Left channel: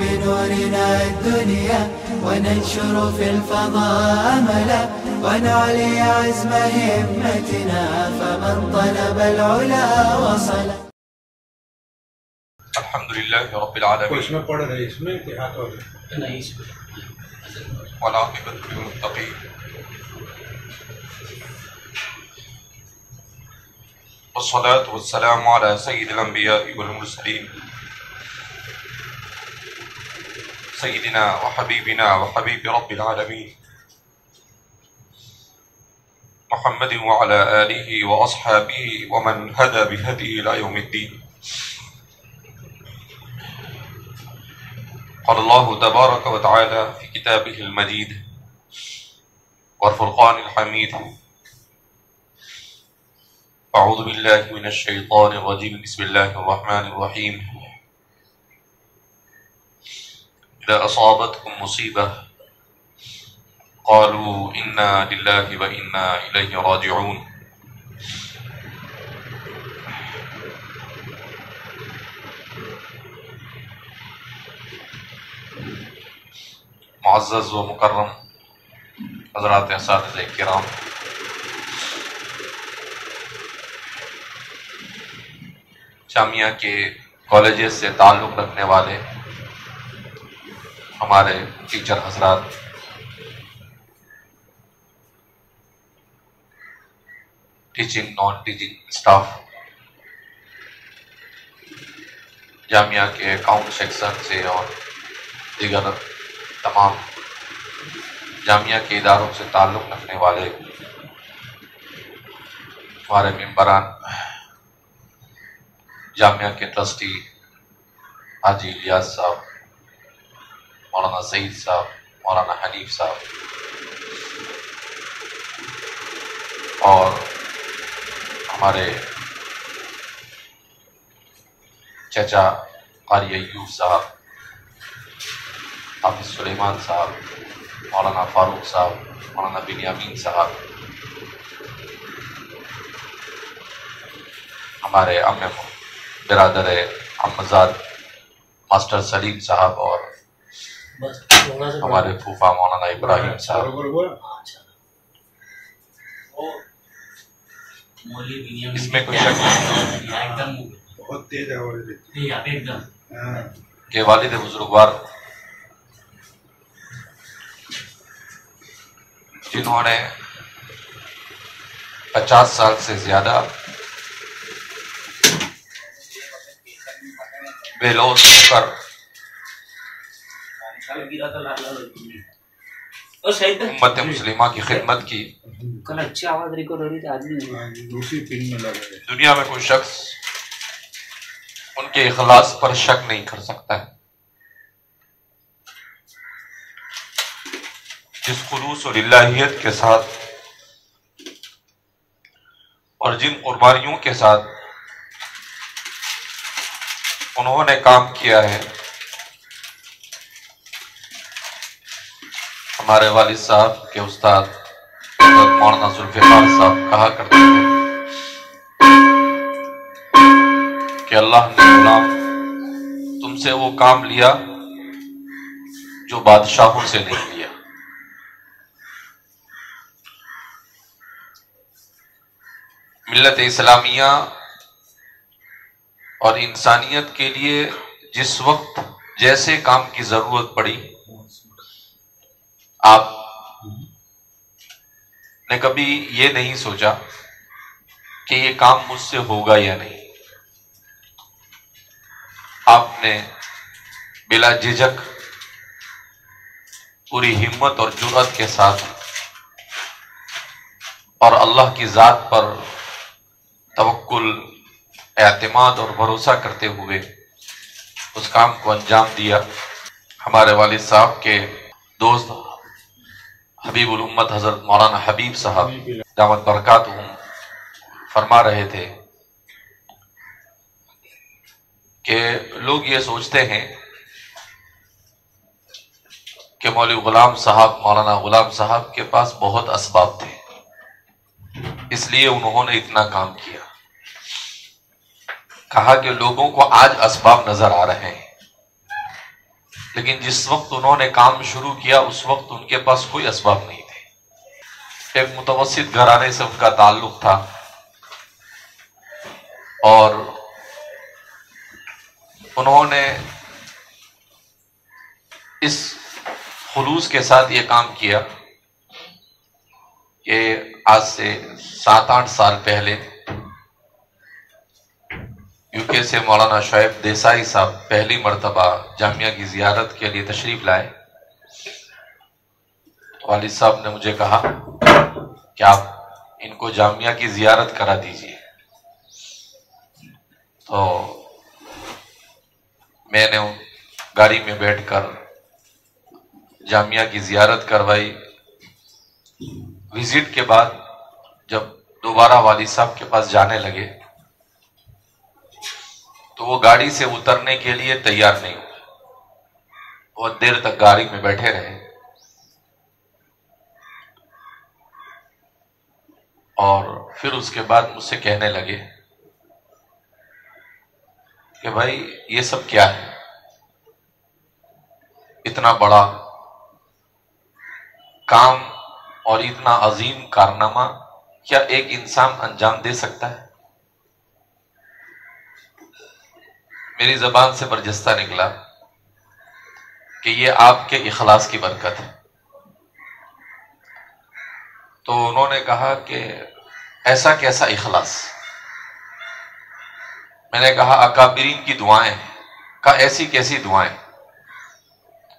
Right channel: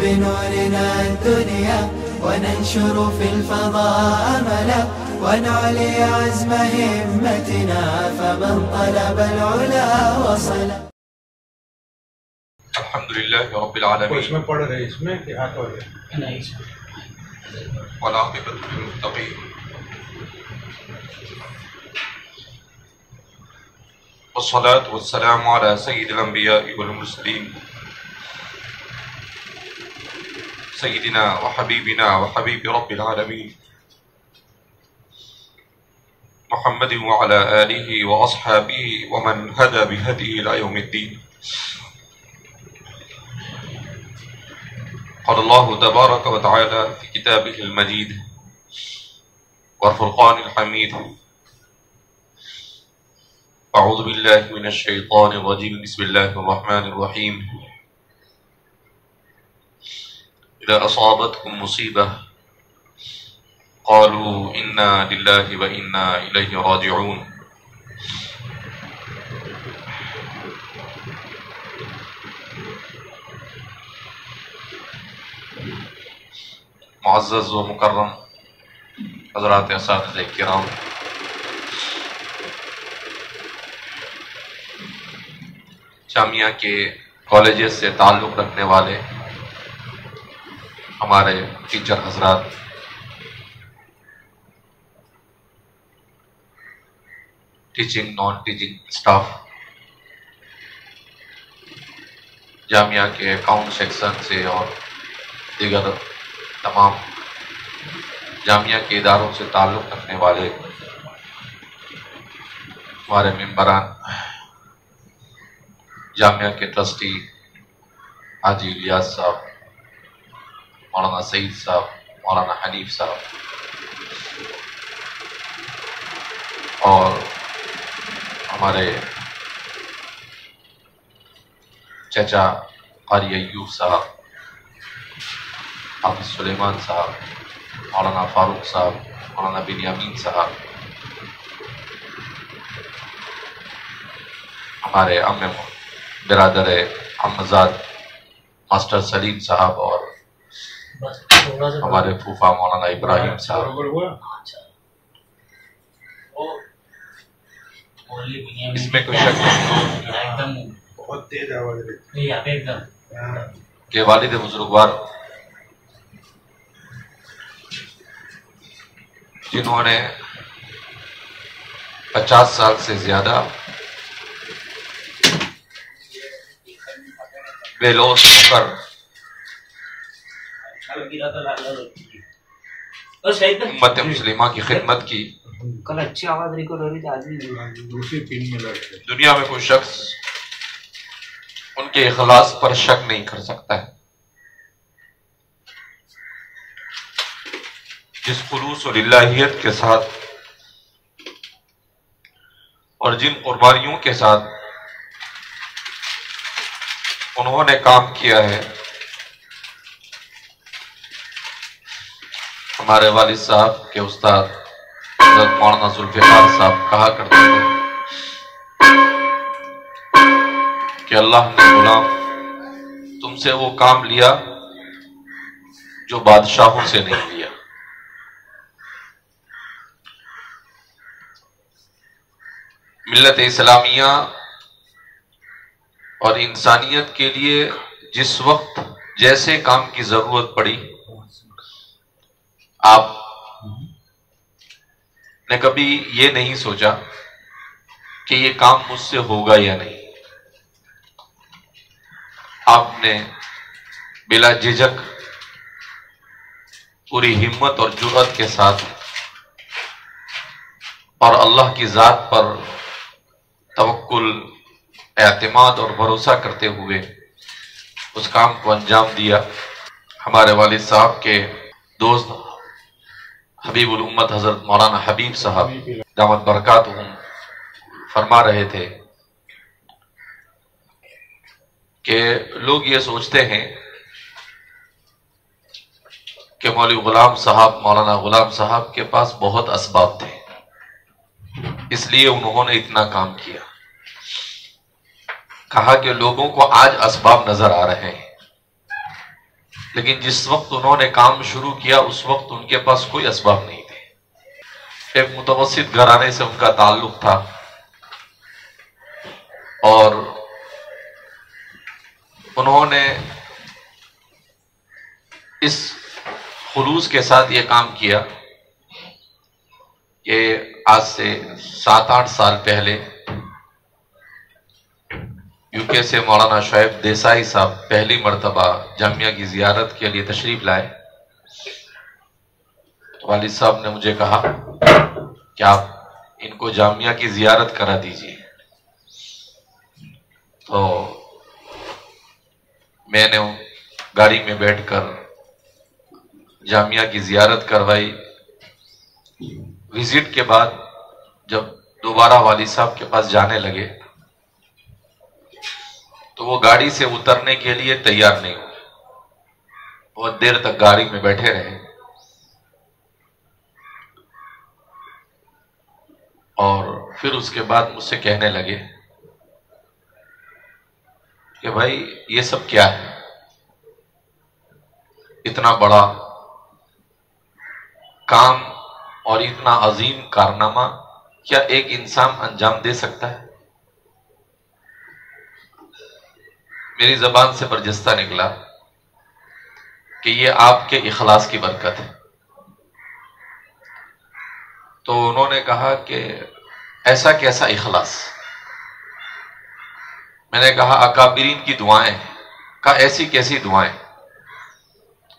بنورنا الدنيا وننشر في الفضاء أملا ونعلي عزم همتنا فمن طلب العلا وصل. الحمد لله رب العالمين. اس میں پڑھ رہے اس میں کہ ہاتھ ہو گیا والعاقبۃ للمتقین والصلاة والسلام على سيد الأنبياء والمرسلين سيدنا وحبيبنا وحبيب رب العالمين محمد وعلى آله وأصحابه ومن هدى بهديه إلى يوم الدين. قال الله تبارك وتعالى في كتابه المجيد والفرقان الحميد: أعوذ بالله من الشيطان الرجيم بسم الله الرحمن الرحيم. إذا أصابتكم مصيبة قالوا إنا لله وإنا إليه راجعون. معزز و مکرم حضرات اساتذہ کرام، جامعہ کے کالجز سے تعلق رکھنے والے ہمارے ٹیچر حضرات، ٹیچنگ نان ٹیچنگ اسٹاف، جامعہ کے اکاؤنٹ سیکشن سے اور دیگر تمام جامعہ کے اداروں سے تعلق رکھنے والے ہمارے ممبران، جامعہ کے ٹرسٹی حاجی الیاس صاحب، مولانا سعید صاحب، مولانا حنیف صاحب، اور ہمارے چچا قاری ایوب صاحب، حافظ سلیمان صاحب، مولانا فاروق صاحب، مولانا بنیامین صاحب، ہمارے برادر احمدزاد ماسٹر سلیم صاحب، اور ہمارے پھوپھا مولانا ابراہیم صاحب. اس میں کوئی شک بہت تیز آواز کہ والد بزرگوار جنہوں نے 50 سال سے زیادہ بے لوث ہو کر امت مسلمہ کی خدمت کی، دنیا میں کوئی شخص ان کے اخلاص پر شک نہیں کر سکتا ہے. جس خلوص اور الہیت کے ساتھ اور جن قربانیوں کے ساتھ انہوں نے کام کیا ہے، ہمارے والد صاحب کے استاد حضرت مولانا ذوالفقار صاحب کہا کرتے تھے کہ اللہ نے غلام تم سے وہ کام لیا جو بادشاہوں سے نہیں لیا. ملت اسلامیہ اور انسانیت کے لیے جس وقت جیسے کام کی ضرورت پڑی، آپ نے کبھی یہ نہیں سوچا کہ یہ کام مجھ سے ہوگا یا نہیں. آپ نے بلا جھجک پوری ہمت اور جرأت کے ساتھ اور اللہ کی ذات پر توکل، اعتماد اور بھروسہ کرتے ہوئے اس کام کو انجام دیا. ہمارے والد صاحب کے دوست حبیب الامت حضرت مولانا حبیب صاحب دامت برکاتہم فرما رہے تھے کہ لوگ یہ سوچتے ہیں کہ مولوی غلام صاحب، مولانا غلام صاحب کے پاس بہت اسباب تھے، اس لیے انہوں نے اتنا کام کیا. کہا کہ لوگوں کو آج اسباب نظر آ رہے ہیں، لیکن جس وقت انہوں نے کام شروع کیا اس وقت ان کے پاس کوئی اسباب نہیں تھے. ایک متوسط گھرانے سے ان کا تعلق تھا اور انہوں نے اس خلوص کے ساتھ یہ کام کیا کہ آج سے 7-8 سال پہلے یو کے سے مولانا شعیب دیسائی صاحب پہلی مرتبہ جامعہ کی زیارت کے لیے تشریف لائے. والد صاحب نے مجھے کہا کہ آپ ان کو جامعہ کی زیارت کرا دیجیے. تو میں نے گاڑی میں بیٹھ کر جامعہ کی زیارت کروائی. وزٹ کے بعد جب دوبارہ والد صاحب کے پاس جانے لگے تو وہ گاڑی سے اترنے کے لیے تیار نہیں ہوئے. بہت دیر تک گاڑی میں بیٹھے رہے اور پھر اس کے بعد مجھ سے کہنے لگے کہ بھائی یہ سب کیا ہے؟ اتنا بڑا کام اور اتنا عظیم کارنامہ کیا ایک انسان انجام دے سکتا ہے؟ میری زبان سے برجستہ نکلا کہ یہ آپ کے اخلاص کی برکت ہے. تو انہوں نے کہا کہ ایسا کیسا اخلاص؟ میں نے کہا اکابرین کی دعائیں. کہا ایسی کیسی دعائیں؟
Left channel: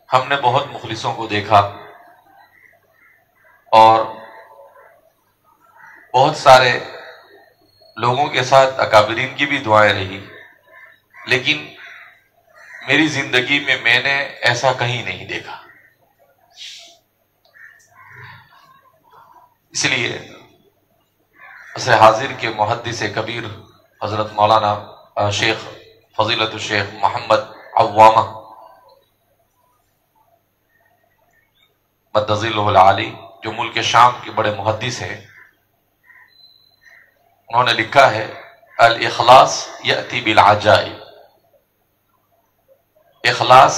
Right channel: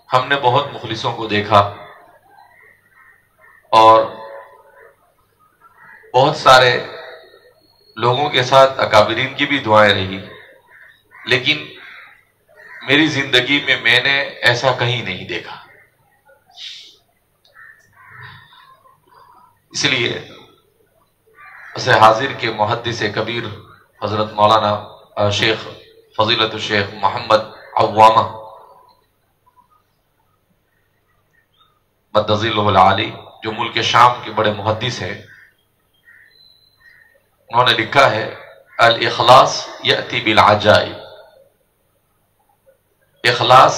ہم نے بہت مخلصوں کو دیکھا اور بہت سارے لوگوں کے ساتھ اکابرین کی بھی دعائیں رہی، لیکن میری زندگی میں نے ایسا کہیں نہیں دیکھا. اس لیے اسے حاضر کے محدث کبیر حضرت مولانا شیخ فضیلت الشیخ محمد عوامہ مد ظلہ العالی، جو ملک شام کے بڑے محدث ہیں، انہوں نے لکھا ہے الاخلاص یأتی بالعجائب. اخلاص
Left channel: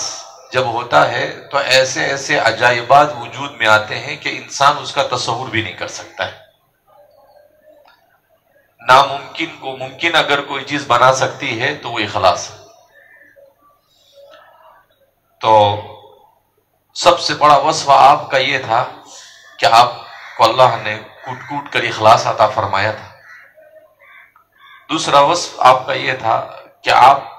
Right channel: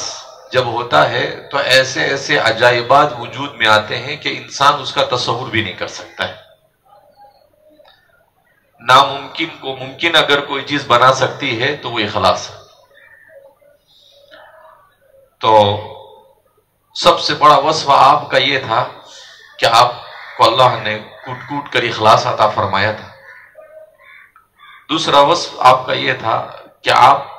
جب ہوتا ہے تو ایسے ایسے عجائبات وجود میں آتے ہیں کہ انسان اس کا تصور بھی نہیں کر سکتا ہے. ناممکن کو ممکن اگر کوئی چیز بنا سکتی ہے تو وہ اخلاص ہے. تو سب سے بڑا وصف آپ کا یہ تھا کہ آپ کو اللہ نے کوٹ کوٹ کر اخلاص عطا فرمایا تھا. دوسرا وصف آپ کا یہ تھا کہ آپ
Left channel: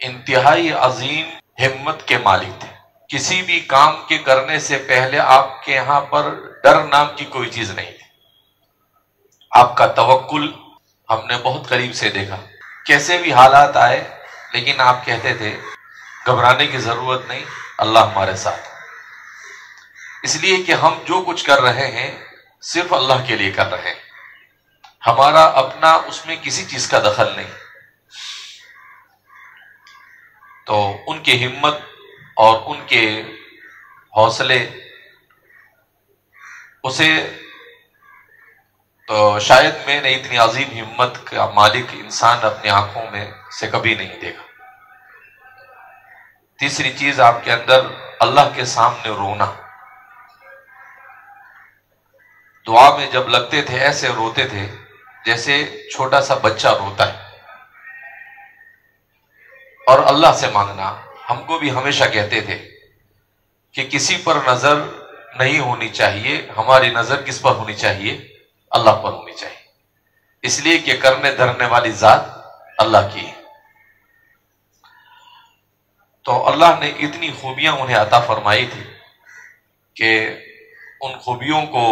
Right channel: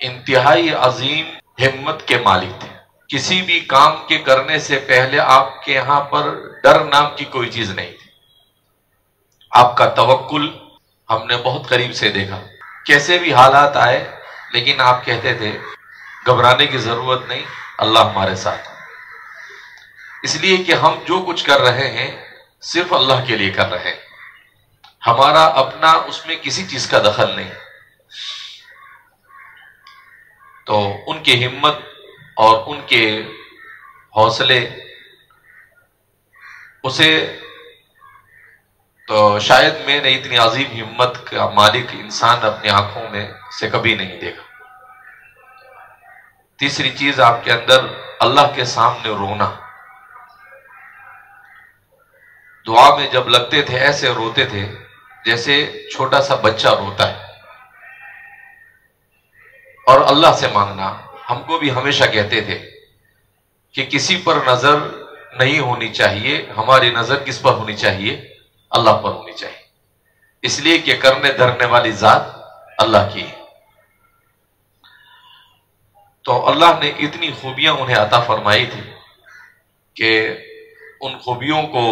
انتہائی عظیم ہمت کے مالک تھے. کسی بھی کام کے کرنے سے پہلے آپ کے یہاں پر ڈر نام کی کوئی چیز نہیں تھی. آپ کا توکل ہم نے بہت قریب سے دیکھا. کیسے بھی حالات آئے لیکن آپ کہتے تھے گھبرانے کی ضرورت نہیں، اللہ ہمارے ساتھ. اس لیے کہ ہم جو کچھ کر رہے ہیں صرف اللہ کے لیے کر رہے ہیں، ہمارا اپنا اس میں کسی چیز کا دخل نہیں. تو ان کی ہمت اور ان کے حوصلے اسے تو شاید میں نے اتنی عظیم ہمت کا مالک انسان اپنی آنکھوں میں سے کبھی نہیں دیکھا. تیسری چیز آپ کے اندر اللہ کے سامنے رونا. دعا میں جب لگتے تھے ایسے روتے تھے جیسے چھوٹا سا بچہ روتا ہے. اور اللہ سے مانگنا. ہم کو بھی ہمیشہ کہتے تھے کہ کسی پر نظر نہیں ہونی چاہیے، ہماری نظر کس پر ہونی چاہیے؟ اللہ پر ہونی چاہیے. اس لیے کہ کرنے دھرنے والی ذات اللہ کی ہے. تو اللہ نے اتنی خوبیاں انہیں عطا فرمائی تھی کہ ان خوبیوں کو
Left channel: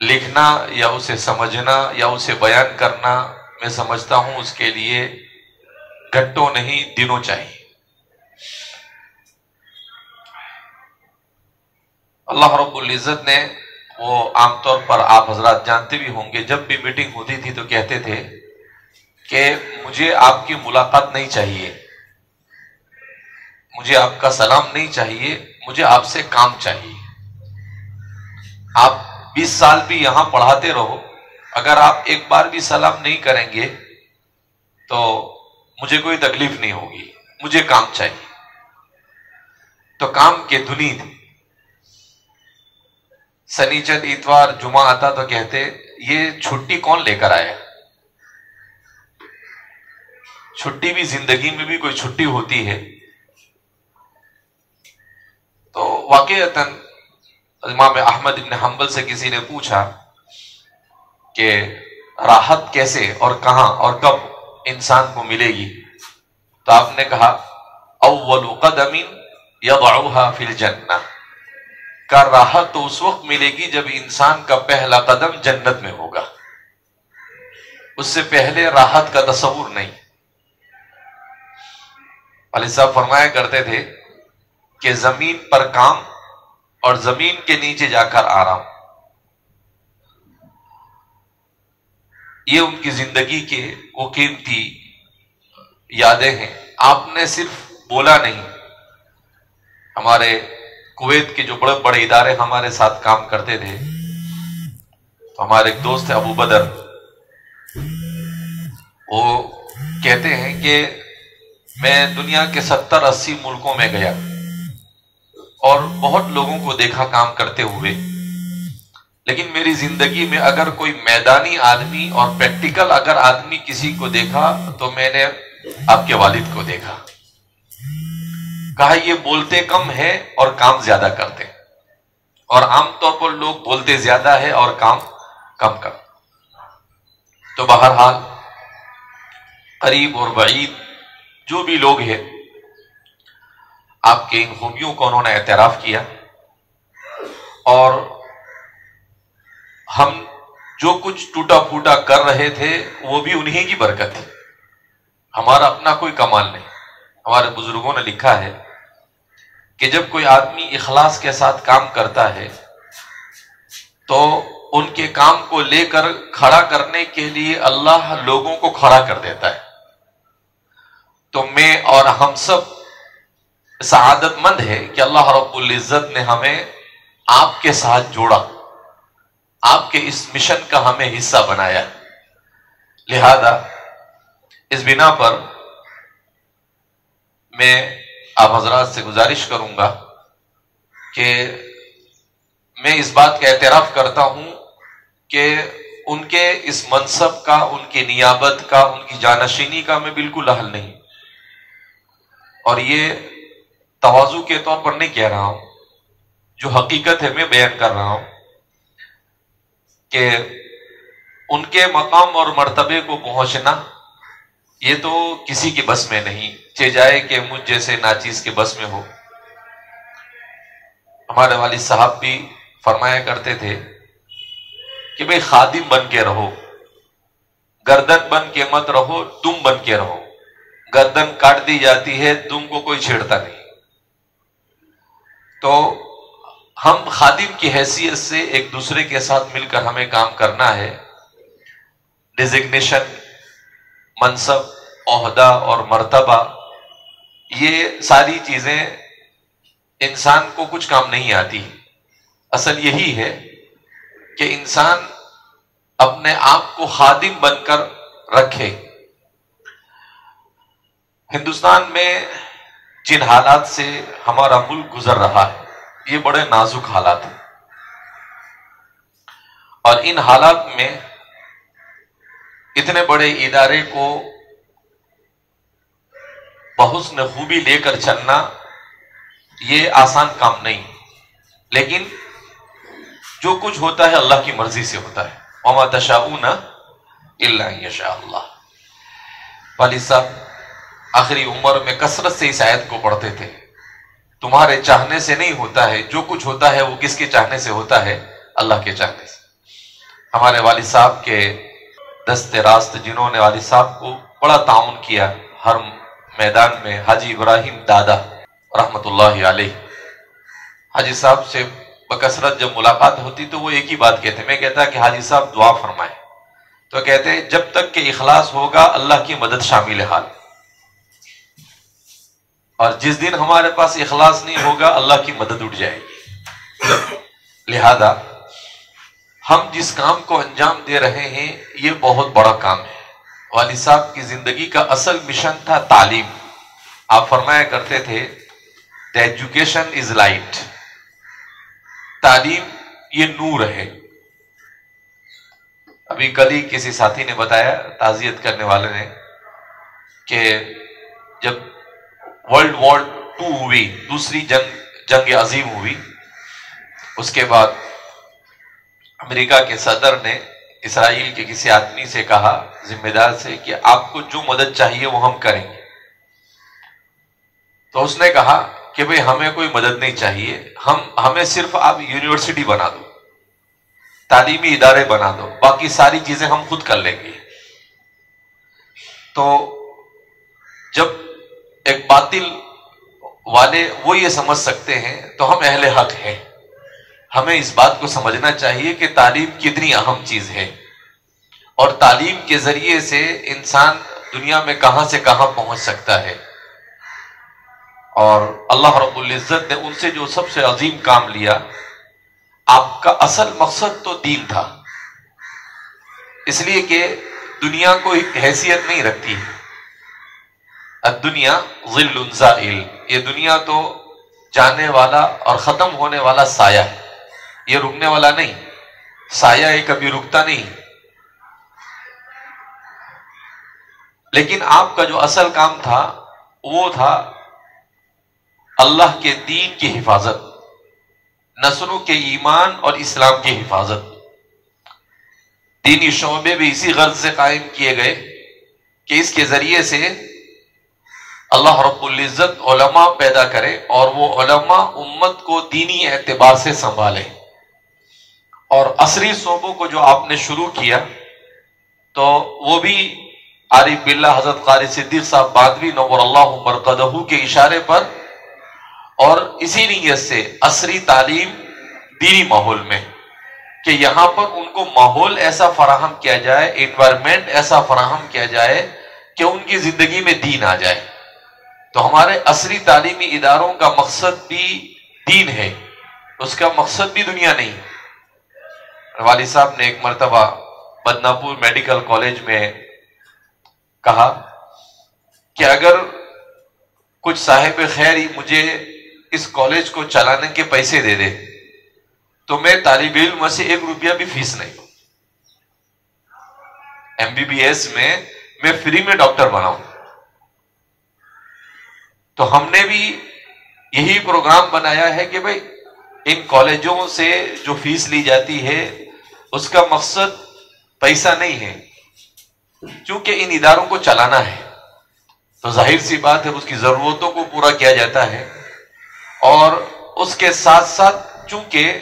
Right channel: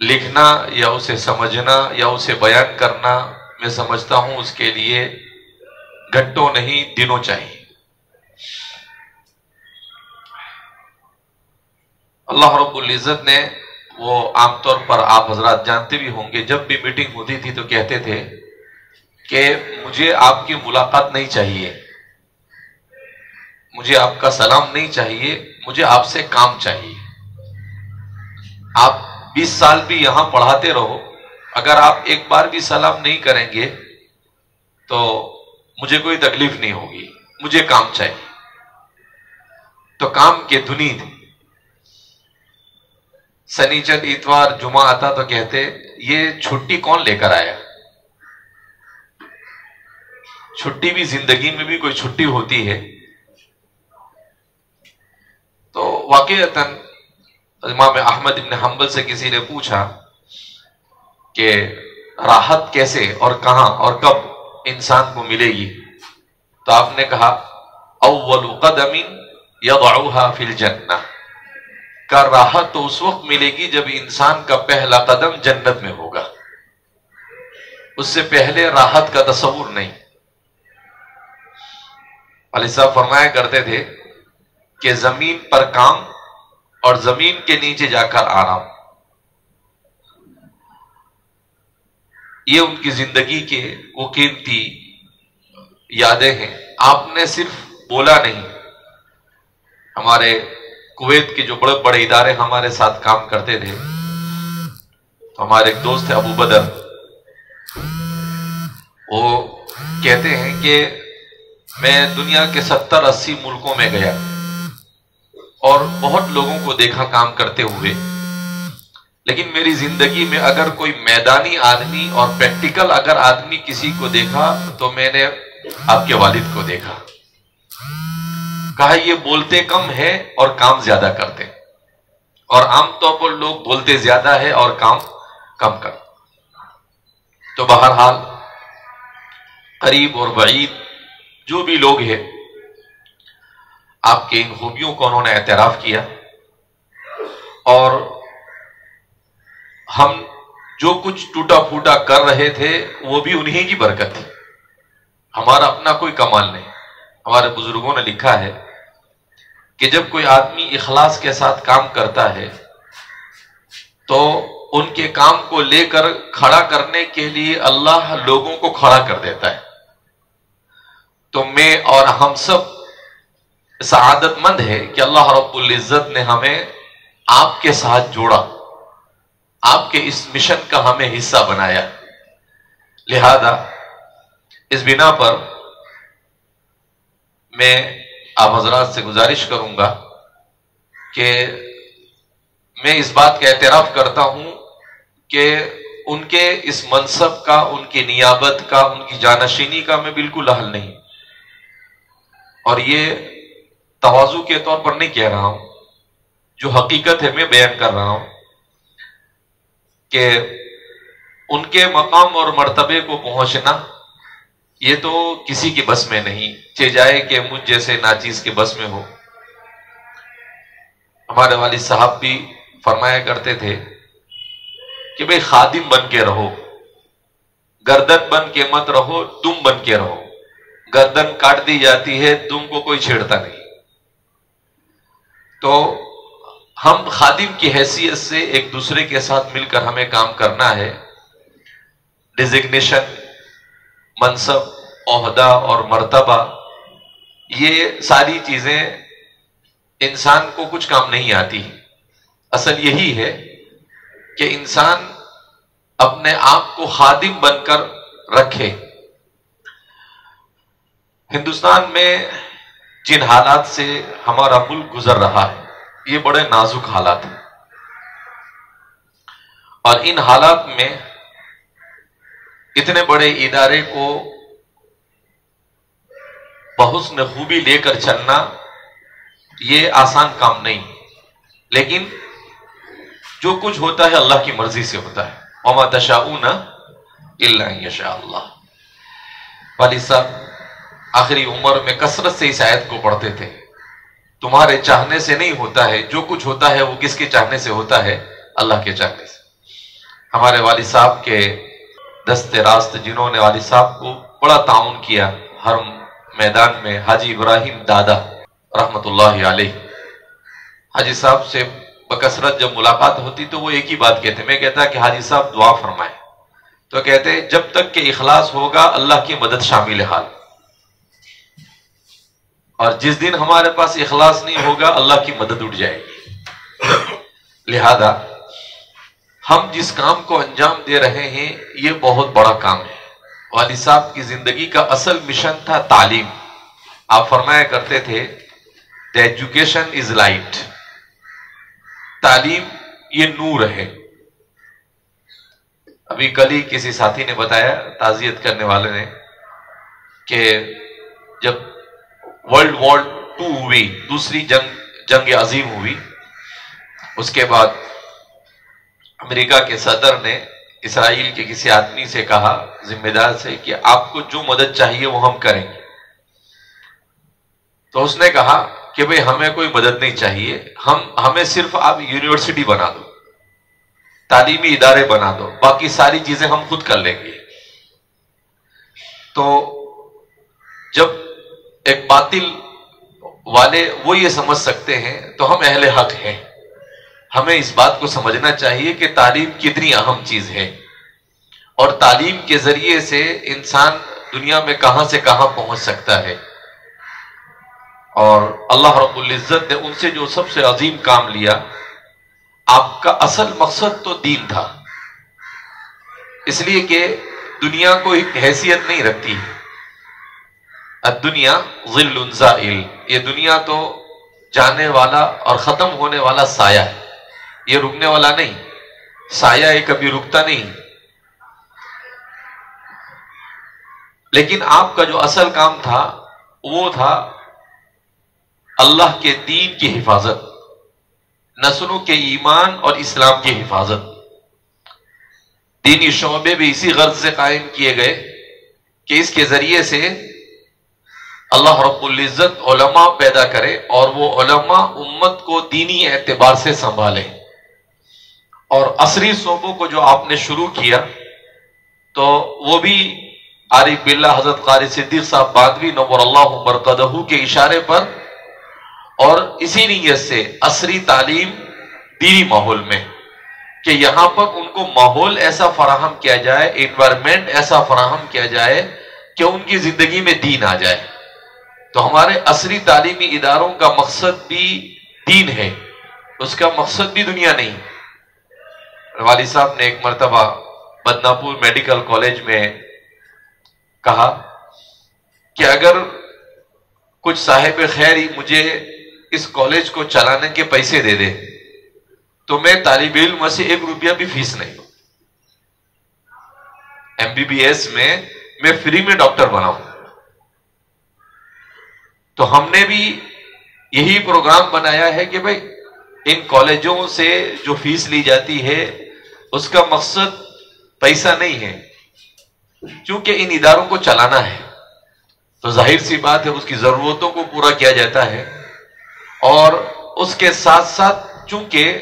لکھنا یا اسے سمجھنا یا اسے بیان کرنا، میں سمجھتا ہوں اس کے لیے گھنٹوں نہیں دنوں چاہیے. اللہ رب العزت نے وہ عام طور پر آپ حضرات جانتے بھی ہوں گے، جب بھی میٹنگ ہوتی تھی تو کہتے تھے کہ مجھے آپ کی ملاقات نہیں چاہیے، مجھے آپ کا سلام نہیں چاہیے، مجھے آپ سے کام چاہیے. آپ 20 سال بھی یہاں پڑھاتے رہو، اگر آپ ایک بار بھی سلام نہیں کریں گے تو مجھے کوئی تکلیف نہیں ہوگی، مجھے کام چاہیے. تو کام کے دھنی تھے. سنیچر اتوار جمعہ آتا تو کہتے یہ چھٹی کون لے کر آیا؟ چھٹی بھی زندگی میں بھی کوئی چھٹی ہوتی ہے. تو واقعتاً امام احمد بن حنبل سے کسی نے پوچھا کہ راحت کیسے اور کہاں اور کب انسان کو ملے گی؟ تو آپ نے کہا اول قدم یضعها فی الجنہ، کا راحت تو اس وقت ملے گی جب انسان کا پہلا قدم جنت میں ہوگا، اس سے پہلے راحت کا تصور نہیں. والد صاحب فرمایا کرتے تھے کہ زمین پر کام اور زمین کے نیچے جا کر آرام، یہ ان کی زندگی کے وہ قیمتی یادیں ہیں. آپ نے صرف بولا نہیں. ہمارے کویت کے جو بڑے بڑے ادارے ہمارے ساتھ کام کرتے تھے، تو ہمارے ایک دوست ابو بدر، وہ کہتے ہیں کہ میں دنیا کے 70-80 ملکوں میں گیا اور بہت لوگوں کو دیکھا کام کرتے ہوئے، لیکن میری زندگی میں اگر کوئی میدانی آدمی اور پریکٹیکل اگر آدمی کسی کو دیکھا تو میں نے آپ کے والد کو دیکھا. کہا یہ بولتے کم ہے اور کام زیادہ کرتے، اور عام طور پر لوگ بولتے زیادہ ہے اور کام کم کرتے. تو بہرحال قریب اور بعید جو بھی لوگ ہیں، آپ کے ان خوبیوں کو انہوں نے اعتراف کیا، اور ہم جو کچھ ٹوٹا پھوٹا کر رہے تھے وہ بھی انہی کی برکت تھی، ہمارا اپنا کوئی کمال نہیں. ہمارے بزرگوں نے لکھا ہے کہ جب کوئی آدمی اخلاص کے ساتھ کام کرتا ہے تو ان کے کام کو لے کر کھڑا کرنے کے لیے اللہ لوگوں کو کھڑا کر دیتا ہے. تو میں اور ہم سب سعادت مند ہے کہ اللہ رب العزت نے ہمیں آپ کے ساتھ جوڑا، آپ کے اس مشن کا ہمیں حصہ بنایا. لہذا اس بنا پر میں آپ حضرات سے گزارش کروں گا کہ میں اس بات کا اعتراف کرتا ہوں کہ ان کے اس منصب کا، ان کی نیابت کا، ان کی جانشینی کا میں بالکل اہل نہیں. اور یہ تواضع کے طور پر نہیں کہہ رہا ہوں، جو حقیقت ہے میں بیان کر رہا ہوں کہ ان کے مقام اور مرتبے کو پہنچنا یہ تو کسی کی بس میں نہیں، چہ جائے کہ مجھ جیسے ناچیز کے بس میں ہو. ہمارے والد صاحب بھی فرمایا کرتے تھے کہ بھئی خادم بن کے رہو، گردن بن کے مت رہو، دم بن کے رہو. گردن کاٹ دی جاتی ہے، دم کو کوئی چھیڑتا نہیں. تو ہم خادم کی حیثیت سے ایک دوسرے کے ساتھ مل کر ہمیں کام کرنا ہے. ڈیزگنیشن، منصب، عہدہ اور مرتبہ، یہ ساری چیزیں انسان کو کچھ کام نہیں آتی. اصل یہی ہے کہ انسان اپنے آپ کو خادم بن کر رکھے. ہندوستان میں جن حالات سے ہمارا ملک گزر رہا ہے یہ بڑے نازک حالات ہیں، اور ان حالات میں اتنے بڑے ادارے کو بحسن خوبی لے کر چلنا یہ آسان کام نہیں. لیکن جو کچھ ہوتا ہے اللہ کی مرضی سے ہوتا ہے. وما تشاؤون الا ان یشاء اللہ. والد صاحب آخری عمر میں کثرت سے اس آیت کو پڑھتے تھے. تمہارے چاہنے سے نہیں ہوتا ہے، جو کچھ ہوتا ہے وہ کس کے چاہنے سے ہوتا ہے؟ اللہ کے چاہنے سے. ہمارے والد صاحب کے دست راست جنہوں نے والد صاحب کو بڑا تعاون کیا ہر میدان میں، حاجی ابراہیم دادا رحمت اللہ علیہ. حاجی صاحب سے بکثرت جب ملاقات ہوتی تو وہ ایک ہی بات کہتے، میں کہتا کہ حاجی صاحب دعا فرمائیں، تو کہتے جب تک کہ اخلاص ہوگا اللہ کی مدد شامل حال، اور جس دن ہمارے پاس اخلاص نہیں ہوگا اللہ کی مدد اٹھ جائے گی. لہذا ہم جس کام کو انجام دے رہے ہیں یہ بہت بڑا کام ہے. والد صاحب کی زندگی کا اصل مشن تھا تعلیم. آپ فرمایا کرتے تھے The education is light. تعلیم یہ نور ہے. ابھی کل ہی کسی ساتھی نے بتایا، تعزیت کرنے والے نے، کہ جب ورلڈ وار 2 ہوئی، دوسری جنگ عظیم ہوئی، اس کے بعد امریکہ کے صدر نے اسرائیل کے کسی آدمی سے کہا، ذمہ دار سے، کہ آپ کو جو مدد چاہیے وہ ہم کریں گے. تو اس نے کہا کہ بھئی ہمیں کوئی مدد نہیں چاہیے، ہمیں صرف آپ یونیورسٹی بنا دو، تعلیمی ادارے بنا دو، باقی ساری چیزیں ہم خود کر لیں گے. تو جب ایک باطل والے وہ یہ سمجھ سکتے ہیں تو ہم اہل حق ہیں. ہمیں اس بات کو سمجھنا چاہیے کہ تعلیم کتنی اہم چیز ہے، اور تعلیم کے ذریعے سے انسان دنیا میں کہاں سے کہاں پہنچ سکتا ہے. اور اللہ رب العزت نے ان سے جو سب سے عظیم کام لیا، آپ کا اصل مقصد تو دین تھا، اس لیے کہ دنیا کو ایک حیثیت نہیں رکھتی. الدنیا ظل زائل، یہ دنیا تو جانے والا اور ختم ہونے والا سایہ ہے، یہ رکنے والا نہیں. سایہ یہ کبھی رکتا نہیں. لیکن آپ کا جو اصل کام تھا وہ تھا اللہ کے دین کی حفاظت، نسلوں کے ایمان اور اسلام کی حفاظت. دینی شعبے بھی اسی غرض سے قائم کیے گئے کہ اس کے ذریعے سے اللہ رب العزت علماء پیدا کرے، اور وہ علماء امت کو دینی اعتبار سے سنبھالے. اور عصری شعبوں کو جو آپ نے شروع کیا تو وہ بھی عارف باللہ حضرت قاری صدیق صاحب باندوی نور اللہ مرقدہ کے اشارے پر، اور اسی نیت سے عصری تعلیم دینی ماحول میں، کہ یہاں پر ان کو ماحول ایسا فراہم کیا جائے، انوائرمنٹ ایسا فراہم کیا جائے کہ ان کی زندگی میں دین آ جائے. تو ہمارے عصری تعلیمی اداروں کا مقصد بھی دین ہے، اس کا مقصد بھی دنیا نہیں. والد صاحب نے ایک مرتبہ بدناپور میڈیکل کالج میں کہا کہ اگر کچھ صاحب خیر مجھے اس کالج کو چلانے کے پیسے دے دے تو میں طالب علم سے 1 روپیہ بھی فیس نہیں دوں. MBBS میں فری میں ڈاکٹر بناؤں. تو ہم نے بھی یہی پروگرام بنایا ہے کہ بھئی ان کالجوں سے جو فیس لی جاتی ہے اس کا مقصد پیسہ نہیں ہے، چونکہ ان اداروں کو چلانا ہے تو ظاہر سی بات ہے اس کی ضرورتوں کو پورا کیا جاتا ہے. اور اس کے ساتھ ساتھ چونکہ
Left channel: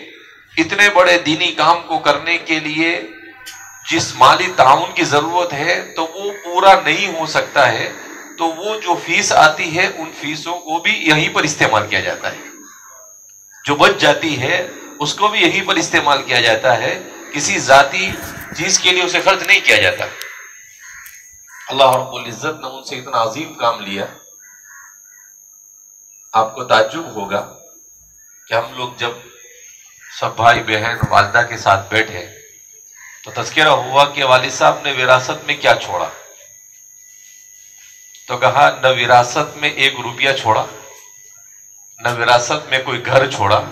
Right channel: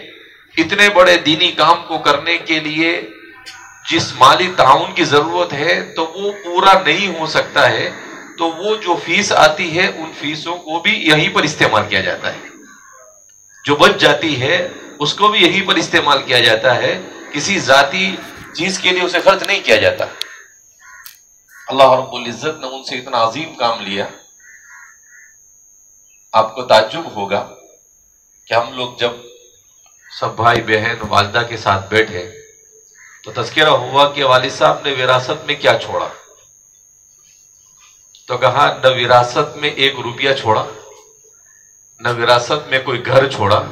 اتنے بڑے دینی کام کو کرنے کے لیے جس مالی تعاون کی ضرورت ہے تو وہ پورا نہیں ہو سکتا ہے، تو وہ جو فیس آتی ہے ان فیسوں کو بھی یہیں پر استعمال کیا جاتا ہے. جو بچ جاتی ہے اس کو بھی یہیں پر استعمال کیا جاتا ہے، کسی ذاتی چیز کے لیے اسے خرچ نہیں کیا جاتا. اللہ رب العزت نے ان سے اتنا عظیم کام لیا. آپ کو تعجب ہوگا کہ ہم لوگ جب سب بھائی بہن والدہ کے ساتھ بیٹھے تو تذکرہ ہوا کہ والد صاحب نے وراثت میں کیا چھوڑا. تو کہا نہ وراثت میں 1 روپیہ چھوڑا، نہ وراثت میں کوئی گھر چھوڑا،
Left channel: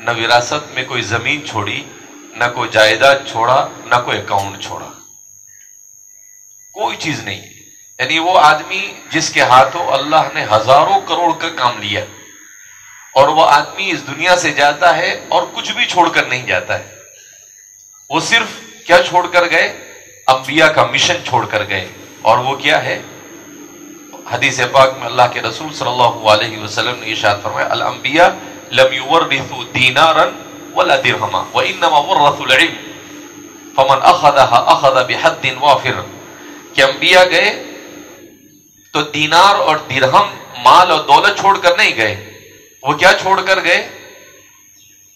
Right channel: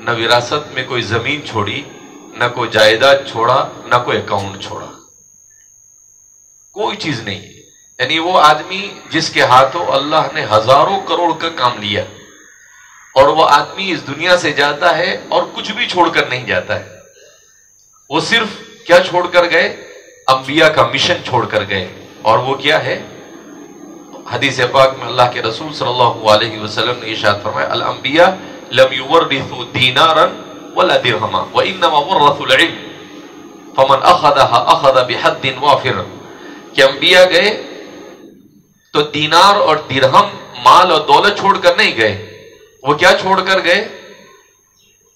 نہ وراثت میں کوئی زمین چھوڑی، نہ کوئی جائیداد چھوڑا، نہ کوئی اکاؤنٹ چھوڑا، کوئی چیز نہیں. یعنی وہ آدمی جس کے ہاتھوں اللہ نے ہزاروں کروڑ کا کام لیا، اور وہ آدمی اس دنیا سے جاتا ہے اور کچھ بھی چھوڑ کر نہیں جاتا ہے. وہ صرف کیا چھوڑ کر گئے؟ انبیاء کا مشن چھوڑ کر گئے. اور وہ کیا ہے؟ حدیث پاک میں اللہ کے رسول صلی اللہ علیہ وسلم نے ارشاد فرمایا الانبیاء لم یورثوا دینارا ولا درہما وانما ورثوا العلم فمن اخذها اخذ بحد وافر. کہ انبیاء گئے تو دینار اور درہم مال اور دولت چھوڑ کر نہیں گئے. وہ کیا چھوڑ کر گئے؟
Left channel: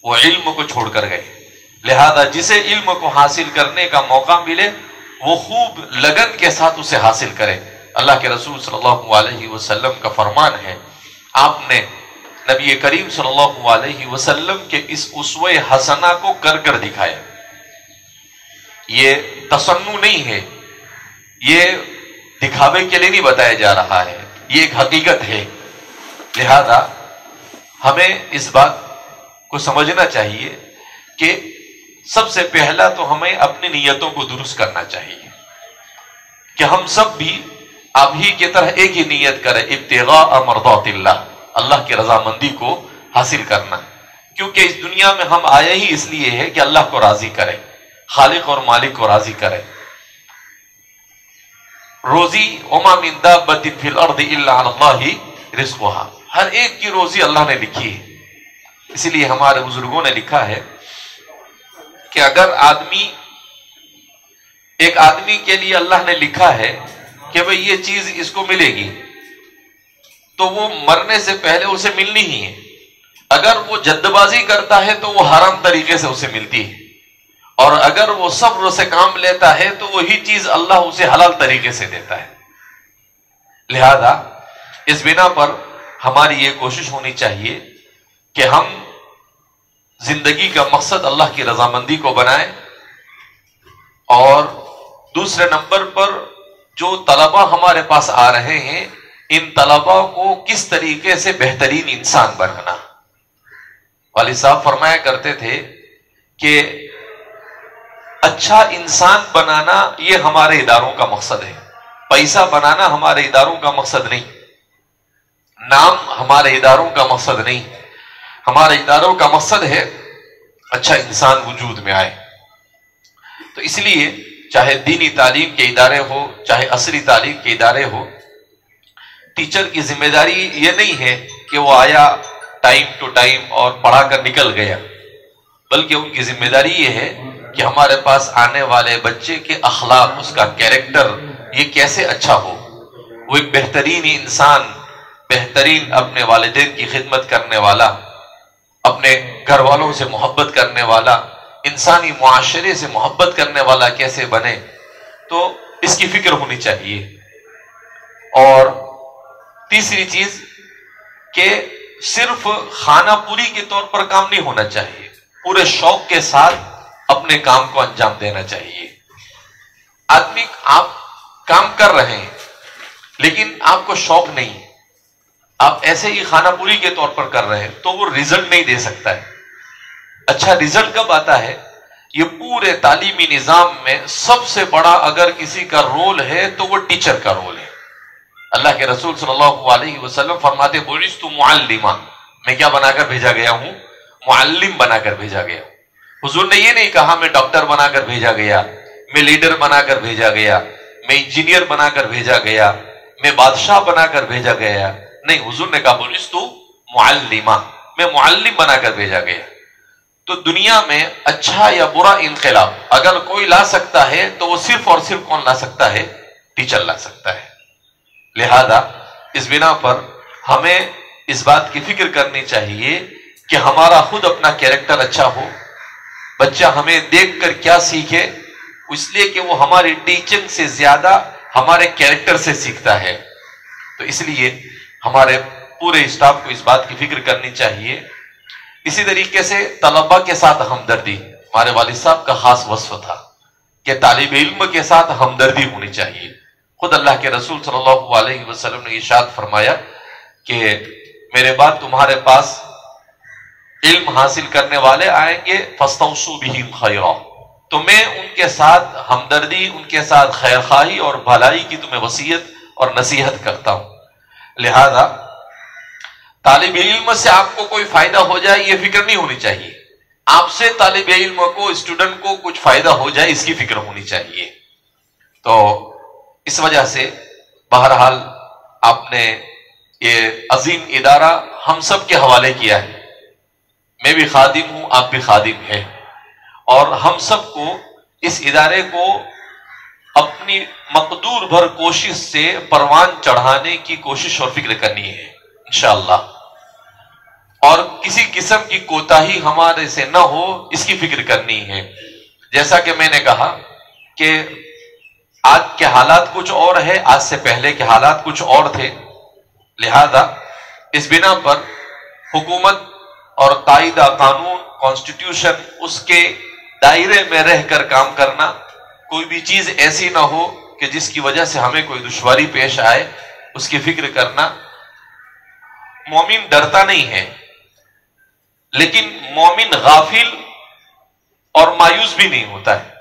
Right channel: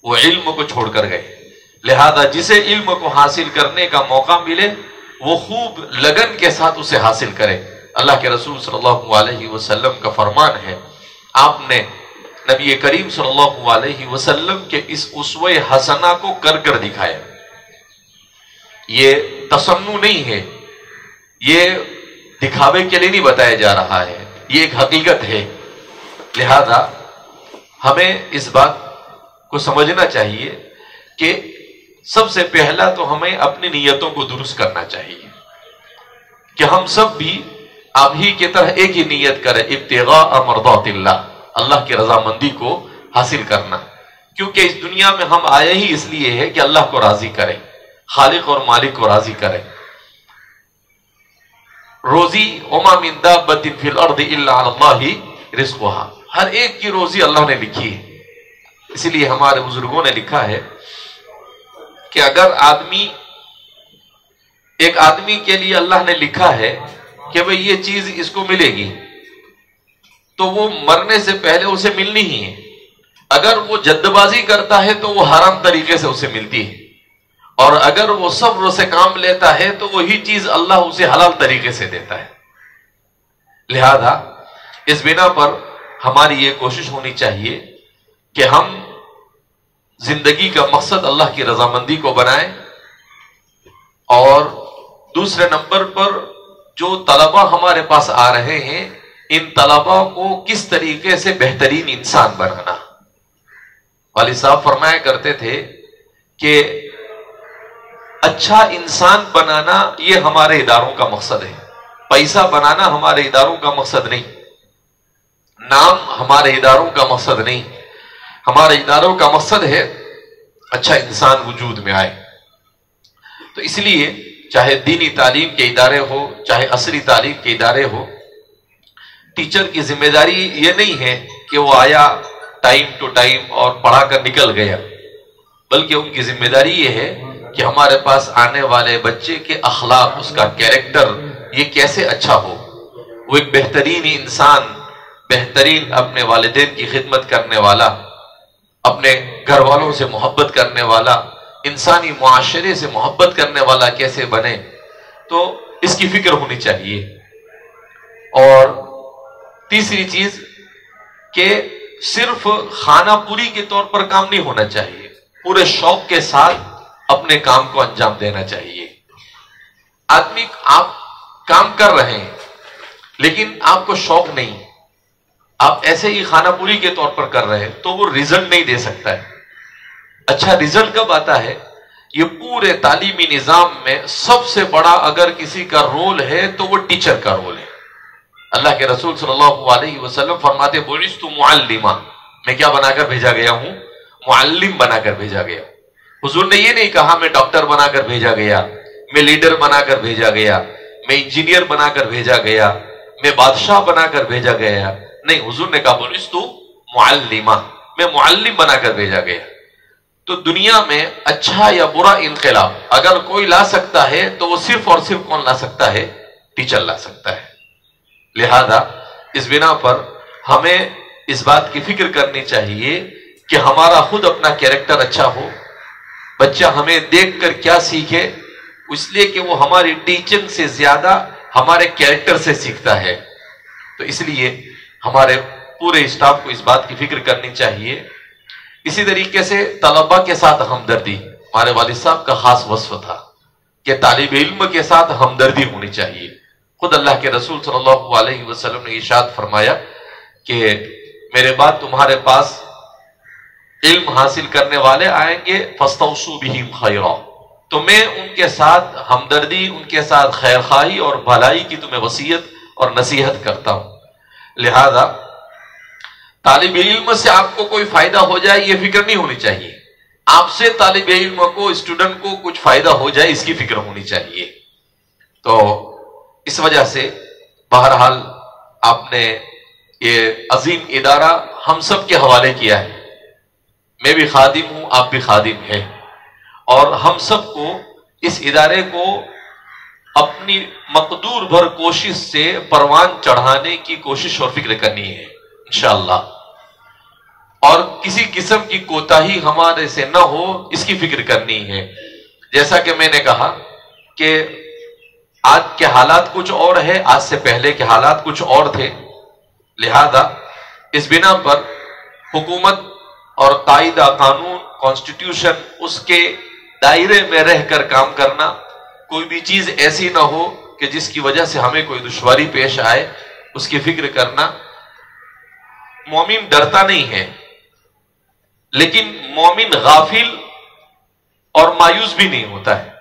وہ علم کو چھوڑ کر گئے. لہذا جسے علم کو حاصل کرنے کا موقع ملے وہ خوب لگن کے ساتھ اسے حاصل کرے. اللہ کے رسول صلی اللہ علیہ وسلم کا فرمان ہے، آپ نے نبی کریم صلی اللہ علیہ وسلم کے اس اسوہ حسنہ کو کر کر دکھایا. یہ تصنع نہیں ہے، یہ دکھاوے کے لیے نہیں بتایا جا رہا ہے، یہ ایک حقیقت ہے. لہذا ہمیں اس بات کو سمجھنا چاہیے کہ سب سے پہلا تو ہمیں اپنی نیتوں کو درست کرنا چاہیے کہ ہم سب بھی آپ ہی کی طرح ایک ہی نیت کریں، ابتغاء مرضات اللہ، اللہ کی رضامندی کو حاصل کرنا، کیونکہ اس دنیا میں ہم آئے ہی اس لیے ہے کہ اللہ کو راضی کریں، خالق اور مالک کو راضی کریں۔ روزی وما من دابۃ فی الارض الا علی اللہ رزقها، ہر ایک کی روزی اللہ نے لکھی ہے۔ اسی لیے ہمارے بزرگوں نے لکھا ہے کہ اگر ایک آدمی کے لیے اللہ نے لکھا ہے کہ بھئی یہ چیز اس کو ملے گی، تو وہ مرنے سے پہلے اسے ملنی ہی ہے۔ اگر وہ جد بازی کرتا ہے تو وہ حرام طریقے سے اسے ملتی ہے، اور اگر وہ صبر سے کام لیتا ہے تو وہی چیز اللہ اسے حلال طریقے سے دیتا ہے۔ لہذا اس بنا پر ہماری یہ کوشش ہونی چاہیے کہ ہم زندگی کا مقصد اللہ کی رضامندی کو بنائیں، اور دوسرے نمبر پر جو طلباء ہمارے پاس آ رہے ہیں، ان طلباء کو کس طریقے سے بہترین انسان بنانا۔ والد صاحب فرمایا کرتے تھے کہ اچھا انسان بنانا یہ ہمارے اداروں کا مقصد ہے، پیسہ بنانا ہمارے اداروں کا مقصد نہیں، نام ہمارے اداروں کا مقصد نہیں، ہمارے اداروں کا مقصد ہے اچھا انسان وجود میں آئے۔ تو اس لیے چاہے دینی تعلیم کے ادارے ہو، چاہے عصری تعلیم کے ادارے ہو، ٹیچر کی ذمہ داری یہ نہیں ہے کہ وہ آیا ٹائم ٹو ٹائم اور پڑھا کر نکل گیا، بلکہ ان کی ذمہ داری یہ ہے کہ ہمارے پاس آنے والے بچے کے اخلاق، اس کا کیریکٹر یہ کیسے اچھا ہو، وہ ایک بہترین انسان، بہترین اپنے والدین کی خدمت کرنے والا، اپنے گھر والوں سے محبت کرنے والا، انسانی معاشرے سے محبت کرنے والا کیسے بنے، تو اس کی فکر ہونی چاہیے۔ اور تیسری چیز کہ صرف خانہ پوری کے طور پر کام نہیں ہونا چاہیے، پورے شوق کے ساتھ اپنے کام کو انجام دینا چاہیے۔ آدمی آپ کام کر رہے ہیں لیکن آپ کو شوق نہیں، آپ ایسے ہی خانہ پوری کے طور پر کر رہے ہیں تو وہ رزلٹ نہیں دے سکتا ہے۔ اچھا رزلٹ کب آتا ہے؟ یہ پورے تعلیمی نظام میں سب سے بڑا اگر کسی کا رول ہے تو وہ ٹیچر کا رول ہے۔ اللہ کے رسول صلی اللہ علیہ وسلم فرماتے بعثت معلما، میں کیا بنا کر بھیجا گیا ہوں؟ معلم بنا کر بھیجا گیا۔ حضور نے یہ نہیں کہا میں ڈاکٹر بنا کر بھیجا گیا، میں لیڈر بنا کر بھیجا گیا، میں انجینئر بنا کر بھیجا گیا، میں بادشاہ بنا کر بھیجا گیا، نہیں، حضور نے کہا بعثت معلما، میں معلم بنا کر بھیجا گیا۔ تو دنیا میں اچھا یا برا انقلاب اگر کوئی لا سکتا ہے تو وہ صرف اور صرف کون لا سکتا ہے؟ ٹیچر لا سکتا ہے۔ لہذا اس بنا پر ہمیں اس بات کی فکر کرنی چاہیے کہ ہمارا خود اپنا کیریکٹر اچھا ہو، بچہ ہمیں دیکھ کر کیا سیکھے، اس لیے کہ وہ ہماری ٹیچنگ سے زیادہ ہمارے کیریکٹر سے سیکھتا ہے۔ تو اس لیے ہمارے پورے اسٹاف کو اس بات کی فکر کرنی چاہیے۔ اسی طریقے سے طلباء کے ساتھ ہمدردی ہمارے والد صاحب کا خاص وصف تھا کہ طالب علم کے ساتھ ہمدردی ہونی چاہیے۔ خود اللہ کے رسول صلی اللہ علیہ وسلم نے ارشاد فرمایا کہ میرے بعد تمہارے پاس علم حاصل کرنے والے آئیں گے، فاستوصوا بہم خیرا، تو میں ان کے ساتھ ہمدردی، ان کے ساتھ خیر خواہی اور بھلائی کی تمہیں وصیت اور نصیحت کرتا ہوں۔ لہذا طالب علم سے آپ کو کوئی فائدہ ہو جائے یہ فکر نہیں ہونی چاہیے، آپ سے طالب علم کو، اسٹوڈنٹ کو کچھ فائدہ ہو جائے اس کی فکر ہونی چاہیے۔ تو اس وجہ سے بہرحال آپ نے یہ عظیم ادارہ ہم سب کے حوالے کیا ہے، میں بھی خادم ہوں، آپ بھی خادم ہیں، اور ہم سب کو اس ادارے کو اپنی مقدور بھر کوشش سے پروان چڑھانے کی کوشش اور فکر کرنی ہے انشاءاللہ، اور کسی قسم کی کوتاہی ہمارے سے نہ ہو اس کی فکر کرنی ہے۔ جیسا کہ میں نے کہا کہ آج کے حالات کچھ اور ہے، آج سے پہلے کے حالات کچھ اور تھے، لہذا اس بنا پر حکومت اور قاعدہ قانون، کانسٹیٹیوشن، اس کے دائرے میں رہ کر کام کرنا، کوئی بھی چیز ایسی نہ ہو کہ جس کی وجہ سے ہمیں کوئی دشواری پیش آئے، اس کی فکر کرنا۔ مومن ڈرتا نہیں ہے، لیکن مومن غافل اور مایوس بھی نہیں ہوتا ہے.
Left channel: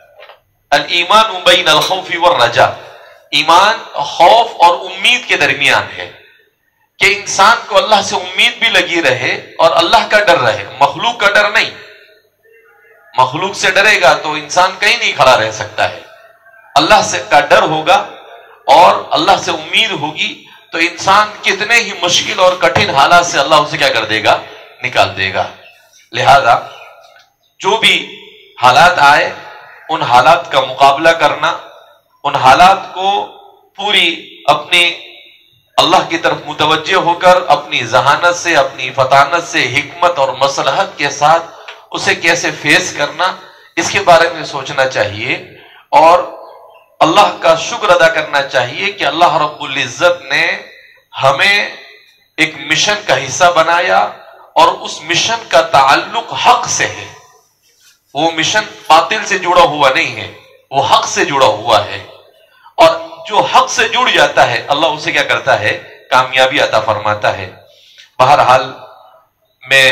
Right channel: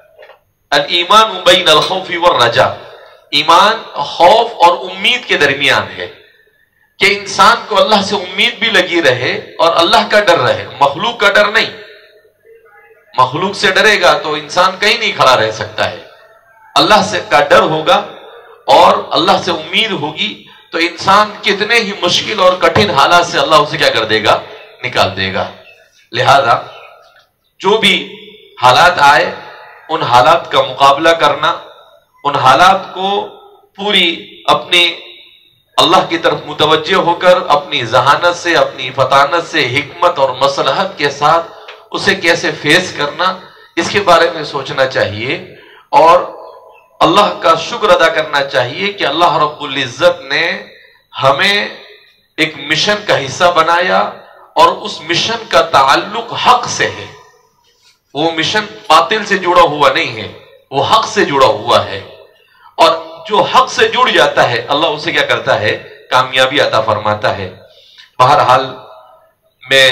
الایمان بین الخوف والرجاء، ایمان خوف اور امید کے درمیان ہے کہ انسان کو اللہ سے امید بھی لگی رہے اور اللہ کا ڈر رہے، مخلوق کا ڈر نہیں. مخلوق سے ڈرے گا تو انسان کہیں نہیں کھڑا رہ سکتا ہے. اللہ سے کا ڈر ہوگا اور اللہ سے امید ہوگی تو انسان کتنے ہی مشکل اور کٹھن حالات سے اللہ اسے کیا کر دے گا، نکال دے گا. لہذا جو بھی حالات آئے ان حالات کا مقابلہ کرنا، ان حالات کو پوری اپنی اللہ کی طرف متوجہ ہو کر اپنی ذہانت سے، اپنی فطانت سے، حکمت اور مصلحت کے ساتھ اسے کیسے فیس کرنا، اس کے بارے میں سوچنا چاہیے اور اللہ کا شکر ادا کرنا چاہیے کہ اللہ رب العزت نے ہمیں ایک مشن کا حصہ بنایا اور اس مشن کا تعلق حق سے ہے. وہ مشن باطل سے جڑا ہوا نہیں ہے، وہ حق سے جڑا ہوا ہے، اور جو حق سے جڑ جاتا ہے اللہ اسے کیا کرتا ہے، کامیابی عطا فرماتا ہے. بہرحال میں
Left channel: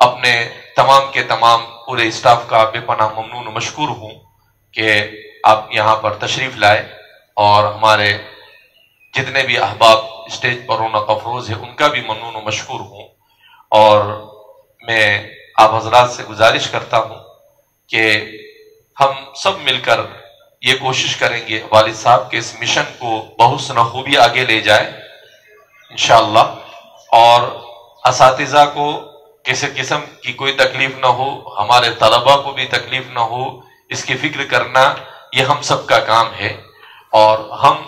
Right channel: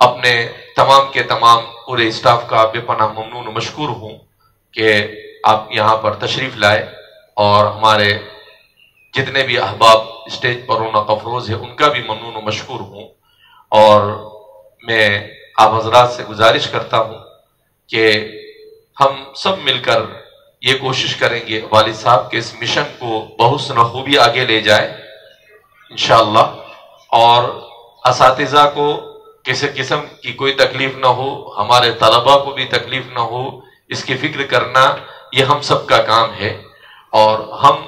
اپنے تمام کے تمام پورے اسٹاف کا بے پناہ ممنون و مشکور ہوں کہ آپ یہاں پر تشریف لائے، اور ہمارے جتنے بھی احباب اسٹیج پر رونق افروز ہے ان کا بھی ممنون و مشکور ہوں. اور میں آپ حضرات سے گزارش کرتا ہوں کہ ہم سب مل کر یہ کوشش کریں گے والد صاحب کے اس مشن کو بحسن خوبی آگے لے جائے انشاءاللہ، اور اساتذہ کو کسی قسم کی کوئی تکلیف نہ ہو، ہمارے طلباء کو بھی تکلیف نہ ہو، اس کی فکر کرنا یہ ہم سب کا کام ہے. اور ہم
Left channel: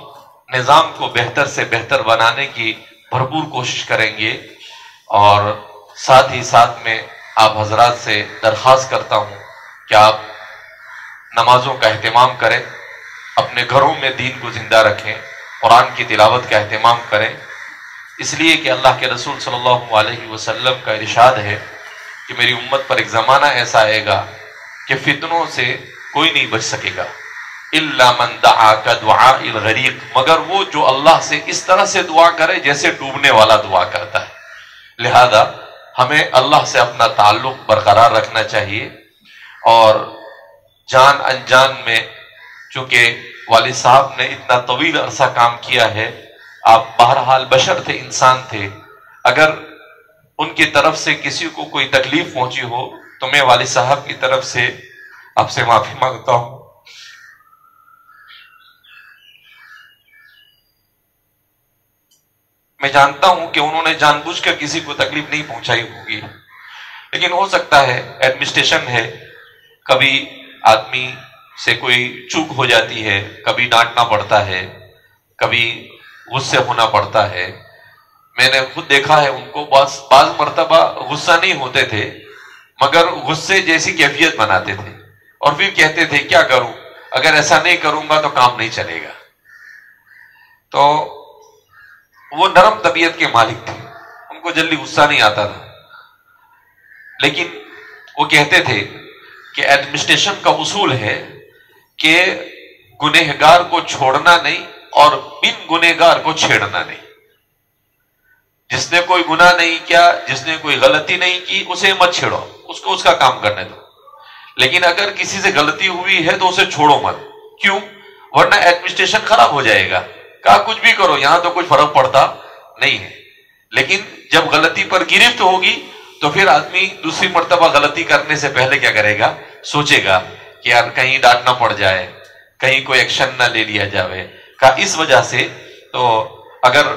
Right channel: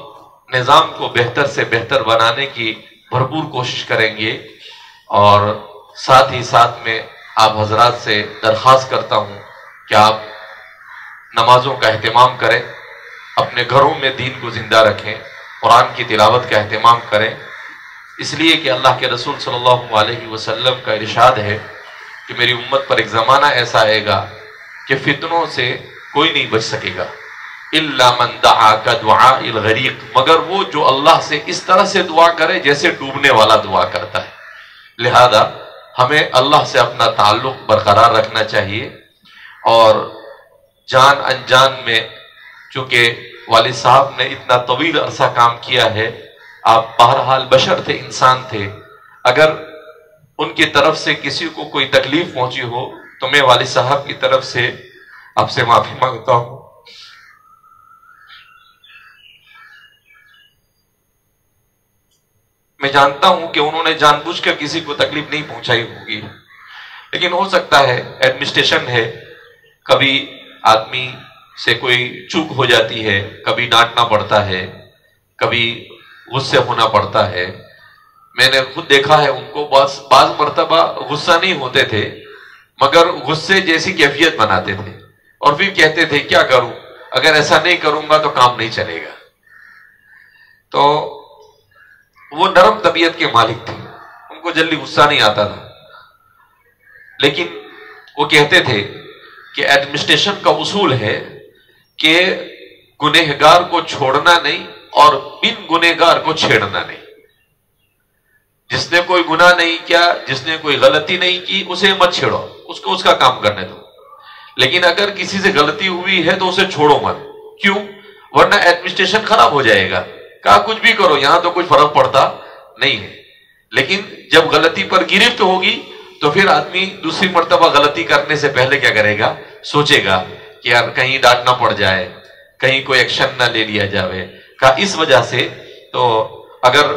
نظام کو بہتر سے بہتر بنانے کی بھرپور کوشش کریں گے. اور ساتھ ہی ساتھ میں آپ حضرات سے درخواست کرتا ہوں کہ آپ نمازوں کا اہتمام کریں، اپنے گھروں میں دین کو زندہ رکھیں، قرآن کی تلاوت کا اہتمام کریں، اس لیے کہ اللہ کے رسول صلی اللہ علیہ وسلم کا ارشاد ہے کہ میری امت پر ایک زمانہ ایسا آئے گا کہ فتنوں سے کوئی نہیں بچ سکے گا الا من دعا کدعاء الغریق، مگر وہ جو اللہ سے اس طرح سے دعا کرے جیسے ڈوبنے والا دعا کرتا ہے. لہذا ہمیں اللہ سے اپنا تعلق برقرار رکھنا چاہیے، اور جان انجان میں چونکہ والد صاحب نے اتنا طویل عرصہ کام کیا ہے، آپ بہرحال بشر تھے، انسان تھے، اگر ان کی طرف سے کسی کو کوئی تکلیف پہنچی ہو تو میں والد صاحب کی طرف سے آپ سے معافی مانگتا ہوں. میں جانتا ہوں کہ انہوں نے جان بوجھ کر کسی کو تکلیف نہیں پہنچائی ہوگی، لیکن ہو سکتا ہے ایڈمنسٹریشن ہے، کبھی آدمی سے کوئی چوک ہو جاتی ہے، کبھی ڈانٹنا پڑتا ہے، کبھی غصے ہونا پڑتا ہے. میں نے خود دیکھا ہے ان کو بعض مرتبہ غصہ نہیں ہوتے تھے مگر غصے جیسی کیفیت بناتے تھے، اور پھر کہتے تھے کیا کروں، اگر ایسا نہیں کروں گا تو کام نہیں چلے گا. تو وہ نرم طبیعت کے مالک تھے، ان کو جلدی غصہ نہیں آتا تھا، لیکن وہ کہتے تھے کہ ایڈمنسٹریشن کا اصول ہے کہ گنہگار کو چھوڑنا نہیں اور بن گنہگار کو چھیڑنا نہیں. جس نے کوئی گناہ نہیں کیا، جس نے کوئی غلطی نہیں کی، اسے مت چھیڑو، اس کو اس کا کام کرنے دو. لیکن اگر کسی سے غلطی ہوئی ہے تو اسے چھوڑو مت. کیوں؟ ورنہ ایڈمنسٹریشن خراب ہو جائے گا. کہا کچھ بھی کرو، یہاں تو کوئی فرق پڑتا نہیں ہے. لیکن جب غلطی پر گرفت ہوگی تو پھر آدمی دوسری مرتبہ غلطی کرنے سے پہلے کیا کرے گا، سوچے گا کہ یار کہیں ڈانٹنا پڑ جائے، کہیں کوئی ایکشن نہ لے لیا جائے. کہا اس وجہ سے تو اگر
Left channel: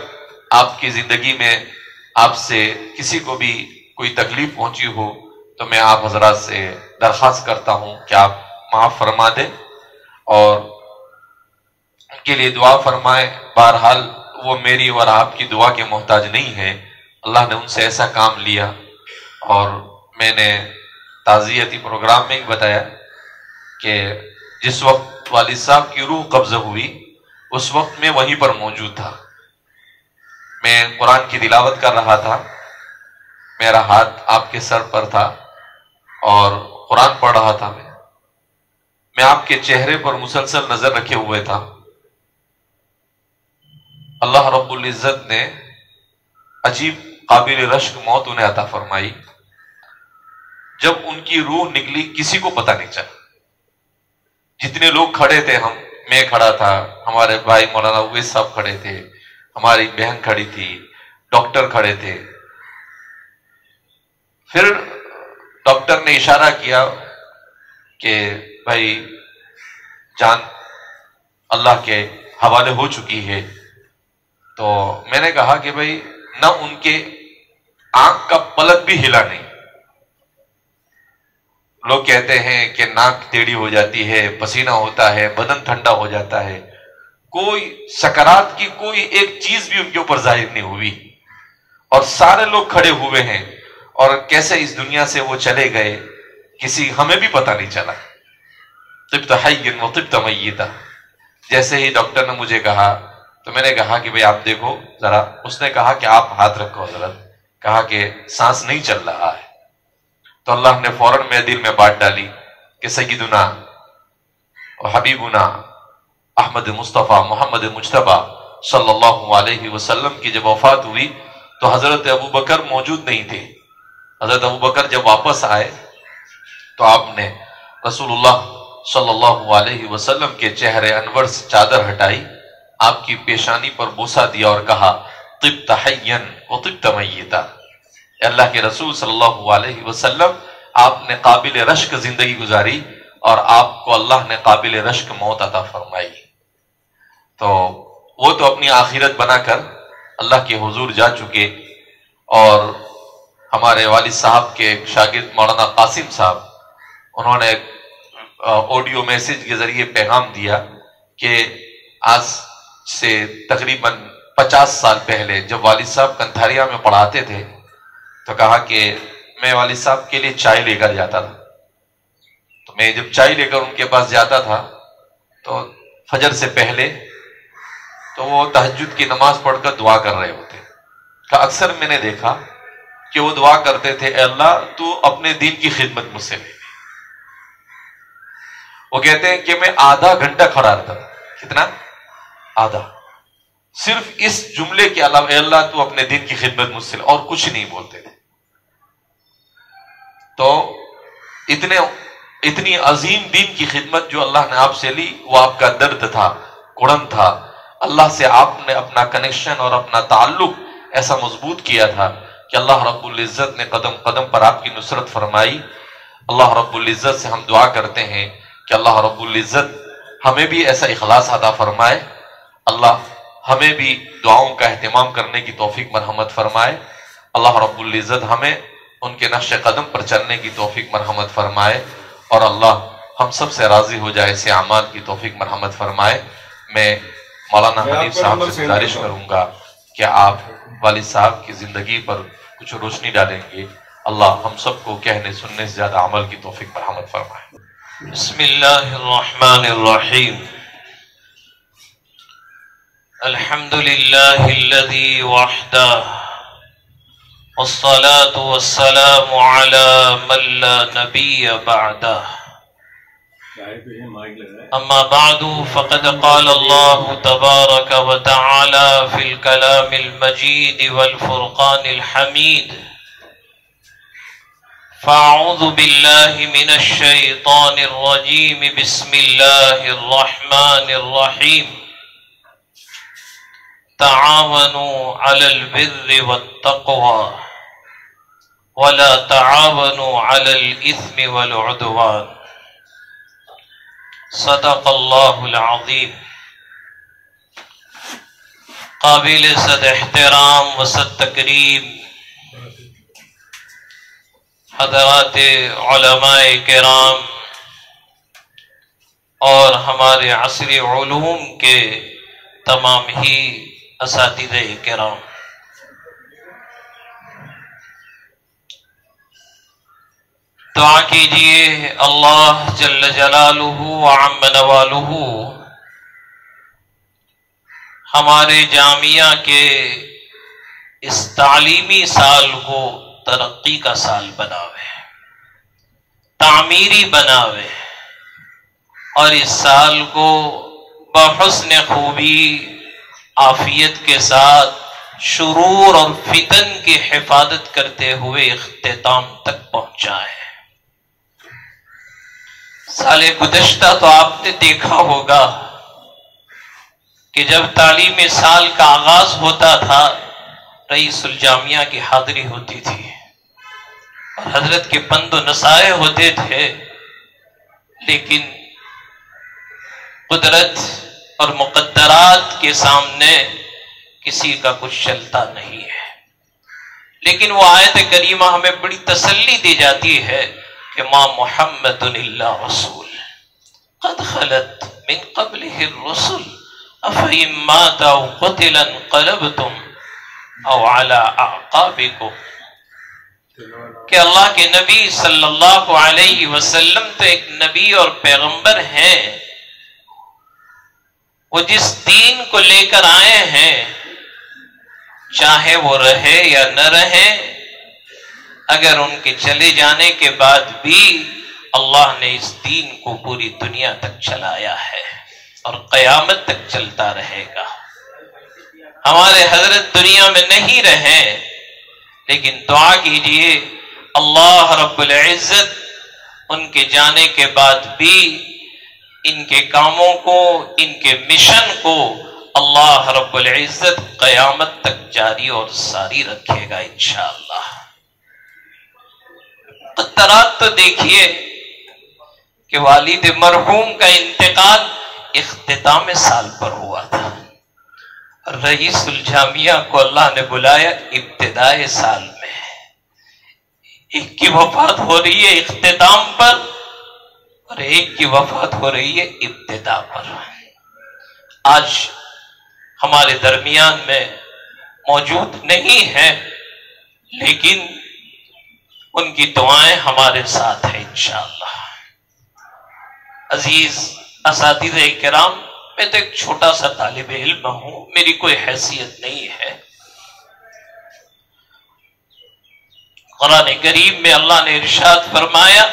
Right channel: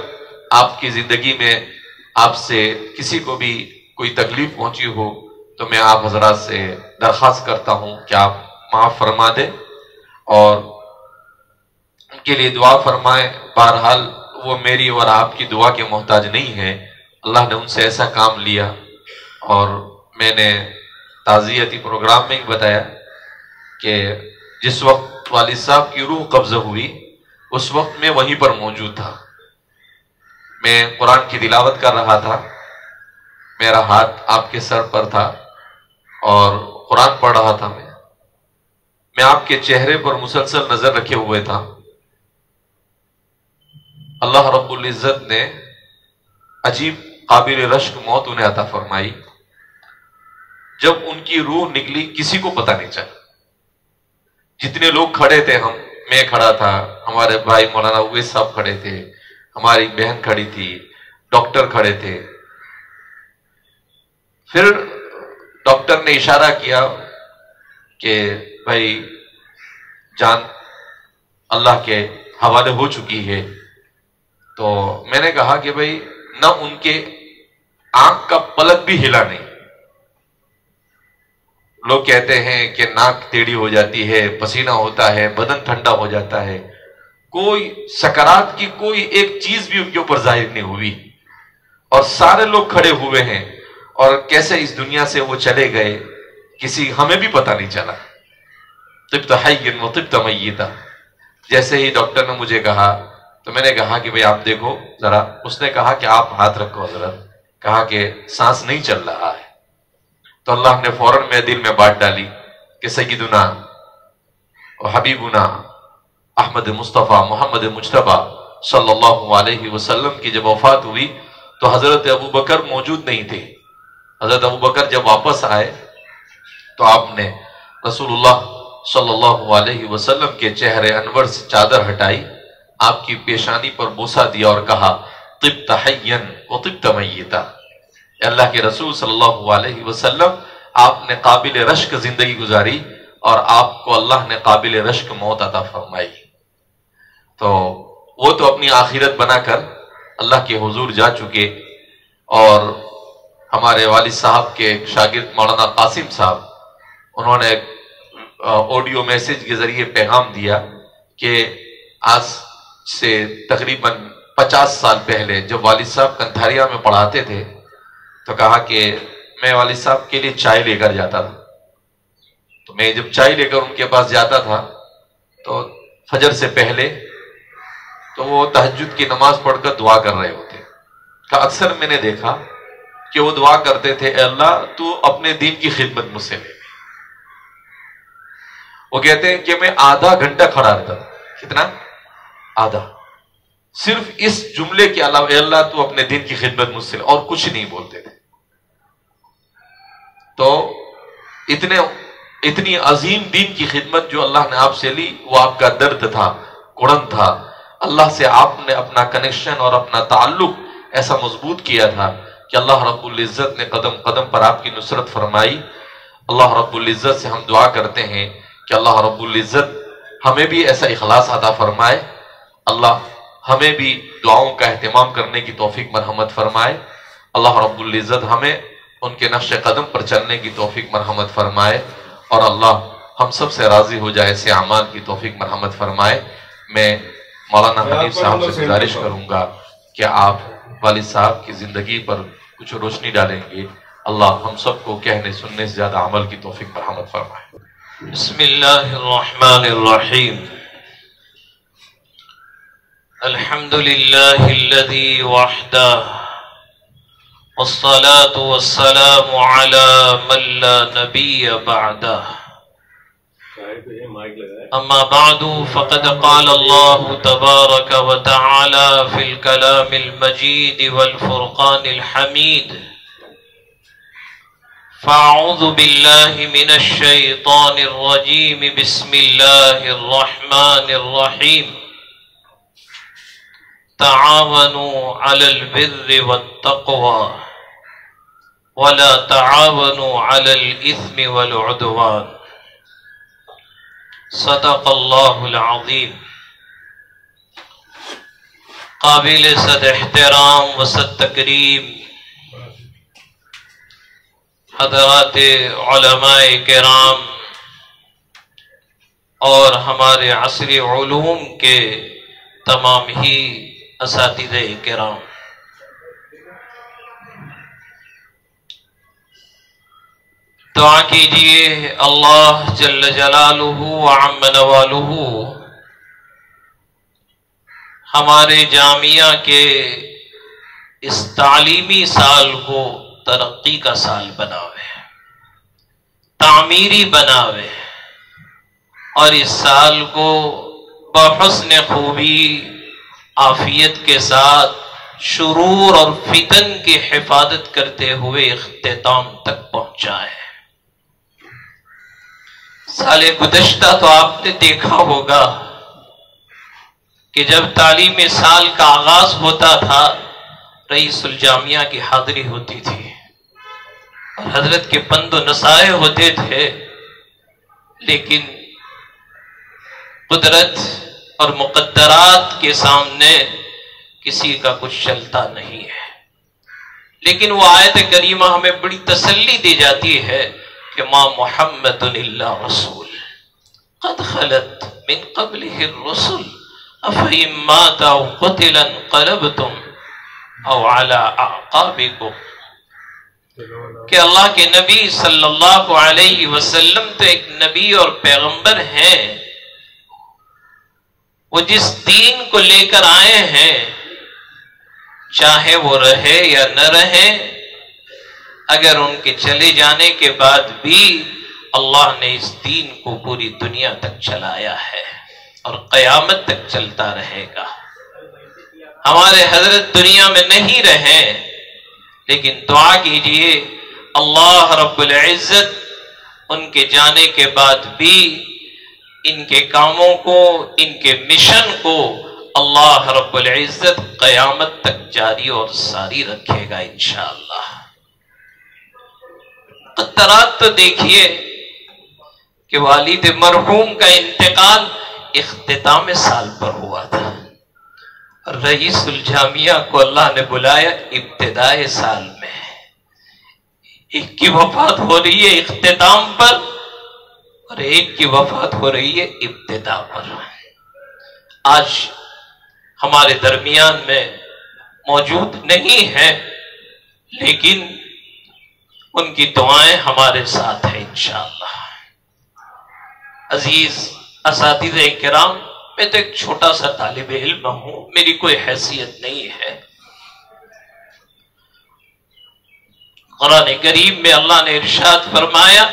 آپ کی زندگی میں آپ سے کسی کو بھی کوئی تکلیف پہنچی ہو تو میں آپ حضرات سے درخواست کرتا ہوں کہ آپ معاف فرما دیں اور ان کے لیے دعا فرمائیں. بہرحال وہ میری اور آپ کی دعا کے محتاج نہیں ہے، اللہ نے ان سے ایسا کام لیا. اور میں نے تعزیتی پروگرام میں بتایا کہ جس وقت والد صاحب کی روح قبض ہوئی اس وقت میں وہیں پر موجود تھا. میں قرآن کی تلاوت کر رہا تھا، میرا ہاتھ آپ کے سر پر تھا اور قرآن پڑھ رہا تھا. میں آپ کے چہرے پر مسلسل نظر رکھے ہوئے تھا. اللہ رب العزت نے عجیب قابل رشک موت انہیں عطا فرمائی. جب ان کی روح نکلی کسی کو پتہ نہیں چلا. جتنے لوگ کھڑے تھے، میں کھڑا تھا، ہمارے بھائی مولانا اویس صاحب کھڑے تھے، ہماری بہن کھڑی تھی، ڈاکٹر کھڑے تھے. پھر ڈاکٹر نے اشارہ کیا کہ بھائی جان اللہ کے حوالے ہو چکی ہے. تو میں نے کہا کہ بھائی نہ ان کے آنکھ کا پلک بھی ہلا نہیں. لوگ کہتے ہیں کہ ناک ٹیڑھی ہو جاتی ہے، پسینہ ہوتا ہے، بدن ٹھنڈا ہو جاتا ہے. کوئی سکرات کی کوئی ایک چیز بھی ان کے اوپر ظاہر نہیں ہوئی، اور سارے لوگ کھڑے ہوئے ہیں. اور کیسے اس دنیا سے وہ چلے گئے کسی ہمیں بھی پتہ نہیں چلا. طبت حیا وطبت میتا. جیسے ہی ڈاکٹر نے مجھے کہا تو میں نے کہا کہ بھئی آپ دیکھو ذرا. اس نے کہا کہ آپ ہاتھ رکھو حضرت. کہا کہ سانس نہیں چل رہا ہے. تو اللہ نے فوراً میرے دل میں بات ڈالی کہ سیدنا و حبیبنا احمد مصطفیٰ محمد مجتبی صلی اللہ علیہ وسلم کی جب وفات ہوئی تو حضرت ابوبکر موجود نہیں تھے. حضرت ابوبکر جب واپس آئے تو آپ نے رسول اللہ صلی اللہ علیہ وسلم کے چہرے انور سے چادر ہٹائی، آپ کی پیشانی پر بوسہ دیا اور کہا طبت حیا وطبت میتا. اللہ کے رسول صلی اللہ علیہ وسلم آپ نے قابل رشک زندگی گزاری اور آپ کو اللہ نے قابل رشک موت عطا فرمائی. تو وہ تو اپنی آخرت بنا کر اللہ کے حضور جا چکے. اور ہمارے والد صاحب کے شاگرد مولانا قاسم صاحب، انہوں نے آڈیو میسج کے ذریعے پیغام دیا کہ آج سے تقریباً 50 سال پہلے جب والد صاحب کنتھاریا میں پڑھاتے تھے تو کہا کہ میں والد صاحب کے لیے چائے لے کر جاتا تھا. تو میں جب چائے لے کر ان کے پاس جاتا تھا تو فجر سے پہلے تو وہ تہجد کی نماز پڑھ کر دعا کر رہے ہوتے. کہ اکثر میں نے دیکھا کہ وہ دعا کرتے تھے اے اللہ تو اپنے دین کی خدمت مجھ سے لے. وہ کہتے ہیں کہ میں آدھا گھنٹہ کھڑا رہتا تھا. کتنا؟ آدھا. صرف اس جملے کے علاوہ اے اللہ تو اپنے دین کی خدمت مجھ سے لے، اور کچھ نہیں بولتے تھے. تو اتنی عظیم دین کی خدمت جو اللہ نے آپ سے لی، وہ آپ کا درد تھا، کڑن تھا. اللہ سے آپ نے اپنا کنیکشن اور اپنا تعلق ایسا مضبوط کیا تھا کہ اللہ رب العزت نے قدم قدم پر آپ کی نصرت فرمائی. اللہ رب العزت سے ہم دعا کرتے ہیں کہ اللہ رب العزت ہمیں بھی ایسا اخلاص عطا فرمائے. اللہ ہمیں بھی دعاؤں کا اہتمام کرنے کی توفیق مرحمت فرمائے. اللہ رب العزت ہمیں ان کے نقش قدم پر چلنے کی توفیق مرحمت فرمائے، اور اللہ ہم سب سے راضی ہو جائے، ایسے اعمال کی توفیق مرحمت فرمائے. میں مولانا حنیف صاحب سے گزارش کروں گا کہ آپ والد صاحب کی زندگی پر کچھ روشنی ڈالیں گے. اللہ ہم سب کو کہنے سننے سے زیادہ عمل کی توفیق مرحمت فرمائے. بسم اللہ الرحمن الرحیم. الحمد للہ الذی وحدہ والصلاة والسلام علی من لا نبی بعدہ. اما بعد فقد قال اللہ تبارک وتعالی فی الکلام المجید والفرقان الحمید. فاعوذ باللہ من الشیطان الرجیم. بسم اللہ الرحمن الرحیم. تعاونوا علی البر والتقوى ولا تعاونوا علی الاثم والعدوان. صدق اللہ العظیم. قابل صد احترام و صد تکریم حضرات علماء کرام اور ہمارے عصری علوم کے تمام ہی اساتذہ کرام، دعا کیجئے اللہ جل جلالہ وعم نوالہ ہمارے جامعہ کے اس تعلیمی سال کو ترقی کا سال بناوے، تعمیری بناوے، اور اس سال کو بحسن خوبی عافیت کے ساتھ شرور اور فتن کی حفاظت کرتے ہوئے اختتام تک پہنچا ہے۔ سال گزشتہ تو آپ نے دیکھا ہوگا کہ جب تعلیمی سال کا آغاز ہوتا تھا رئیس الجامعہ کی حاضری ہوتی تھی اور حضرت کے پند و نصائح ہوتے تھے، لیکن قدرت اور مقدرات کے سامنے کسی کا کچھ چلتا نہیں ہے۔ لیکن وہ آیت کریمہ ہمیں بڑی تسلی دی جاتی ہے کہ ما محمد الا رسول قد خلت من قبلہ الرسل افإن مات او قتل انقلبتم او علی اعقابکم، کہ اللہ کے نبی صلی اللہ علیہ وسلم تو ایک نبی اور پیغمبر ہیں، وہ جس دین کو لے کر آئے ہیں چاہے وہ رہے یا نہ رہے، اگر ان کے چلے جانے کے بعد بھی اللہ نے اس دین کو پوری دنیا تک چلایا ہے اور قیامت تک چلتا رہے گا۔ ہمارے حضرت دنیا میں نہیں رہے، لیکن دعا کیجئے اللہ رب العزت ان کے جانے کے بعد بھی ان کے کاموں کو، ان کے مشن کو اللہ رب العزت قیامت تک جاری اور ساری رکھے گا انشاءاللہ۔ قطرات تو دیکھیے کہ والد مرحوم کا انتقال اختتام سال پر ہوا تھا، رئیس الجامعہ کو اللہ نے بلایا ابتدائے سال میں، ایک کی وفات ہو رہی ہے اختتام پر اور ایک کی وفات ہو رہی ہے ابتدا پر۔ آج ہمارے درمیان میں موجود نہیں ہیں، لیکن ان کی دعائیں ہمارے ساتھ ہیں انشاءاللہ۔ عزیز اساتذہ کرام، میں تو ایک چھوٹا سا طالب علم ہوں، میری کوئی حیثیت نہیں ہے۔ قرآن کریم میں اللہ نے ارشاد فرمایا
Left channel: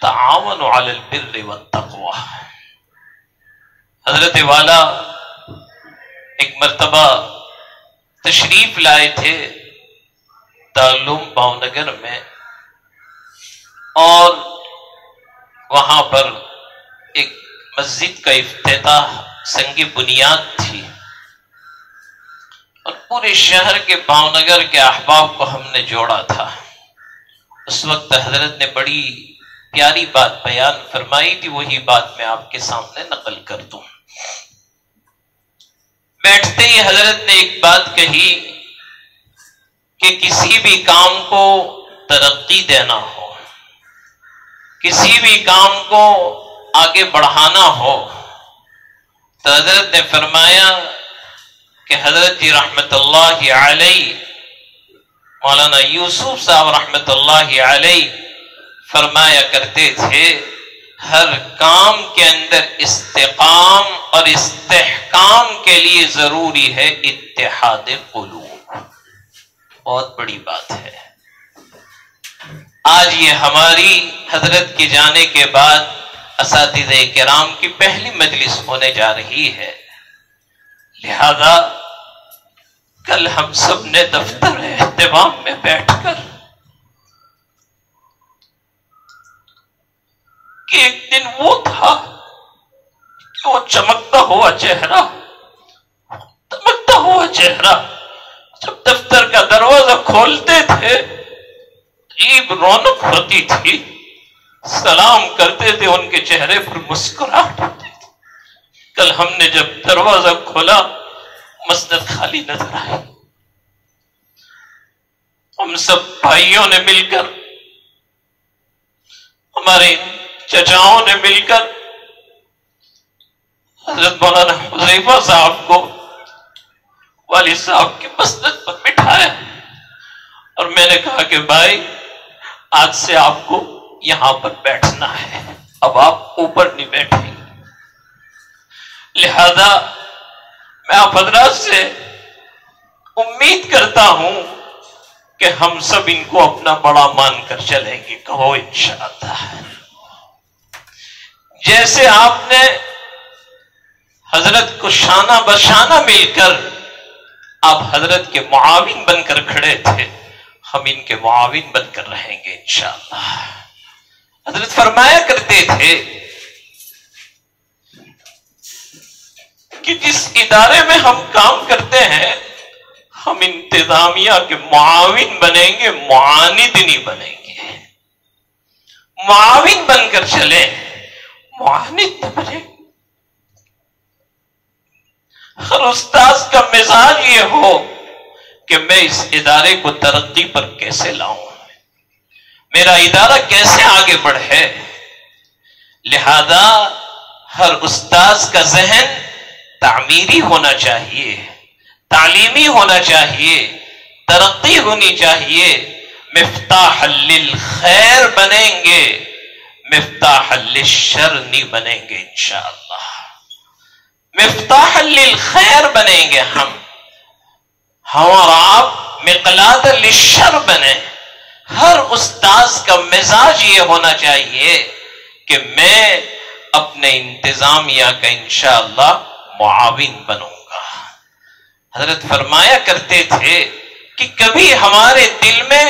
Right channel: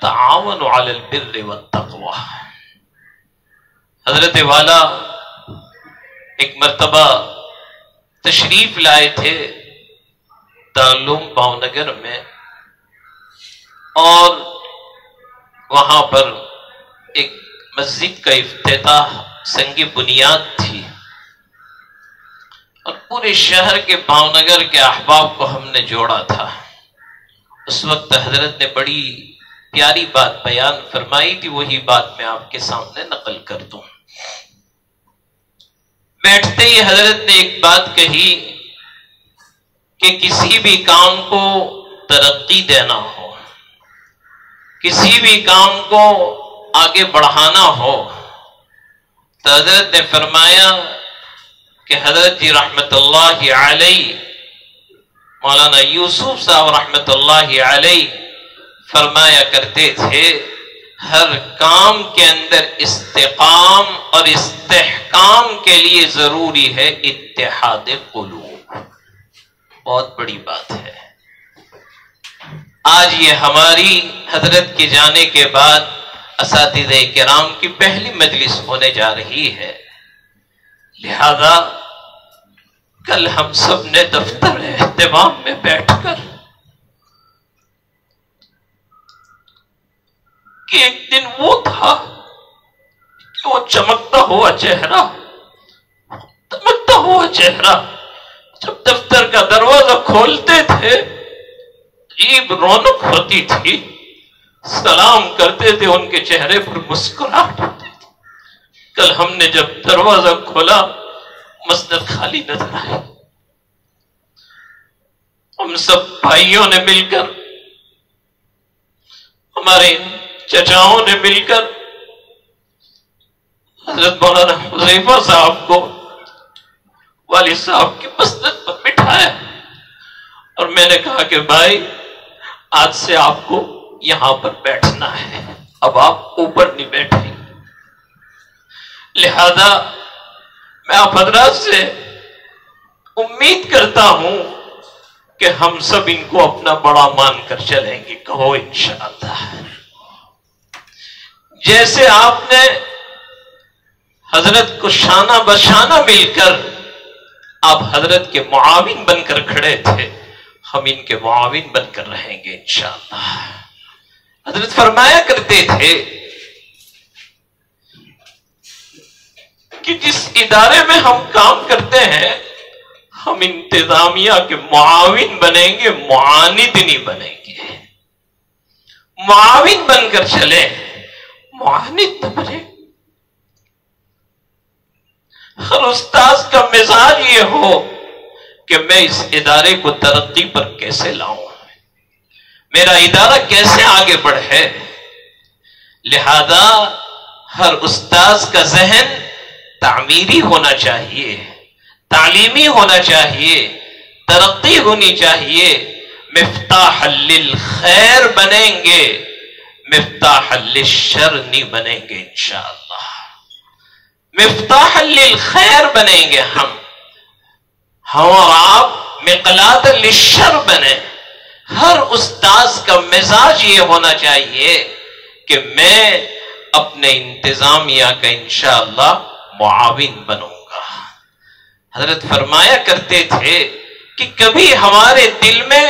تعاونوا علی البر والتقوی۔ حضرت والا ایک مرتبہ تشریف لائے تھے دارالعلوم بھاؤنگر میں، اور وہاں پر ایک مسجد کا افتتاح سنگ بنیاد تھی، اور پورے شہر کے بھاؤنگر کے احباب کو ہم نے جوڑا تھا۔ اس وقت حضرت نے بڑی پیاری بات بیان فرمائی تھی، وہی بات میں آپ کے سامنے نقل کر دوں۔ بیٹھتے ہی حضرت نے ایک بات کہی کہ کسی بھی کام کو ترقی دینا ہو، کسی بھی کام کو آگے بڑھانا ہو، تو حضرت نے فرمایا کہ حضرت جی رحمت اللہ علیہ، مولانا یوسف صاحب رحمت اللہ علیہ فرمایا کرتے تھے ہر کام کے اندر استقام اور استحکام کے لیے ضروری ہے اتحاد قلوب۔ بہت بڑی بات ہے۔ آج یہ ہماری حضرت کے جانے کے بعد اساتذہ کرام کی پہلی مجلس ہونے جا رہی ہے، لہذا کل ہم سب نے دفتر اہتمام میں بیٹھ کر کہ ایک دن وہ تھا کہ وہ چمکتا ہوا چہرہ جب دفتر کا دروازہ کھولتے تھے عجیب رونق ہوتی تھی، سلام کرتے تھے ان کے چہرے پر مسکراہٹ ہوتی تھی۔ کل ہم نے جب دروازہ کھولا مسجد خالی نظر آئی، ہم سب بھائیوں نے مل کر، ہمارے چچاؤں نے مل کر حضرت مولانا حذیفہ صاحب کو والد صاحب کی مسند پر بٹھایا، اور میں نے کہا کہ بھائی آج سے آپ کو یہاں پر بیٹھنا ہے، اب آپ اوپر نہیں بیٹھیں۔ لہذا میں آپ حضرات سے امید کرتا ہوں کہ ہم سب ان کو اپنا بڑا مان کر چلیں گے، کہو انشاءاللہ۔ جیسے آپ نے حضرت کو شانہ بشانہ مل کر آپ حضرت کے معاون بن کر کھڑے تھے، ہم ان کے معاون بن کر رہیں گے انشاءاللہ۔ حضرت فرمایا کرتے تھے کہ جس ادارے میں ہم کام کرتے ہیں ہم انتظامیہ کے معاون بنیں گے، معاند نہیں بنیں گے۔ معاون بن کر چلے، معاند نہ بنے۔ ہر استاذ کا مزاج یہ ہو کہ میں اس ادارے کو ترقی پر کیسے لاؤں، میرا ادارہ کیسے آگے بڑھے۔ لہذا ہر استاذ کا ذہن تعمیری ہونا چاہیے، تعلیمی ہونا چاہیے، ترقی ہونی چاہیے۔ مفتاح للخیر بنیں گے، مفتاح للشر نہیں بنیں گے انشاءاللہ۔ مفتاح للخیر بنیں گے ہم اور آپ مقلاۃ للشر بنیں۔ ہر استاذ کا مزاج یہ ہونا چاہیے کہ میں اپنے انتظامیہ کا انشاءاللہ معاون بنوں گا۔ حضرت فرمایا کرتے تھے کہ کبھی ہمارے دل میں،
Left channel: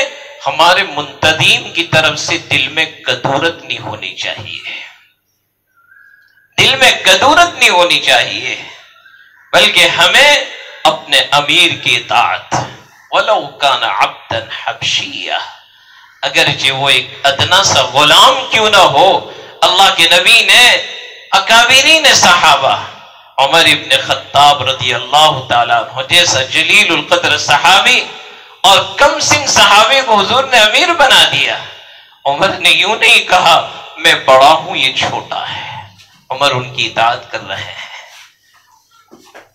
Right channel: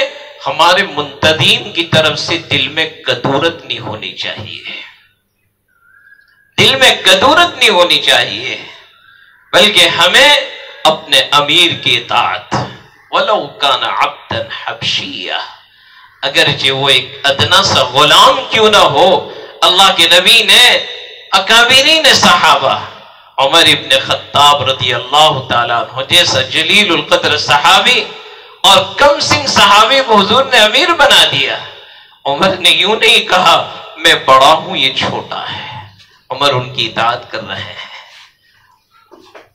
ہمارے منتدین کی طرف سے دل میں کدورت نہیں ہونی چاہیے، دل میں کدورت نہیں ہونی چاہیے، بلکہ ہمیں اپنے امیر کی اطاعت، وَلَوْ كَانَ عَبْدًا حَبْشِيًّا، اگرچہ وہ ایک ادنا سا غلام کیوں نہ ہو۔ اللہ کے نبی نے اکابرین صحابہ، عمر ابن خطاب رضی اللہ تعالیٰ عنہ جیسا جلیل القدر صحابی اور کم سن صحابی کو حضور نے امیر بنا دیا۔ عمر نے یوں نہیں کہا میں بڑا ہوں یہ چھوٹا ہے، عمر ان کی اطاعت کر رہے ہیں،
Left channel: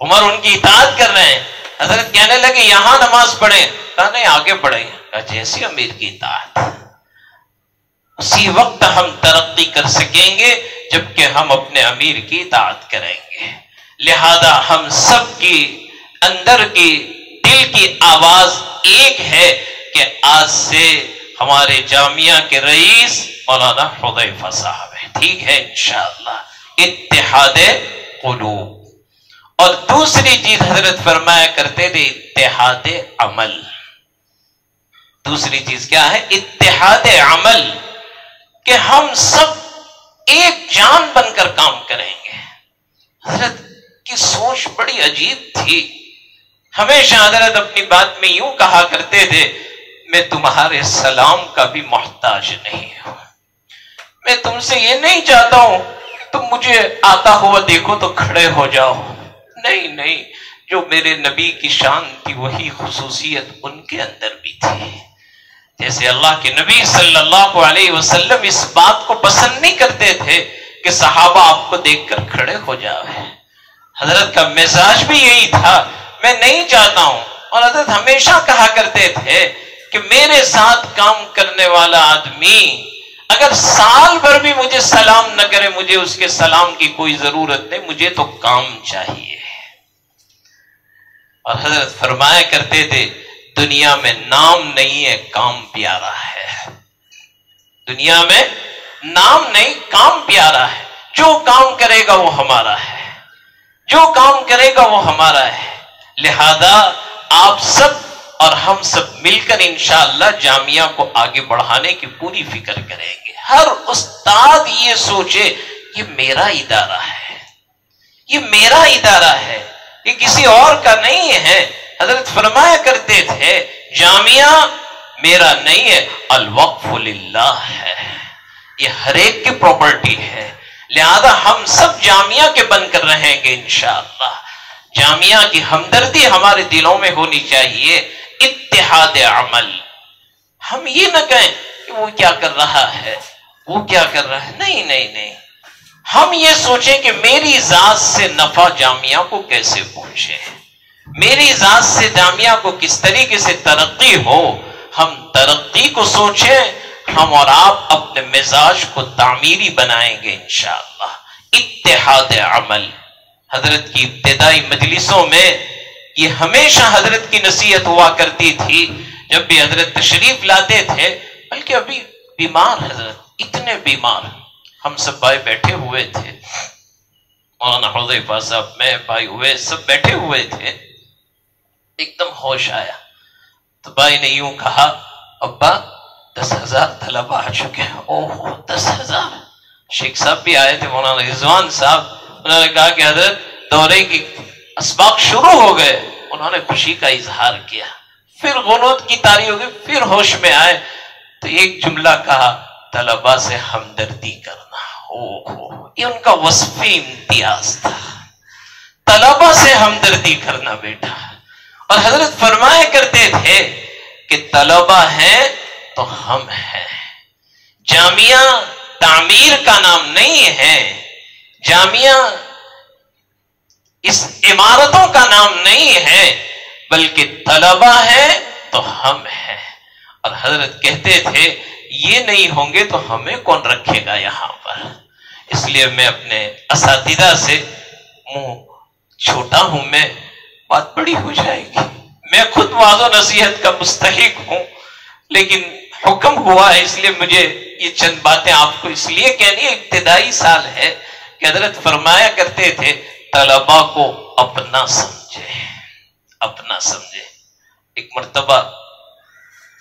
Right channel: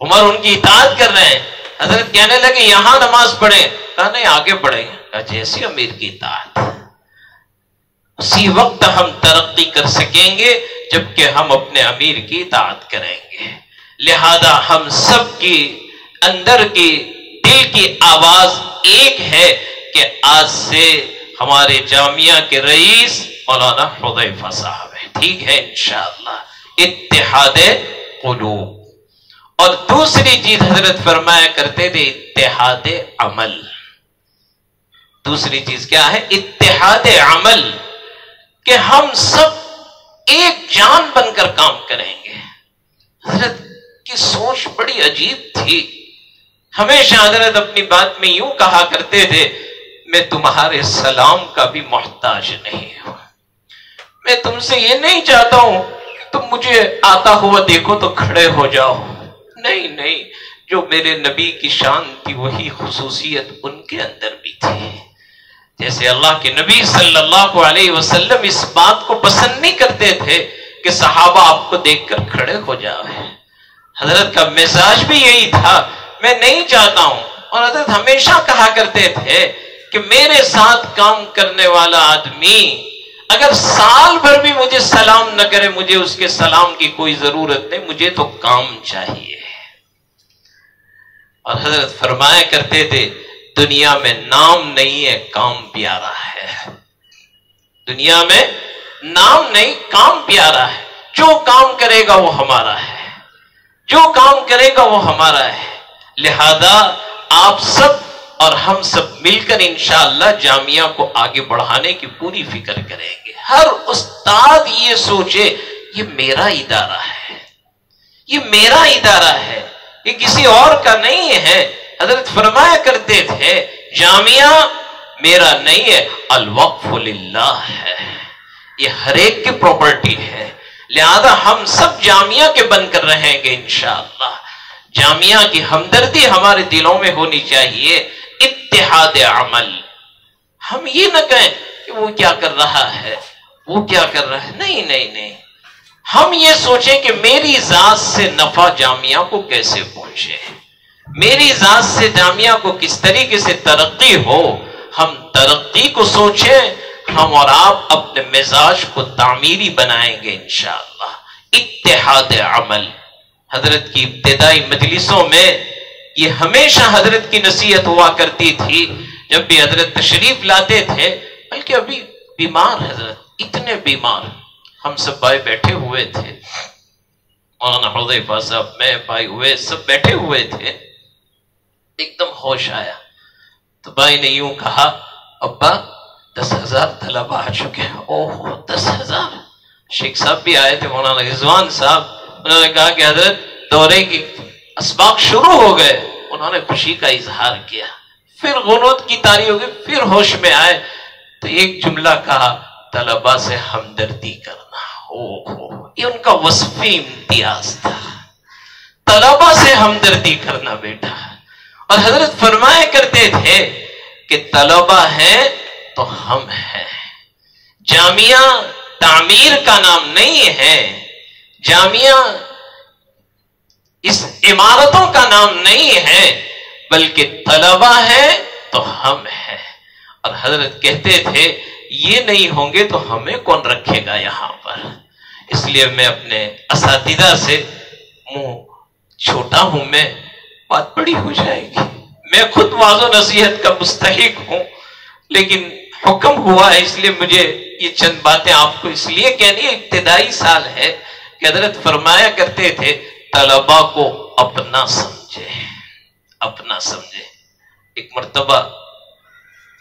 عمر ان کی اطاعت کر رہے ہیں۔ حضرت کہنے لگے یہاں نماز پڑھیں، کہا نہیں آگے پڑھیں، کہا جیسی امیر کی اطاعت۔ اسی وقت ہم ترقی کر سکیں گے جبکہ ہم اپنے امیر کی اطاعت کریں گے۔ لہذا ہم سب کی اندر کی دل کی آواز ایک ہے کہ آج سے ہمارے جامعہ کے رئیس مولانا حذیفہ صاحب ہے، ٹھیک ہے انشاءاللہ۔ اتحاد قلوب۔ اور دوسری چیز حضرت فرمایا کرتے تھے اتحاد عمل۔ دوسری چیز کیا ہے؟ اتحاد عمل، کہ ہم سب ایک جان بن کر کام کریں گے۔ حضرت کی سوچ بڑی عجیب تھی، ہمیشہ حضرت اپنی بات میں یوں کہا کرتے تھے میں تمہارے سلام کا بھی محتاج نہیں ہوں، میں تم سے یہ نہیں چاہتا ہوں تم مجھے آتا ہوا دیکھو تو کھڑے ہو جاؤ، نہیں نہیں، جو میرے نبی کی شان تھی وہی خصوصیت ان کے اندر بھی تھی۔ جیسے اللہ کے نبی صلی اللہ علیہ وسلم اس بات کو پسند نہیں کرتے تھے کہ صحابہ آپ کو دیکھ کر کھڑے ہو جائے، حضرت کا مزاج بھی یہی تھا میں نہیں چاہتا ہوں۔ اور حضرت ہمیشہ کہا کرتے تھے کہ میرے ساتھ کام کرنے والا آدمی اگر سال بھر بھی مجھے سلام نہ کرے، مجھے اس کے سلام کی کوئی ضرورت نہیں، مجھے تو کام چاہیے۔ اور حضرت فرمایا کرتے تھے دنیا میں نام نہیں ہے، کام پیارا ہے۔ دنیا میں نام نہیں، کام پیارا ہے۔ جو کام کرے گا وہ ہمارا ہے، جو کام کرے گا وہ ہمارا ہے۔ لہذا آپ سب اور ہم سب مل کر انشاءاللہ جامعہ کو آگے بڑھانے کی پوری فکر کریں گے۔ ہر استاد یہ سوچے یہ میرا ادارہ ہے، یہ میرا ادارہ ہے، یہ کسی اور کا نہیں ہے۔ حضرت فرمایا کرتے تھے جامعہ میرا نہیں ہے، الوقف للہ ہے، یہ ہر ایک کی پراپرٹی ہے۔ لہذا ہم سب جامعہ کے بن کر رہیں گے انشاءاللہ۔ جامعہ کی ہمدردی ہمارے دلوں میں ہونی چاہیے، اتحاد عمل۔ ہم یہ نہ کہیں کہ وہ کیا کر رہا ہے، وہ کیا کر رہا ہے، نہیں نہیں نہیں، ہم یہ سوچیں کہ میری ذات سے نفع جامعہ کو کیسے پہنچے، میری ذات سے جامعہ کو کس طریقے سے ترقی ہو۔ ہم ترقی کو سوچیں، ہم اور آپ اپنے مزاج کو تعمیری بنائیں گے انشاءاللہ۔ اتحاد عمل۔ حضرت کی ابتدائی مجلسوں میں یہ ہمیشہ حضرت کی نصیحت ہوا کرتی تھی، جب بھی حضرت تشریف لاتے تھے، بلکہ ابھی بیمار حضرت اتنے بیمار، ہم سب بھائی بیٹھے ہوئے تھے، مولانا حذیفہ صاحب، میں، بھائی ہوئے، سب بیٹھے ہوئے تھے۔ ایک دم ہوش آیا تو بھائی نے یوں کہا ابا 10,000 طلبہ آ چکے ہیں. اوہ 10,000. شیخ صاحب بھی آئے تھے مولانا رضوان صاحب, انہوں نے کہا کہ حضرت دورے کی اسباق شروع ہو گئے. انہوں نے خوشی کا اظہار کیا, پھر غنوت کی طاری ہو گئی, پھر ہوش میں آئے تو ایک جملہ کہا طلبہ سے ہمدردی کرنا. یہ ان کا وصفی امتیاز تھا, طلبہ سے ہمدردی کرنا بیٹا. اور حضرت فرمایا کرتے تھے کہ طلبہ ہیں تو ہم ہیں. جامعہ تعمیر کا نام نہیں ہے, جامعہ اس عمارتوں کا نام نہیں ہے, بلکہ طلبہ ہیں تو ہم ہیں. اور حضرت کہتے تھے یہ نہیں ہوں گے تو ہمیں کون رکھے گا یہاں پر. اس لیے میں اپنے اساتذہ سے منہ چھوٹا ہوں, میں بات بڑی ہو جائے گی, میں خود واعظ و نصیحت کا مستحق ہوں, لیکن حکم ہوا ہے اس لیے مجھے یہ چند باتیں آپ کو اس لیے کہنی ہے. ابتدائی سال ہے کہ حضرت فرمایا کرتے تھے طلبا کو اپنا سمجھے, اپنا سمجھے. ایک مرتبہ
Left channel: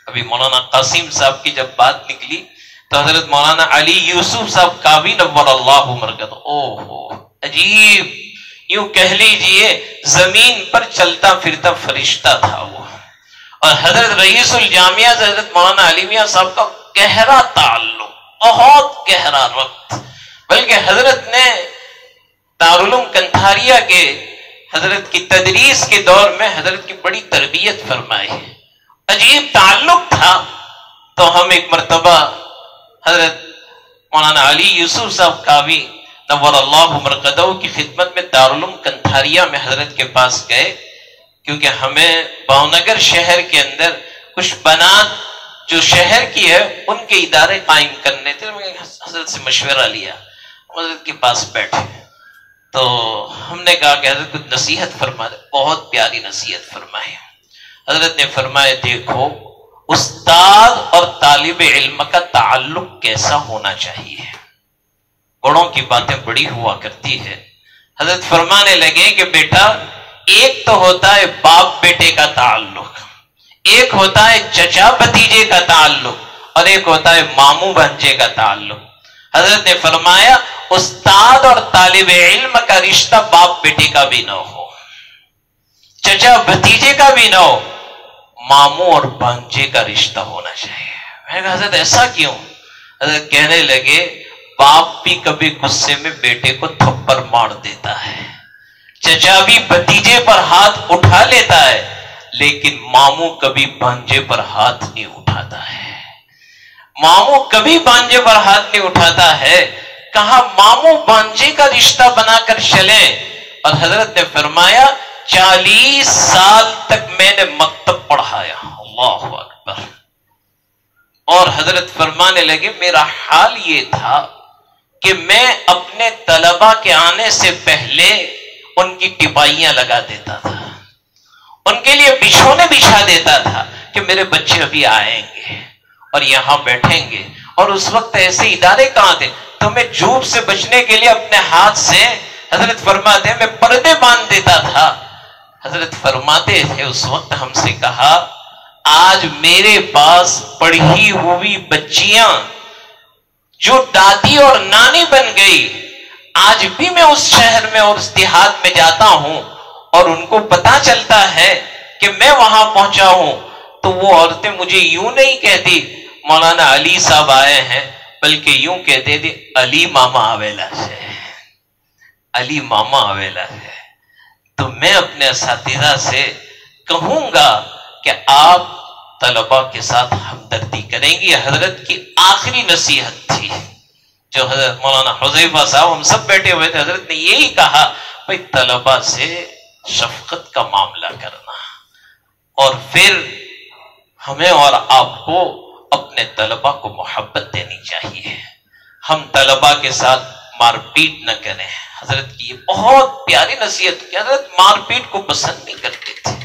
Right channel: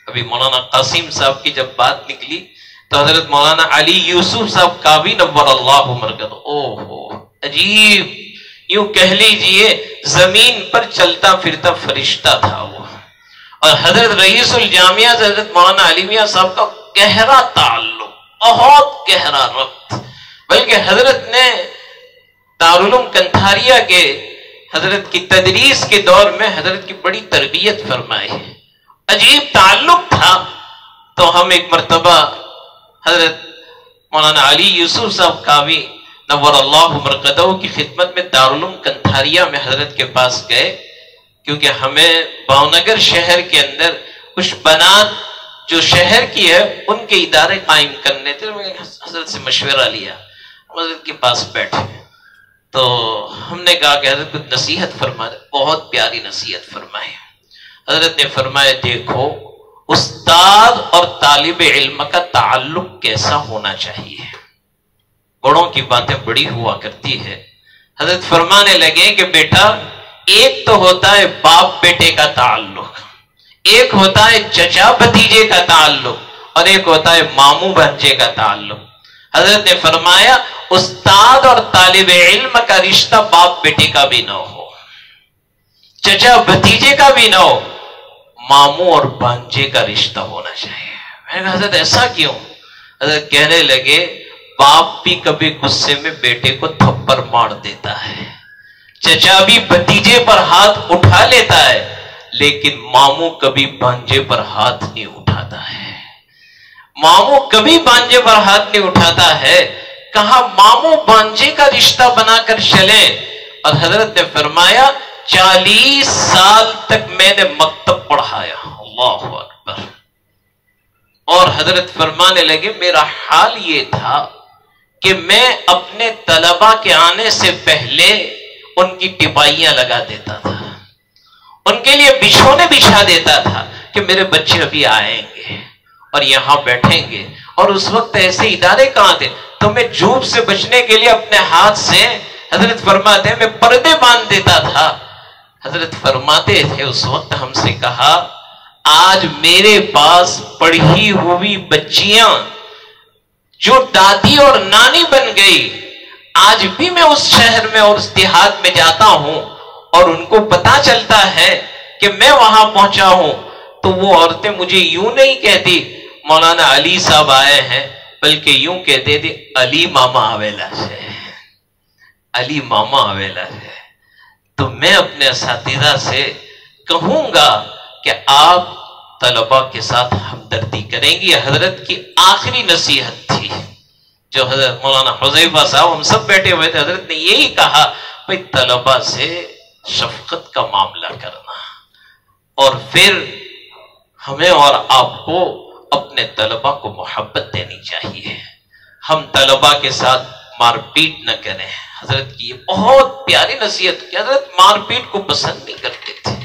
ابھی مولانا قاسم صاحب کی جب بات نکلی تو حضرت مولانا علی یوسف صاحب کابی نور اللہ مرکز, عجیب, یوں کہہ لیجئے زمین پر چلتا پھرتا فرشتہ تھا وہ. اور حضرت رئیس الجامعہ سے حضرت مولانا علی میاں صاحب کا گہرا تعلق, بہت گہرا ربط, بلکہ حضرت نے دارالعلوم کنتھاریہ کے حضرت کی تدریس کے دور میں حضرت کی بڑی تربیت فرمائی ہے, عجیب تعلق تھا. تو ہم ایک مرتبہ حضرت مولانا علی یوسف صاحب کابی نور اللہ مرقدہ کی خدمت میں دارالعلوم کنتھاریہ میں حضرت کے پاس گئے, کیونکہ ہمیں بھاؤنگر شہر کے اندر کچھ بنات جو شہر کی ہے ان کے ادارے قائم کرنے تھے. حضرت سے مشورہ لیا, حضرت کے پاس بیٹھے تو ہم نے کہا کہ حضرت کچھ نصیحت فرما دے. بہت پیاری نصیحت فرمائی. حضرت نے فرمایا دیکھو استاد اور طالب علم کا تعلق کیسا ہونا چاہیے. بڑوں کی باتیں بڑی ہوا کرتی ہے. حضرت فرمانے لگے کہ بیٹا ایک تو ہوتا ہے باپ بیٹے کا تعلق, ایک ہوتا ہے چچا بھتیجے کا تعلق, اور ایک ہوتا ہے ماموں بھانجے کا تعلق. حضرت نے فرمایا استاد اور طالب علم کا رشتہ باپ بیٹے کا بھی نہ ہو, چچا بھتیجے کا بھی نہ ہو, ماموں اور بھانجے کا رشتہ ہونا چاہیے. میں نے کہا حضرت ایسا کیوں؟ حضرت کہنے لگے باپ بھی کبھی غصے میں بیٹے کو تھپڑ مار دیتا ہے, چچا بھی بھتیجے پر ہاتھ اٹھا لیتا ہے, لیکن ماموں کبھی بھانجے پر ہاتھ نہیں اٹھاتا ہے. ماموں کبھی بھانجے پر ہاتھ نہیں اٹھاتا ہے. کہا ماموں بھانجے کا رشتہ بنا کر چلیں. اور حضرت نے فرمایا 40 سال تک میں نے مکتب پڑھایا. اللہ اکبر. اور حضرت فرمانے لگے میرا حال یہ تھا کہ میں اپنے طلبہ کے آنے سے پہلے ان کی ٹپائیاں لگا دیتا تھا, ان کے لیے بچھونے بچھا دیتا تھا کہ میرے بچے ابھی آئیں گے اور یہاں بیٹھیں گے. اور اس وقت ایسے ادارے کہاں تھے, تو میں جھوٹ سے بچنے کے لیے اپنے ہاتھ سے حضرت فرماتے ہیں میں پردے باندھ دیتا تھا. حضرت فرماتے تھے اس وقت ہم سے کہا آج میرے پاس پڑھی ہوئی بچیاں جو دادی اور نانی بن گئی, آج بھی میں اس شہر میں اور اس دیہات میں جاتا ہوں اور ان کو پتا چلتا ہے کہ میں وہاں پہنچا ہوں, تو وہ عورتیں مجھے یوں نہیں کہتی مولانا علی صاحب آئے ہیں, بلکہ یوں کہتے تھے علی ماما آویلا سے, علی ماما آویلا سے. تو میں اپنے اساتذہ سے کہوں گا کہ آپ طلباء کے ساتھ ہمدردی کریں گی. یہ حضرت کی آخری نصیحت تھی جو حضرت مولانا حذیفہ صاحب ہم سب بیٹھے ہوئے تھے. حضرت نے یہی کہا بھائی طلباء سے شفقت کا معاملہ کرنا, اور پھر ہمیں اور آپ کو اپنے طلباء کو محبت دینی چاہیے. ہم طلباء کے ساتھ مار پیٹ نہ کریں. حضرت کی یہ بہت پیاری نصیحت کی. حضرت مار پیٹ کو پسند نہیں کرتے تھے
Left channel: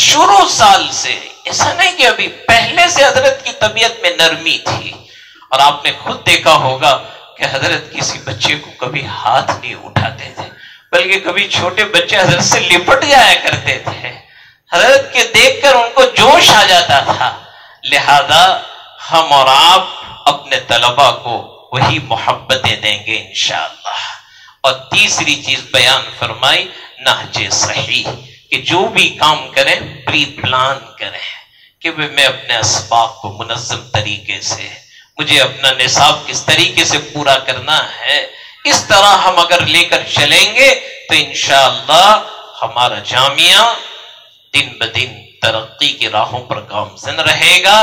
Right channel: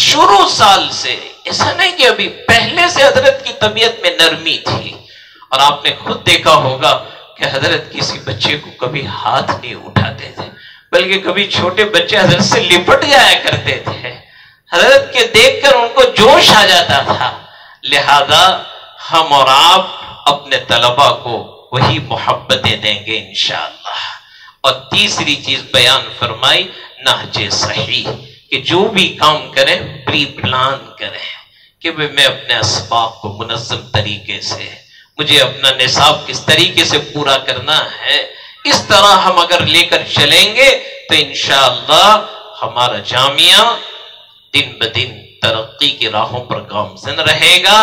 شروع سال سے. ایسا نہیں کہ ابھی, پہلے سے حضرت کی طبیعت میں نرمی تھی. اور آپ نے خود دیکھا ہوگا کہ حضرت کسی بچے کو کبھی ہاتھ نہیں اٹھاتے تھے, بلکہ کبھی چھوٹے بچے حضرت سے لپٹ جایا کرتے تھے. حضرت کے دیکھ کر ان کو جوش آ جاتا تھا. لہذا ہم اور آپ اپنے طلباء کو وہی محبتیں دیں گے انشاءاللہ. اور تیسری چیز بیان فرمائی نہج صحیح، کہ جو بھی کام کریں پری پلان کریں کہ میں اپنے اسباق کو منظم طریقے سے، مجھے اپنا نصاب کس طریقے سے پورا کرنا ہے. اس طرح ہم اگر لے کر چلیں گے تو انشاءاللہ ہمارا جامعہ دن بدن ترقی کی راہوں پر گامزن رہے گا.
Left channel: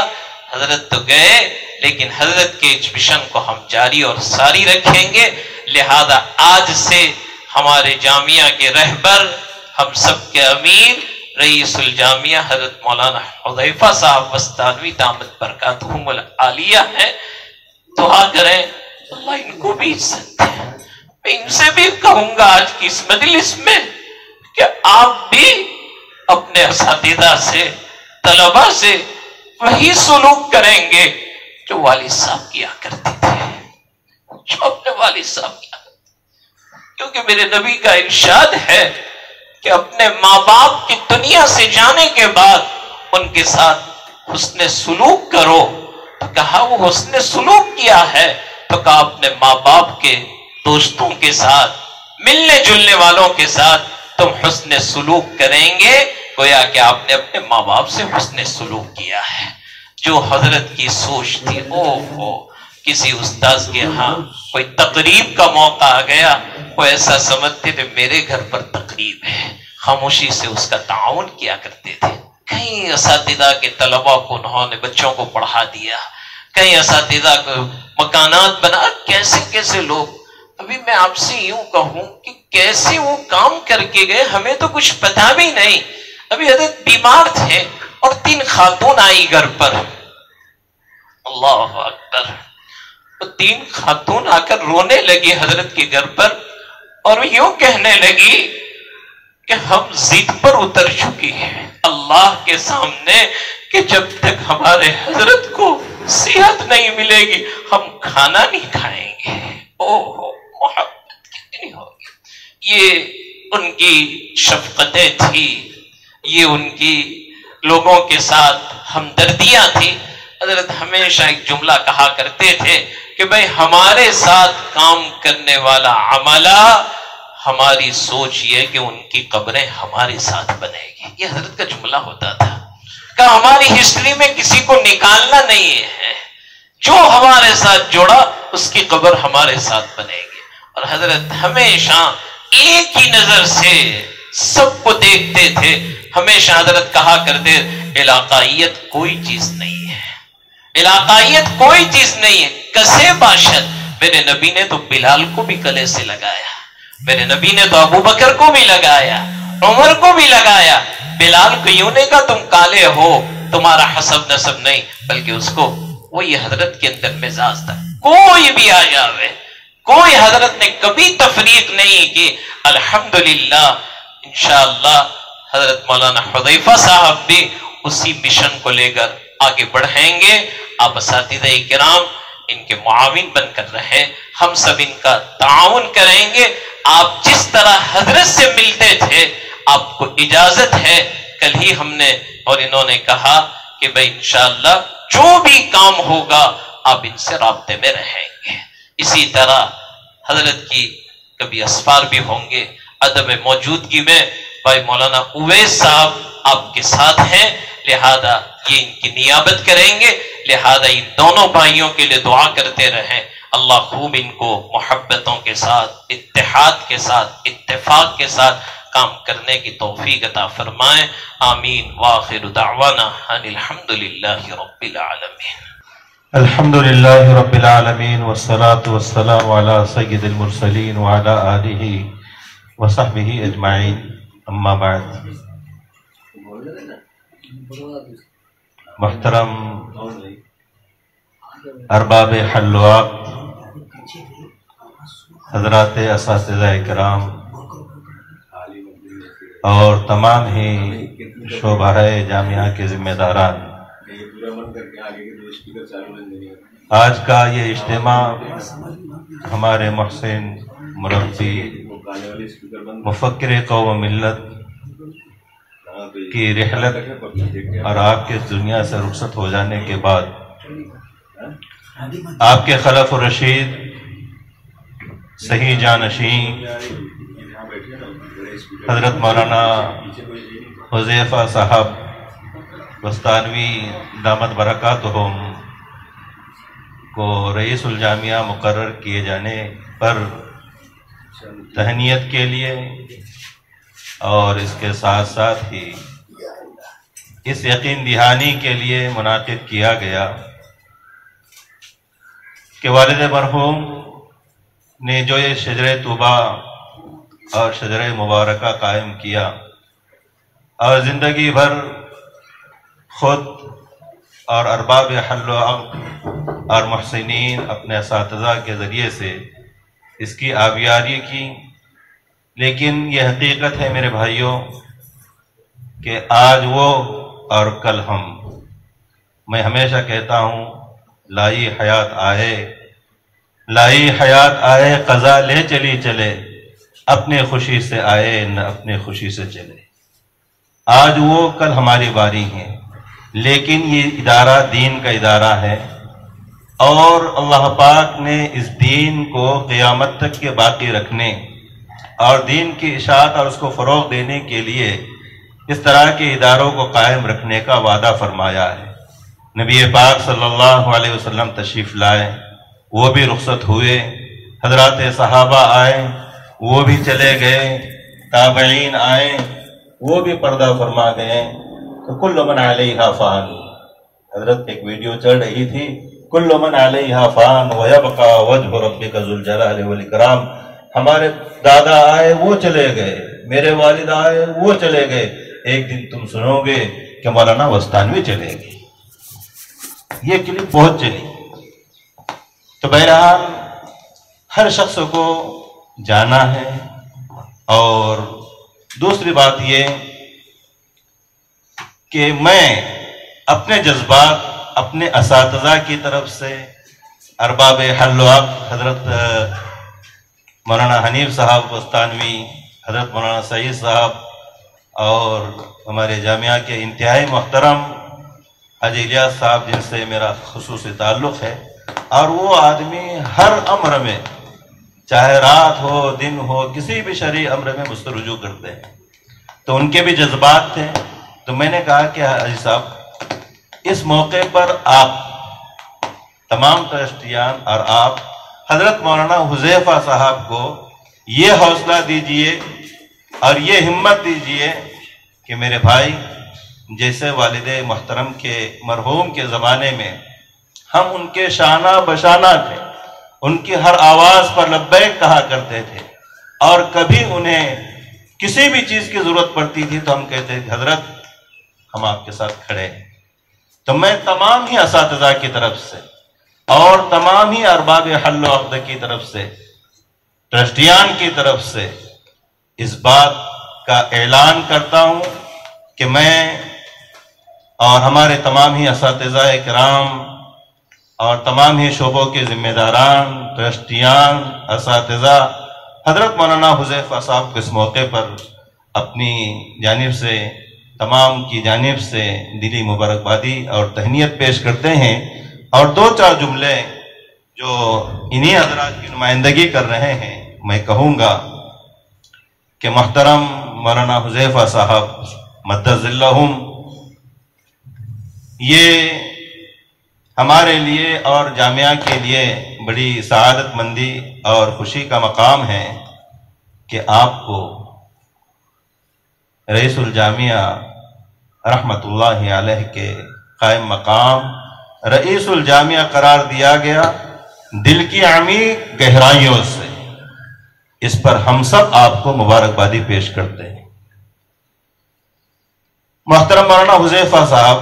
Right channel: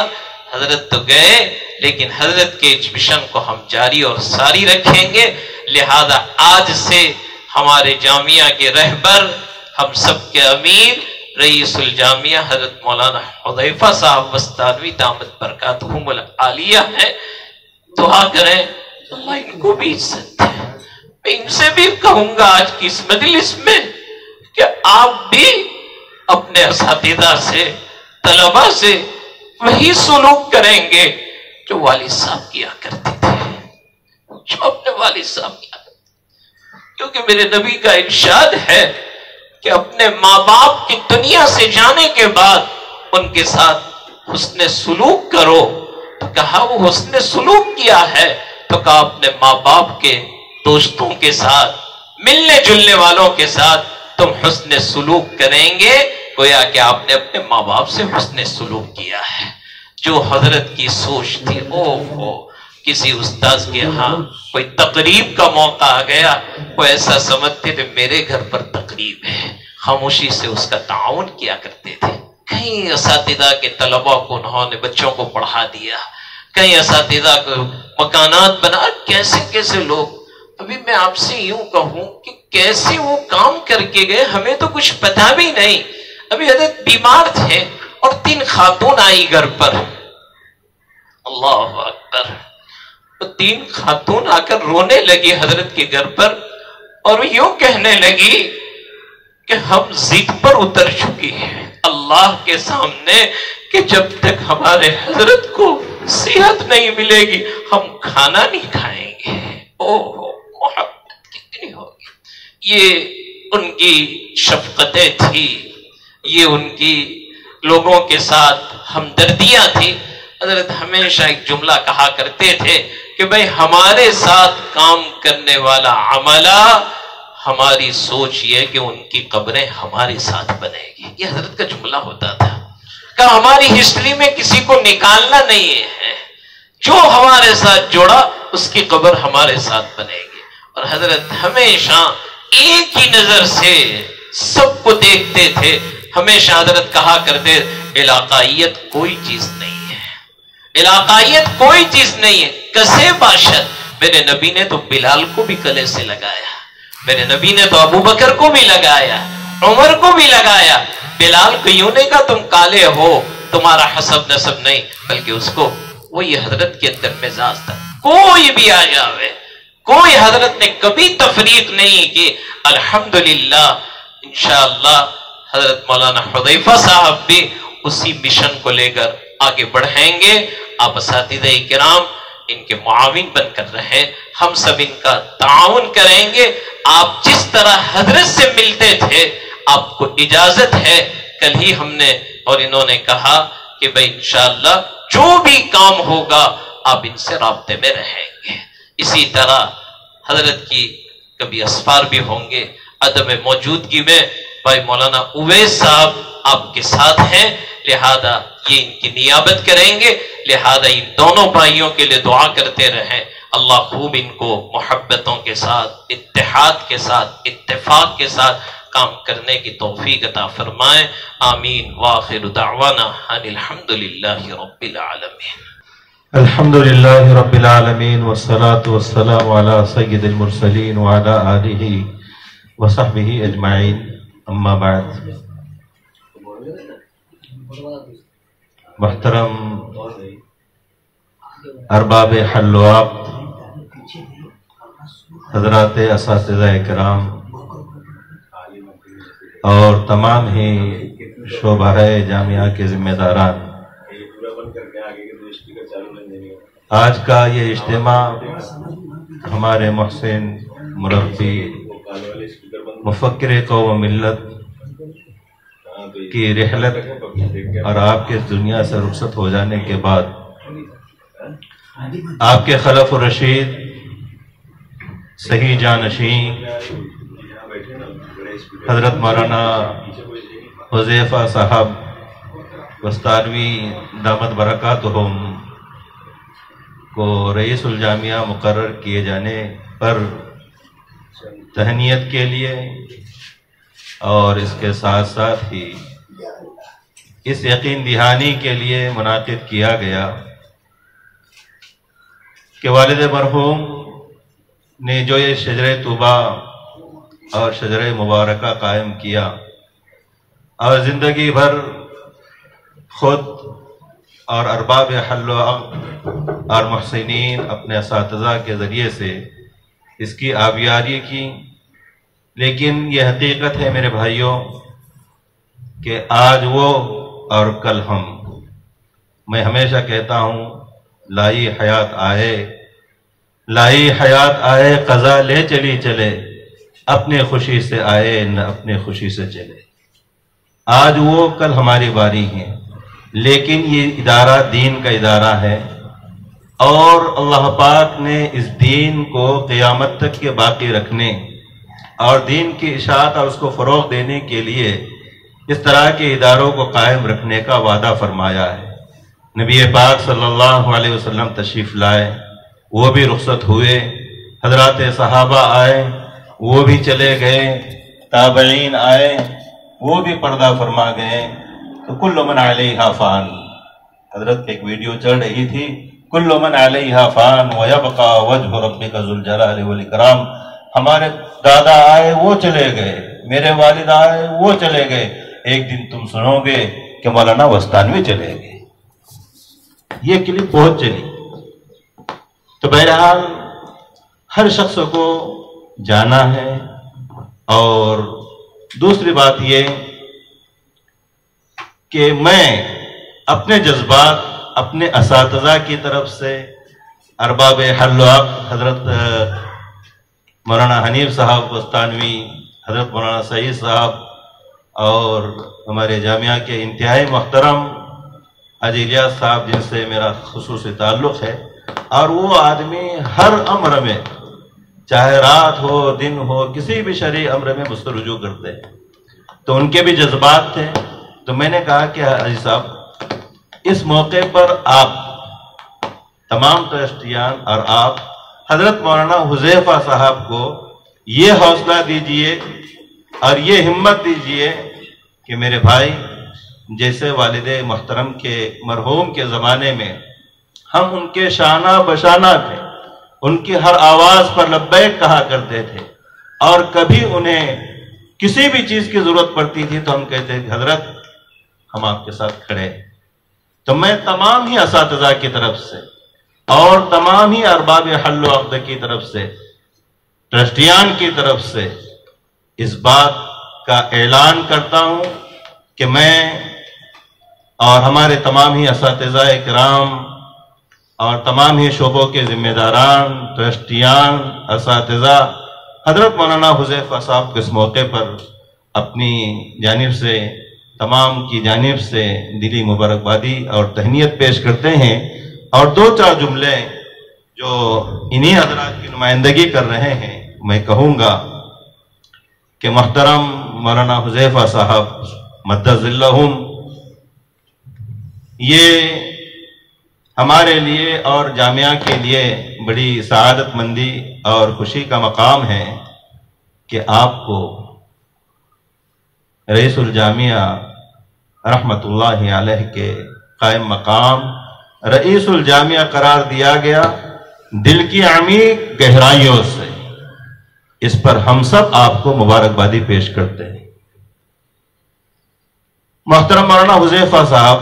حضرت تو گئے لیکن حضرت کے اس مشن کو ہم جاری اور ساری رکھیں گے. لہذا آج سے ہمارے جامعہ کے رہبر، ہم سب کے امیر، رئیس الجامعہ حضرت مولانا حذیفہ صاحب وستانوی دامت برکاتہم العالیہ ہیں. دعا کریں اللہ ان کو بھی عزت دے. میں ان سے بھی کہوں گا آج کی اس مجلس میں کہ آپ بھی اپنے اساتذہ سے، طلباء سے وہی سلوک کریں گے جو والد صاحب کیا کرتے تھے، جو اپنے والد صاحب کیا کرتے تھے. کیونکہ میرے نبی کا ارشاد ہے کہ اپنے ماں باپ کی دنیا سے جانے کے بعد ان کے ساتھ حسن سلوک کرو. تو کہا وہ حسن سلوک کیا ہے؟ تو کہا اپنے ماں باپ کے دوستوں کے ساتھ، ملنے جلنے والوں کے ساتھ تم حسن سلوک کریں گے گویا کہ آپ نے اپنے ماں باپ سے حسن سلوک کیا ہے. جو حضرت کی سوچ تھی، کسی استاذ کے ہاں کوئی تقریب کا موقع آ گیا، وہ ایسا سمجھتے تھے میرے گھر پر تقریب ہے، خاموشی سے اس کا تعاون کیا کرتے تھے. کئی اساتذہ کے طلباء کو انہوں نے بچوں کو پڑھا دیا، کئی اساتذہ کو مکانات بنا. کیسے کیسے لوگ، ابھی میں آپ سے یوں کہوں کہ کیسے وہ کام کر کے گئے ہمیں تو کچھ پتا بھی نہیں. ابھی حضرت بیمار تھے اور 3 خاتون آئی گھر پر. اللہ اکبر. وہ 3 خاتون آ کر رونے لگی حضرت کے گھر پر اور یوں کہنے لگی کہ ہم ضد پر اتر چکی ہیں اللہ کے سامنے کہ جب تک ہمارے حضرت کو صحت نہیں ملے گی ہم کھانا نہیں کھائیں گے. محبت کتنی ہوگی. یہ ان کی شفقتیں تھی، یہ ان کی لوگوں کے ساتھ ہمدردیاں تھی. حضرت ہمیشہ ایک جملہ کہا کرتے تھے کہ بھئی ہمارے ساتھ کام کرنے والا عملہ، ہماری سوچ یہ کہ ان کی قبریں ہمارے ساتھ بنے گی. یہ حضرت کا جملہ ہوتا تھا کہ ہماری ہسٹری میں کسی کو نکالنا نہیں ہے، جو ہمارے ساتھ جڑا اس کی قبر ہمارے ساتھ بنے گی. اور حضرت ہمیشہ ایک ہی نظر سے سب کو دیکھتے تھے. ہمیشہ حضرت کہا کرتے علاقائیت کوئی چیز نہیں ہے، علاقائیت کوئی چیز نہیں ہے. کسے باشد. میرے نبی نے تو بلال کو بھی گلے سے لگایا، میرے نبی نے تو ابو بکر کو بھی لگایا، عمر کو بھی لگایا. بلال کو یوں نہیں کہا تم کالے ہو، تمہارا حسب نسب نہیں، بلکہ اس کو وہی حضرت کے اندر مزاج تھا. کوئی بھی آ جاوے، کوئی حضرت نے کبھی تفریق نہیں کی. الحمدللہ انشاءاللہ حضرت مولانا حذیفہ صاحب بھی اسی مشن کو لے کر آگے بڑھیں گے. آپ اساتذہ کرام ان کے معاون بن کر رہے، ہم سب ان کا تعاون کریں گے. آپ جس طرح حضرت سے ملتے تھے آپ کو اجازت ہے. کل ہی ہم نے اور انہوں نے کہا کہ بھئی انشاءاللہ جو بھی کام ہوگا آپ ان سے رابطے میں رہیں گے. اسی طرح حضرت کی کبھی اسفار بھی ہوں گے. عدم موجودگی میں بھائی مولانا اویس صاحب آپ کے ساتھ ہیں، لہذا یہ ان کی نیابت کریں گے. لہذا ان دونوں بھائیوں کے لیے دعا کرتے رہیں. اللہ خوب ان کو محبتوں کے ساتھ، اتحاد کے ساتھ، اتفاق کے ساتھ کام کرنے کی توفیق عطا فرمائیں. آمین. وآخر دعوانا ان الحمدللہ رب العالمین. الحمد للہ رب العالمین والصلاة والسلام علی سید المرسلین وعلی آلہ وصحبہ اجمعین. اما بعد. محترم ارباب حل و عقد، حضرات اساتذہ کرام اور تمام ہی شعبہ جامعہ کے ذمہ داران، آج کا یہ اجتماع ہمارے محسن مربی، مفکر قوم و ملت، کی رحلت اور آپ کے دنیا سے رخصت ہو جانے کے بعد آپ کے خلف الرشید صحیح جانشین حضرت مولانا حذیفہ صاحب بستانوی دامت برکاتہم کو رئیس الجامعہ مقرر کیے جانے پر تہنیت کے لیے اور اس کے ساتھ ساتھ ہی اس یقین دہانی کے لیے منعقد کیا گیا کہ والد مرحوم نے جو یہ شجرہ طوبہ اور شجرہ مبارکہ قائم کیا اور زندگی بھر خود اور ارباب حل و عقد اور محسنین اپنے اساتذہ کے ذریعے سے اس کی آبیاری کی، لیکن یہ حقیقت ہے میرے بھائیوں کہ آج وہ اور کل ہم۔ میں ہمیشہ کہتا ہوں لائی حیات آئے، لائی حیات آئے، قضا لے چلی چلے، اپنے خوشی سے آئے نہ اپنے خوشی سے چلے۔ آج وہ کل ہماری باری ہیں، لیکن یہ ادارہ دین کا ادارہ ہے اور اللہ پاک نے اس دین کو قیامت تک کے باقی رکھنے اور دین کی اشاعت اور اس کو فروغ دینے کے لیے اس طرح کے اداروں کو قائم رکھنے کا وعدہ فرمایا ہے۔ نبی پاک صلی اللہ علیہ وسلم تشریف لائے، وہ بھی رخصت ہوئے، حضرات صحابہ آئے، وہ بھی چلے گئے، تابعین آئے، وہ بھی پردہ فرما گئے، تو کل من علیہا فان۔ حضرت ایک ویڈیو چل رہی تھی، کل من علیہا فان ویبقى وجہ ربک ذو الجلال والاکرام۔ ہمارے دادا آئے وہ چلے گئے، میرے والد آئے وہ چلے گئے، ایک دن تم سنو گے کہ مولانا بستانوی چلے گئے۔ یہ کلپ بہت چلی۔ تو بہرحال ہر شخص کو جانا ہے، اور دوسری بات یہ کہ میں اپنے جذبات اپنے اساتذہ کی طرف سے، ارباب حل و عقد حضرت مولانا حنیف صاحب بستانوی، حضرت مولانا سعید صاحب اور ہمارے جامعہ کے انتہائی محترم حاجی الیاس صاحب جن سے میرا خصوصی تعلق ہے، اور وہ آدمی ہر امر میں چاہے رات ہو دن ہو کسی بھی شرعی امر میں مجھ سے رجوع کرتے ہیں، تو ان کے بھی جذبات تھے۔ تو میں نے کہا کہ حاجی صاحب اس موقع پر آپ تمام ٹرسٹیان اور آپ حضرت مولانا حذیفہ صاحب کو یہ حوصلہ دیجئے اور یہ ہمت دیجئے کہ میرے بھائی، جیسے والد محترم کے مرحوم کے زمانے میں ہم ان کے شانہ بشانہ تھے، ان کی ہر آواز پر لبیک کہا کرتے تھے، اور کبھی انہیں کسی بھی چیز کی ضرورت پڑتی تھی تو ہم کہتے کہ حضرت ہم آپ کے ساتھ کھڑے ہیں۔ تو میں تمام ہی اساتذہ کی طرف سے اور تمام ہی ارباب حل و عقد کی طرف سے، ٹرسٹیان کی طرف سے اس بات کا اعلان کرتا ہوں کہ میں اور ہمارے تمام ہی اساتذہ کرام اور تمام ہی شعبوں کے ذمہ داران، ٹرسٹیان، اساتذہ حضرت مولانا حذیفہ صاحب کو اس موقع پر اپنی جانب سے، تمام کی جانب سے دلی مبارکبادی اور تہنیت پیش کرتے ہیں، اور دو چار جملے جو انہی حضرات کی نمائندگی کر رہے ہیں میں کہوں گا کہ محترم مولانا حذیفہ صاحب مدد ذلہم، یہ ہمارے لیے اور جامعہ کے لیے بڑی سعادت مندی اور خوشی کا مقام ہے کہ آپ کو رئیس الجامعہ رحمت اللہ علیہ کے قائم مقام رئیس الجامعہ قرار دیا گیا، دل کی عمیق گہرائیوں سے۔ اس پر ہم سب آپ کو مبارکبادی پیش کرتے ہیں۔ محترم مولانا حذیفہ صاحب،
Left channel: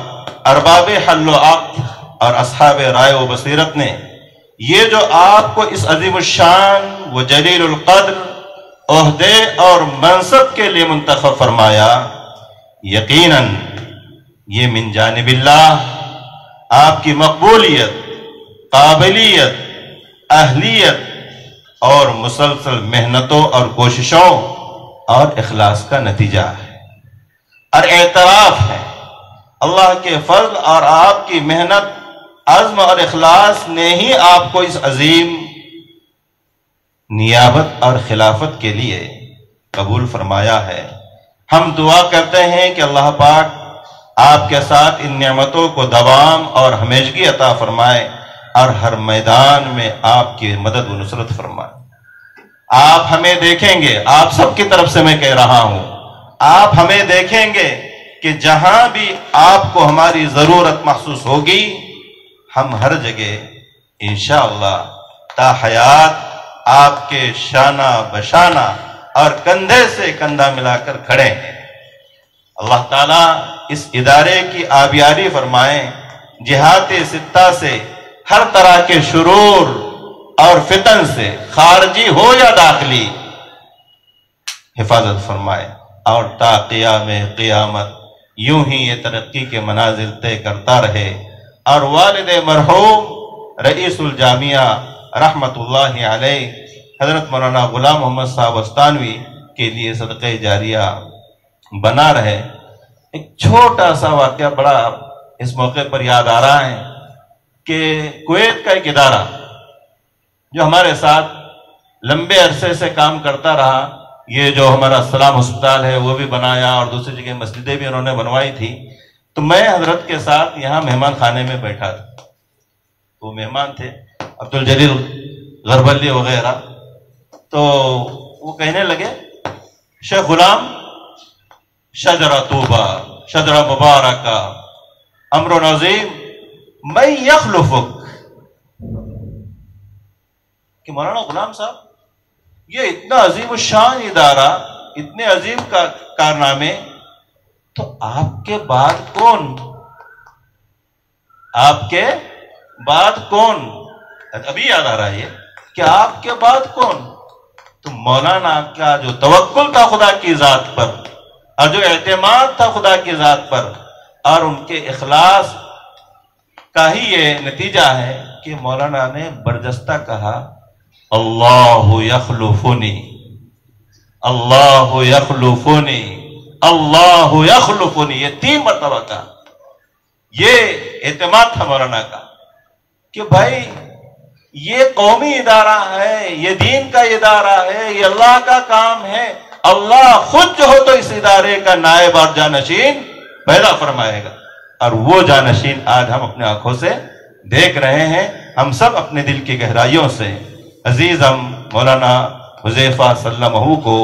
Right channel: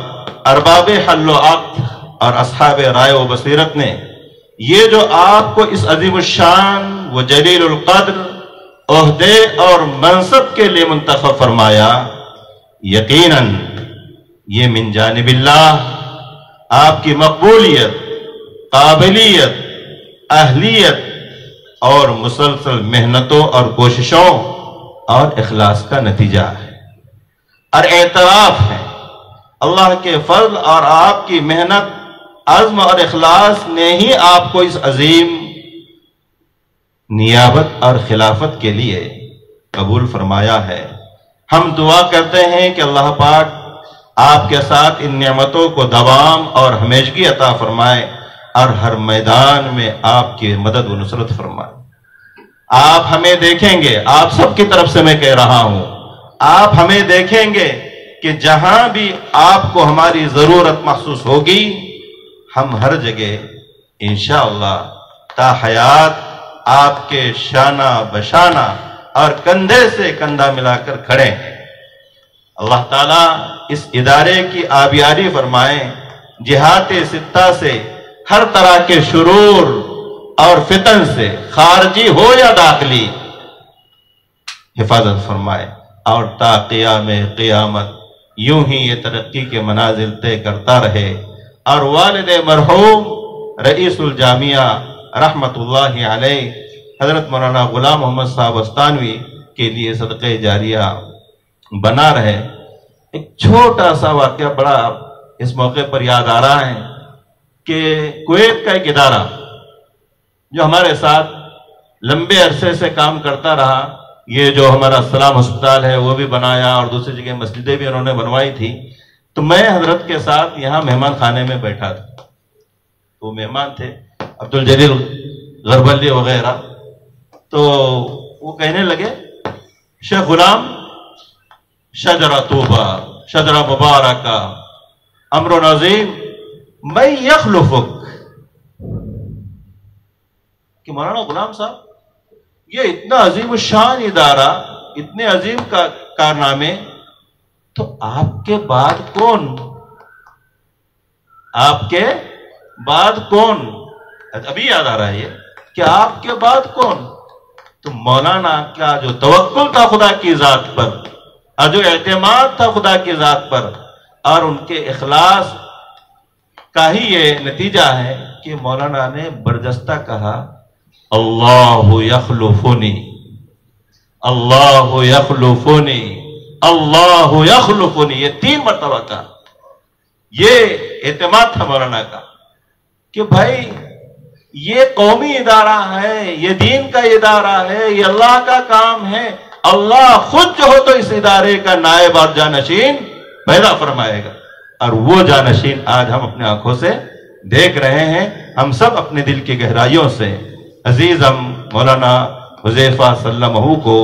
ارباب حل و عقد اور اصحاب رائے و بصیرت نے یہ جو آپ کو اس عظیم الشان و جلیل القدر عہدے اور منصب کے لیے منتخب فرمایا، یقیناً یہ من جانب اللہ آپ کی مقبولیت، قابلیت، اہلیت اور مسلسل محنتوں اور کوششوں اور اخلاص کا نتیجہ ہے۔ اور اعتراف ہے اللہ کے فضل اور آپ کی محنت، عزم اور اخلاص نے ہی آپ کو اس عظیم نیابت اور خلافت کے لیے قبول فرمایا ہے۔ ہم دعا کرتے ہیں کہ اللہ پاک آپ کے ساتھ ان نعمتوں کو دوام اور ہمیشگی عطا فرمائے اور ہر میدان میں آپ کی مدد و نصرت فرمائے۔ آپ ہمیں دیکھیں گے، آپ سب کی طرف سے میں کہہ رہا ہوں، آپ ہمیں دیکھیں گے کہ جہاں بھی آپ کو ہماری ضرورت محسوس ہوگی ہم ہر جگہ انشاءاللہ تا حیات آپ کے شانہ بشانہ اور کندھے سے کندھا ملا کر کھڑے ہیں۔ اللہ تعالیٰ اس ادارے کی آبیاری فرمائیں، جہات ستہ سے ہر طرح کے شرور اور فتن سے خارجی ہو یا داخلی حفاظت فرمائے، اور تا قیام قیامت یوں ہی یہ ترقی کے منازل طے کرتا رہے، اور والد مرحوم رئیس الجامعہ رحمت اللہ علیہ حضرت مولانا غلام محمد صاحب استانوی کے لیے صدقہ جاریہ بنا رہے۔ ایک چھوٹا سا واقعہ بڑا اس موقع پر یاد آ رہا ہے کہ کویت کا ایک ادارہ جو ہمارے ساتھ لمبے عرصے سے کام کرتا رہا، یہ جو ہمارا السلام ہسپتال ہے وہ بھی بنایا اور دوسری جگہ مسجدیں بھی انہوں نے بنوائی تھی، تو میں حضرت کے ساتھ یہاں مہمان خانے میں بیٹھا تھا، وہ مہمان تھے عبدالجلیل غربلی وغیرہ، تو وہ کہنے لگے شیخ غلام شجرہ طوبہ، شجرہ مبارکہ، امر عظیم، من یخلفک، کہ مولانا غلام صاحب یہ اتنا عظیم الشان ادارہ، اتنے عظیم کارنامے، تو آپ کے بعد کون؟ آپ کے بعد کون؟ ابھی یاد آ رہا ہے کہ آپ کے بعد کون؟ تو مولانا کا جو توکل تھا خدا کی ذات پر اور جو اعتماد تھا خدا کی ذات پر اور ان کے اخلاص کا ہی یہ نتیجہ ہے کہ مولانا نے برجستہ کہا اللہ یخلفنی، اللہ یخلفنی، اللہ یخلفنی، یہ 3 مرتبہ کا یہ اعتماد تھا مولانا کا کہ بھائی یہ قومی ادارہ ہے، یہ دین کا ادارہ ہے، یہ اللہ کا کام ہے، اللہ خود جو ہو تو اس ادارے کا نائب اور جانشین پیدا فرمائے گا، اور وہ جانشین آج ہم اپنے آنکھوں سے دیکھ رہے ہیں۔ ہم سب اپنے دل کی گہرائیوں سے عزیز ہم مولانا حذیفہ سلمہ کو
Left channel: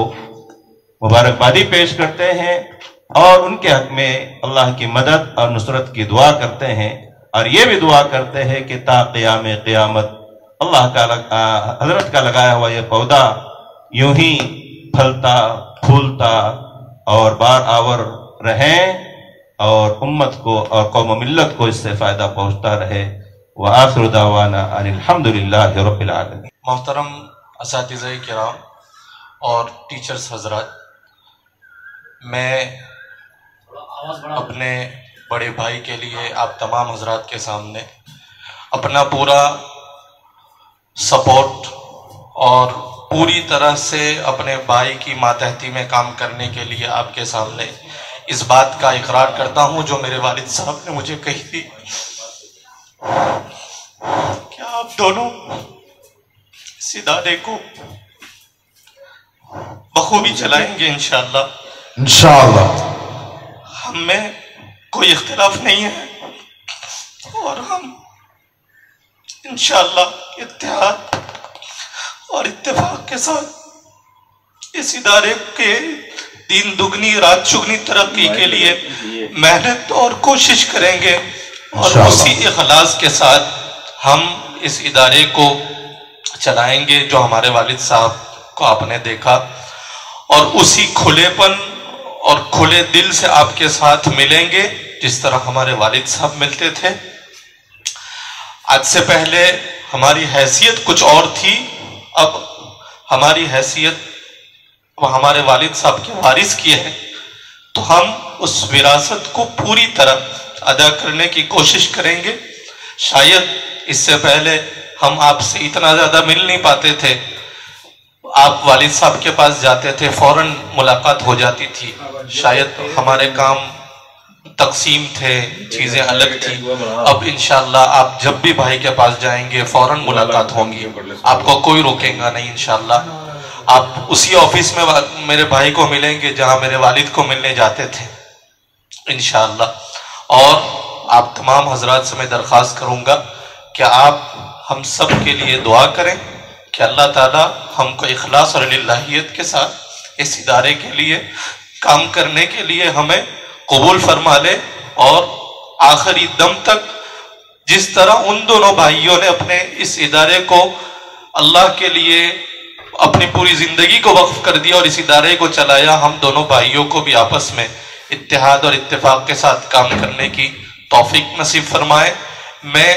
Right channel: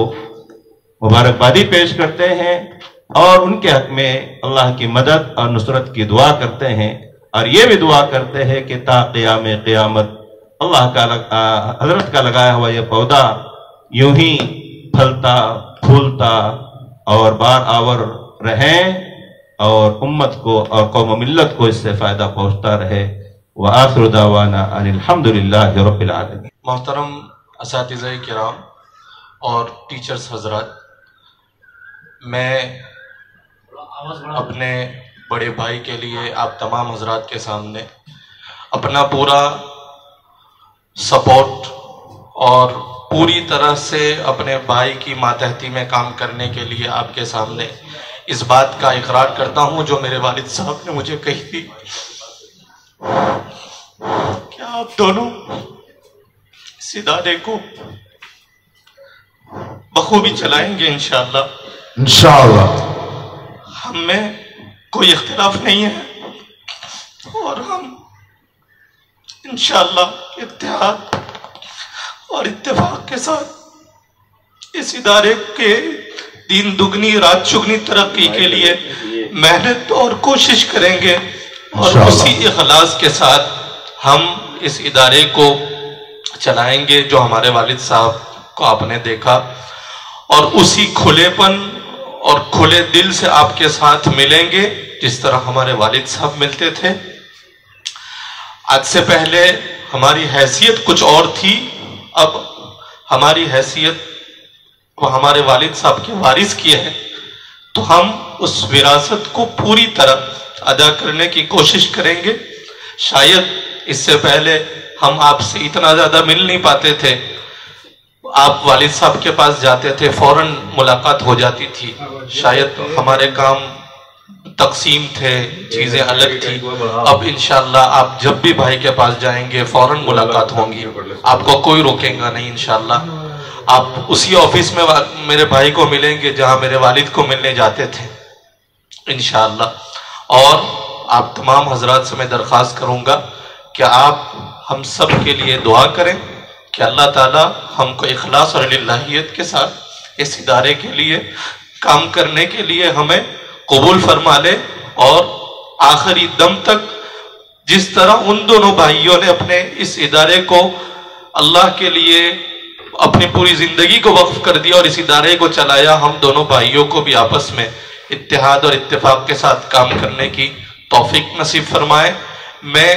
مبارکبادی پیش کرتے ہیں اور ان کے حق میں اللہ کی مدد اور نصرت کی دعا کرتے ہیں، اور یہ بھی دعا کرتے ہیں کہ تا قیام قیامت اللہ کا حضرت کا لگایا ہوا یہ پودا یوں ہی پھلتا پھولتا اور بار آور رہیں اور امت کو اور قوم و ملت کو اس سے فائدہ پہنچتا رہے۔ وآخر دعوانا ان الحمدللہ رب العالمین۔ محترم اساتذہ کرام اور ٹیچرز حضرات، میں اپنے بڑے بھائی کے لیے آپ تمام حضرات کے سامنے اپنا پورا سپورٹ اور پوری طرح سے اپنے بھائی کی ماتحتی میں کام کرنے کے لیے آپ کے سامنے اس بات کا اقرار کرتا ہوں جو میرے والد صاحب نے مجھے کہی تھی کہ آپ دونوں اس ادارے کو بخوبی چلائیں گے انشاءاللہ۔ انشاءاللہ ہم میں کوئی اختلاف نہیں ہے اور ہم انشاءاللہ اتحاد اور اتفاق کے ساتھ اس ادارے کے دین دگنی رات چگنی ترقی کے لیے محنت اور کوشش کریں گے، اور اسی اخلاص کے ساتھ ہم اس ادارے کو چلائیں گے جو ہمارے والد صاحب کو آپ نے دیکھا، اور اسی کھلے پن اور کھلے دل سے آپ کے ساتھ ملیں گے جس طرح ہمارے والد صاحب ملتے تھے۔ آج سے پہلے ہماری حیثیت کچھ اور تھی، اب ہماری حیثیت وہ ہمارے والد صاحب کے وارث کی ہے، تو ہم اس وراثت کو پوری طرح ادا کرنے کی کوشش کریں گے۔ شاید اس سے پہلے ہم آپ سے اتنا زیادہ مل نہیں پاتے تھے، آپ والد صاحب کے پاس جاتے تھے فوراً ملاقات ہو جاتی تھی. شاید ہمارے کام تقسیم تھے، چیزیں الگ تھی. اب انشاءاللہ آپ جب بھی بھائی کے پاس جائیں گے فوراً ملاقات ہوں گی، آپ کو کوئی روکیں گا نہیں انشاءاللہ. آپ اسی آفس میں میرے بھائی کو ملیں گے جہاں میرے والد کو ملنے جاتے تھے انشاءاللہ. اور آپ تمام حضرات سے میں درخواست کروں گا کہ آپ ہم سب کے لیے دعا کریں کہ اللہ تعالی ہم کو اخلاص اور للہیت کے ساتھ اس ادارے کے لیے کام کرنے کے لیے ہمیں قبول فرما لے، اور آخری دم تک جس طرح ان دونوں بھائیوں نے اپنے اس ادارے کو اللہ کے لیے اپنی پوری زندگی کو وقف کر دیا اور اس ادارے کو چلایا، ہم دونوں بھائیوں کو بھی آپس میں اتحاد اور اتفاق کے ساتھ کام کرنے کی توفیق نصیب فرمائے. میں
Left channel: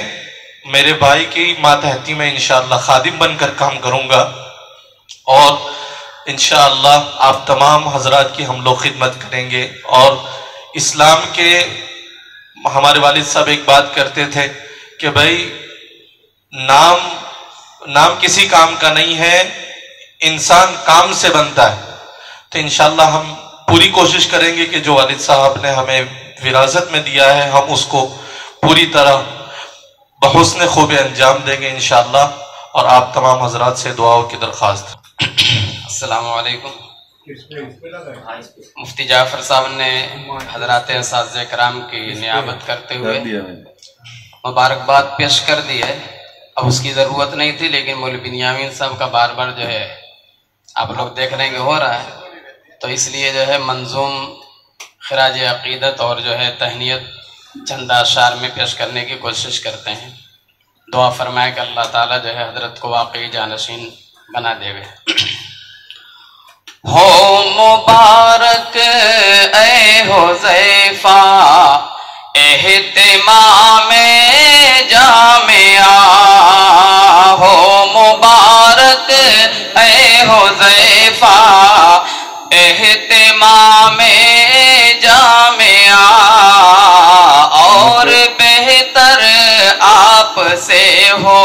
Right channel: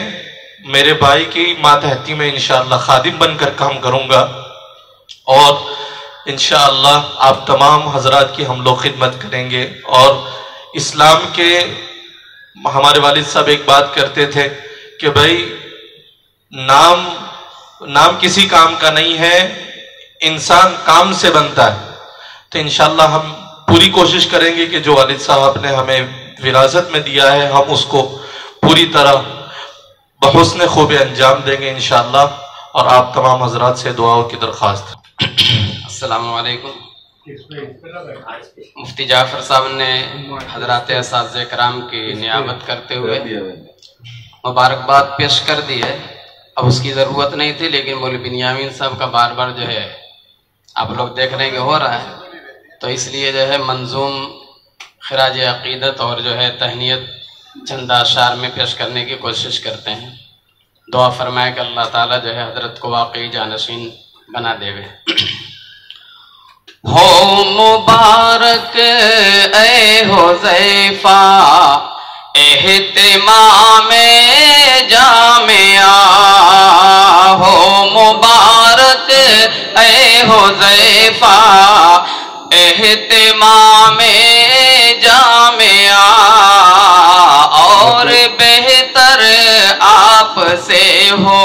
میرے بھائی کی ماتحتی میں انشاءاللہ خادم بن کر کام کروں گا، اور انشاءاللہ آپ تمام حضرات کی ہم لوگ خدمت کریں گے. اور اسلام کے ہمارے والد صاحب ایک بات کرتے تھے کہ بھائی نام کسی کام کا نہیں ہے، انسان کام سے بنتا ہے. تو انشاءاللہ ہم پوری کوشش کریں گے کہ جو والد صاحب نے ہمیں وراثت میں دیا ہے ہم اس کو پوری طرح بحسن خوب انجام دیں گے انشاءاللہ. اور آپ تمام حضرات سے دعاؤں کی درخواست. السلام علیکم. مفتی جعفر صاحب نے حضرات اساتذہ کرام کی نیابت کرتے ہوئے مبارکباد پیش کر دی ہے. اب اس کی ضرورت نہیں تھی، لیکن مولوی بنیامین صاحب کا بار بار جو ہے آپ لوگ دیکھ رہے ہیں کہ ہو رہا ہے، تو اس لیے جو ہے منظوم خراج عقیدت اور جو ہے تہنیت چند اشعار میں پیش کرنے کی کوشش کرتے ہیں. دعا فرمائے کہ اللہ تعالیٰ جو ہے حضرت کو واقعی جانشین بنا دے گے. ہو مبارک اے حذیفہ اہتمام جامعہ، ہو مبارک اے حذیفہ اہتمام جامعہ، اور بہتر آپ سے ہو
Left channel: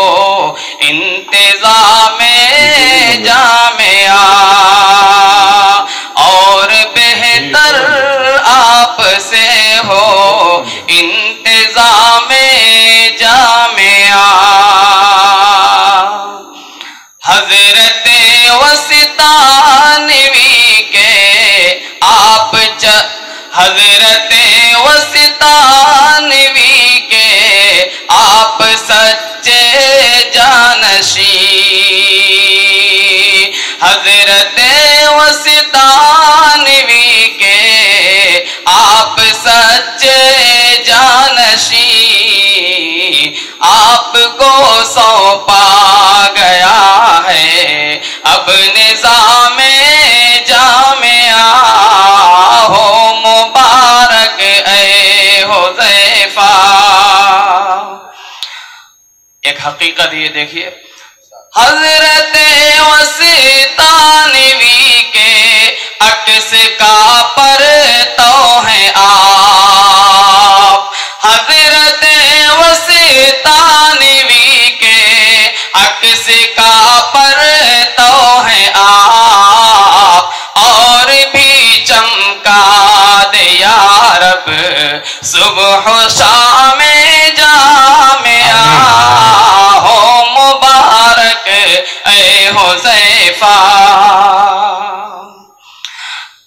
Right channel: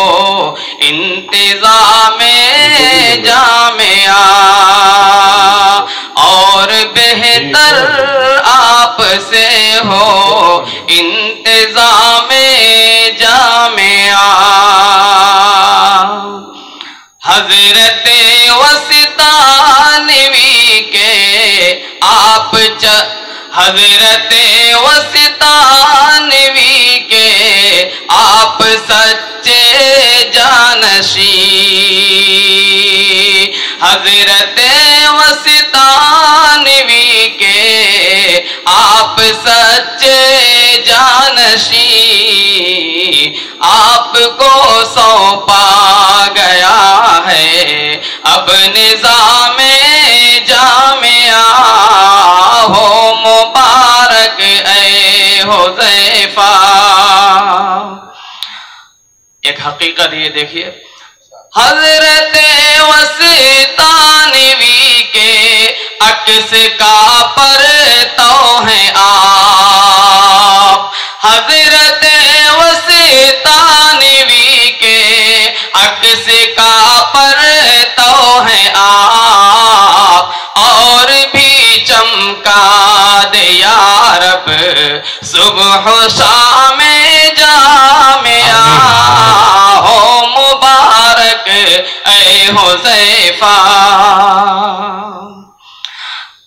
انتظام جامعہ، اور بہتر آپ سے ہو انتظام جامعہ. حضرت وسطانوی کے آپ حضرت وسطانوی کے آپ سچے جانشین، حضرت وسطانوی کے آپ سچے جانشین، آپ کو سونپا گیا ہے اب نظام جامعہ. ہو مبارک اے حذیفہ. ایک حقیقت یہ دیکھیے، حضرت وسطانوی کے عکس کا پرتو ہیں آپ، حضرت وسطانوی کے عکس کا پرتو ہیں آپ، اور بھی چمکا دے یا رب صبح و شام جامعہ. ہو مبارک اے حذیفہ.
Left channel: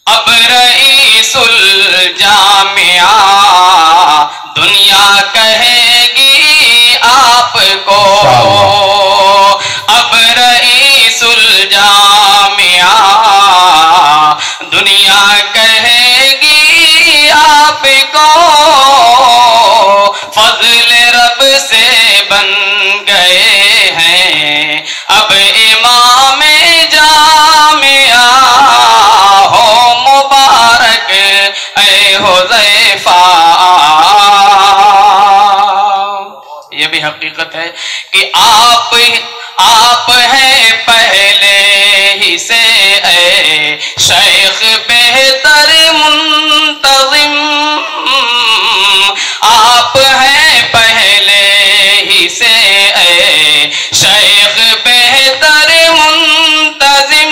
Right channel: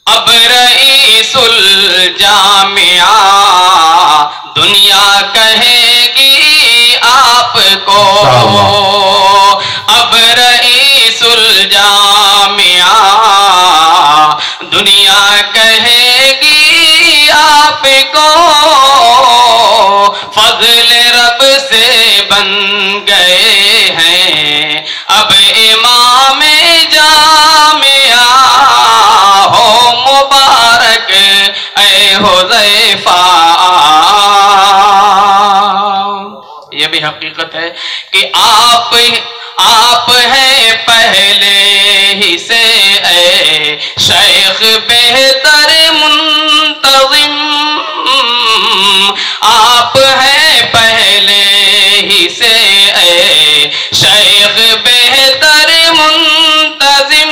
اب رئیس الجامعہ دنیا کہے گی آپ کو، اب رئیس الجامعہ دنیا کہے گی آپ کو، فضل رب سے بن گئے ہیں اب امام جامعہ. ہو مبارک اے حذیفہ. یہ بھی حقیقت ہے کہ آپ ہیں پہلے ہی سے اے شیخ بہتر منتظم، آپ ہیں پہلے سے اے شیخ بہتر منتظم،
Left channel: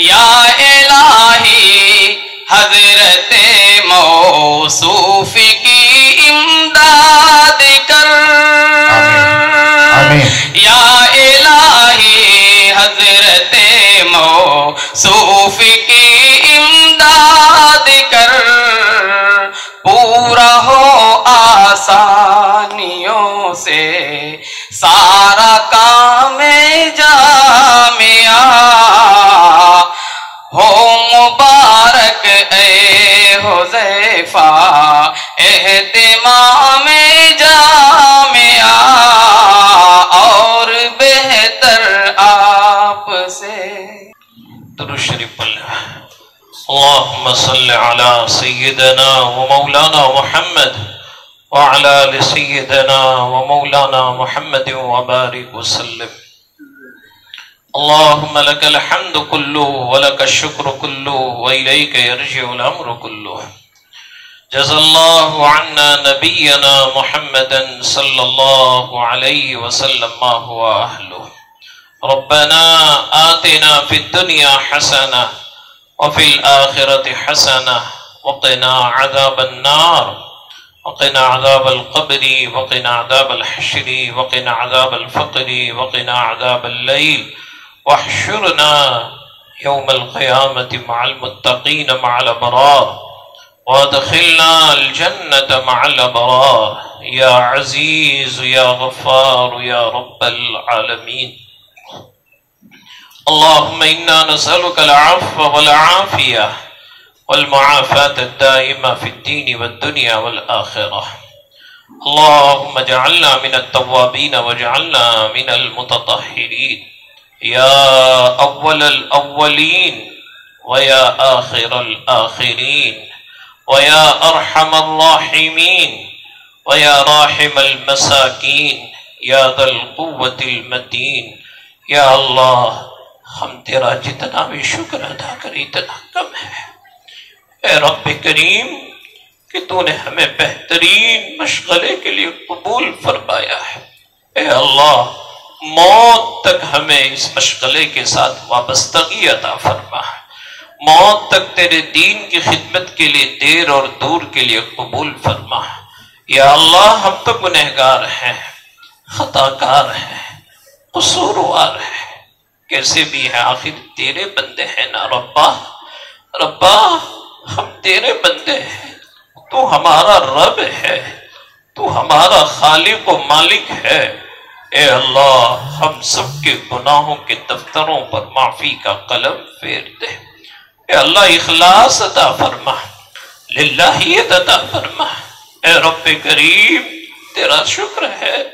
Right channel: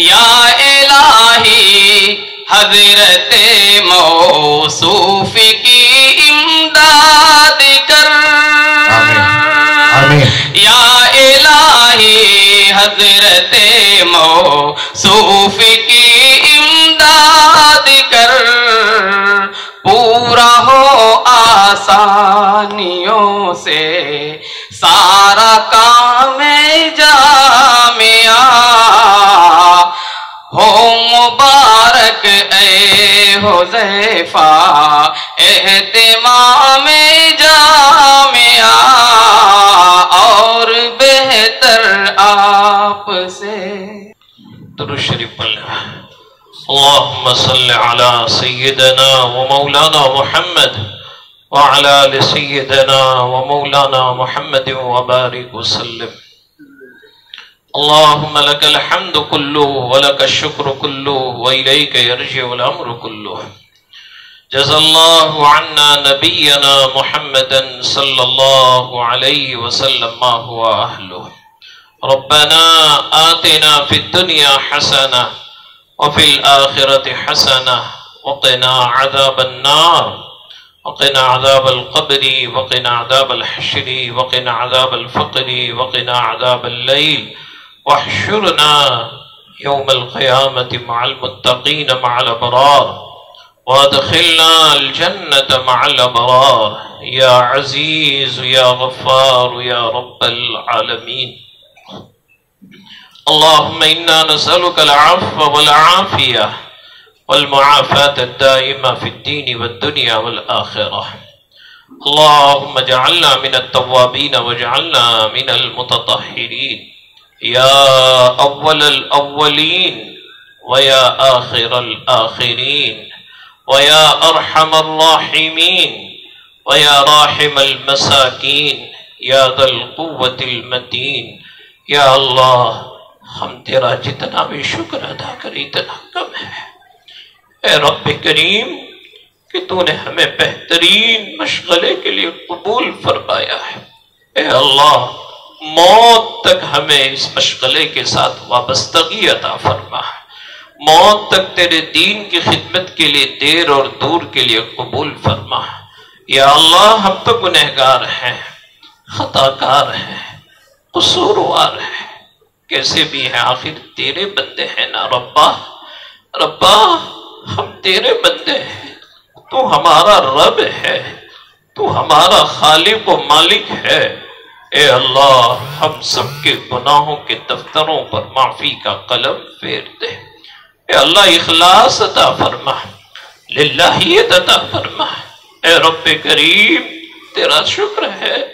یا الہی حضرت موصوف کی امداد کر، یا الہی حضرت موصوف کی امداد کر، پورا ہو آسانیوں سے سارا کام جامعہ، ہو مبارک اے حذیفہ اہتمام جامعہ، اور بہتر آپ سے درود شریف پڑھ لیں۔ اللهم صل على سيدنا ومولانا محمد وعلى آل سيدنا ومولانا محمد وبارك وسلم۔ اللهم لك الحمد كله ولك الشكر كله وإليك يرجع الأمر كله۔ جزا الله عنا نبينا محمدا صلى الله عليه وسلم ما هو أهله۔ ربنا آتنا في الدنيا حسنة وفي الآخرة حسنة وقنا عذاب النار، وقنا عذاب القبر، وقنا عذاب الحشر، وقنا عذاب الفقر، وقنا عذاب الليل، واحشرنا يوم القيامة مع المتقين مع الأبرار، وادخلنا الجنة مع الأبرار، يا عزيز يا غفار يا رب العالمين۔ اللهم إنا نسألك العفو والعافية والمعافاة الدائمة في الدين والدنيا والآخرة۔ اللهم اجعلنا من التوابين واجعلنا من المتطهرين، يا أول الأولين ويا آخر الآخرين ويا أرحم الراحمين ويا راحم المساكين يا ذا القوة المتين۔ یا اللہ، ہم تیرا جتنا بھی شکر ادا کری اتنا کم ہے۔ اے رب کریم کہ تو نے ہمیں بہترین مشغلے کے لیے قبول فرمایا ہے، اے اللہ موت تک ہمیں اس مشغلے کے ساتھ وابستگی عطا فرما، موت تک تیرے دین کی خدمت کے لیے دیر اور دور کے لیے قبول فرما۔ یا اللہ ہم تو گنہگار ہیں، خطا کار ہیں، قصوروار ہیں، کیسے بھی ہیں آخر تیرے بندے ہیں نا ربا۔ ربا ہم تیرے بندے ہیں، تو ہمارا رب ہے، تو ہمارا خالق و مالک ہے۔ اے اللہ ہم سب کے گناہوں کے دفتروں پر معافی کا قلم پھیر دے۔ اے اللہ اخلاص عطا فرما، للہیت عطا فرما۔ اے رب کریم تیرا شکر ہے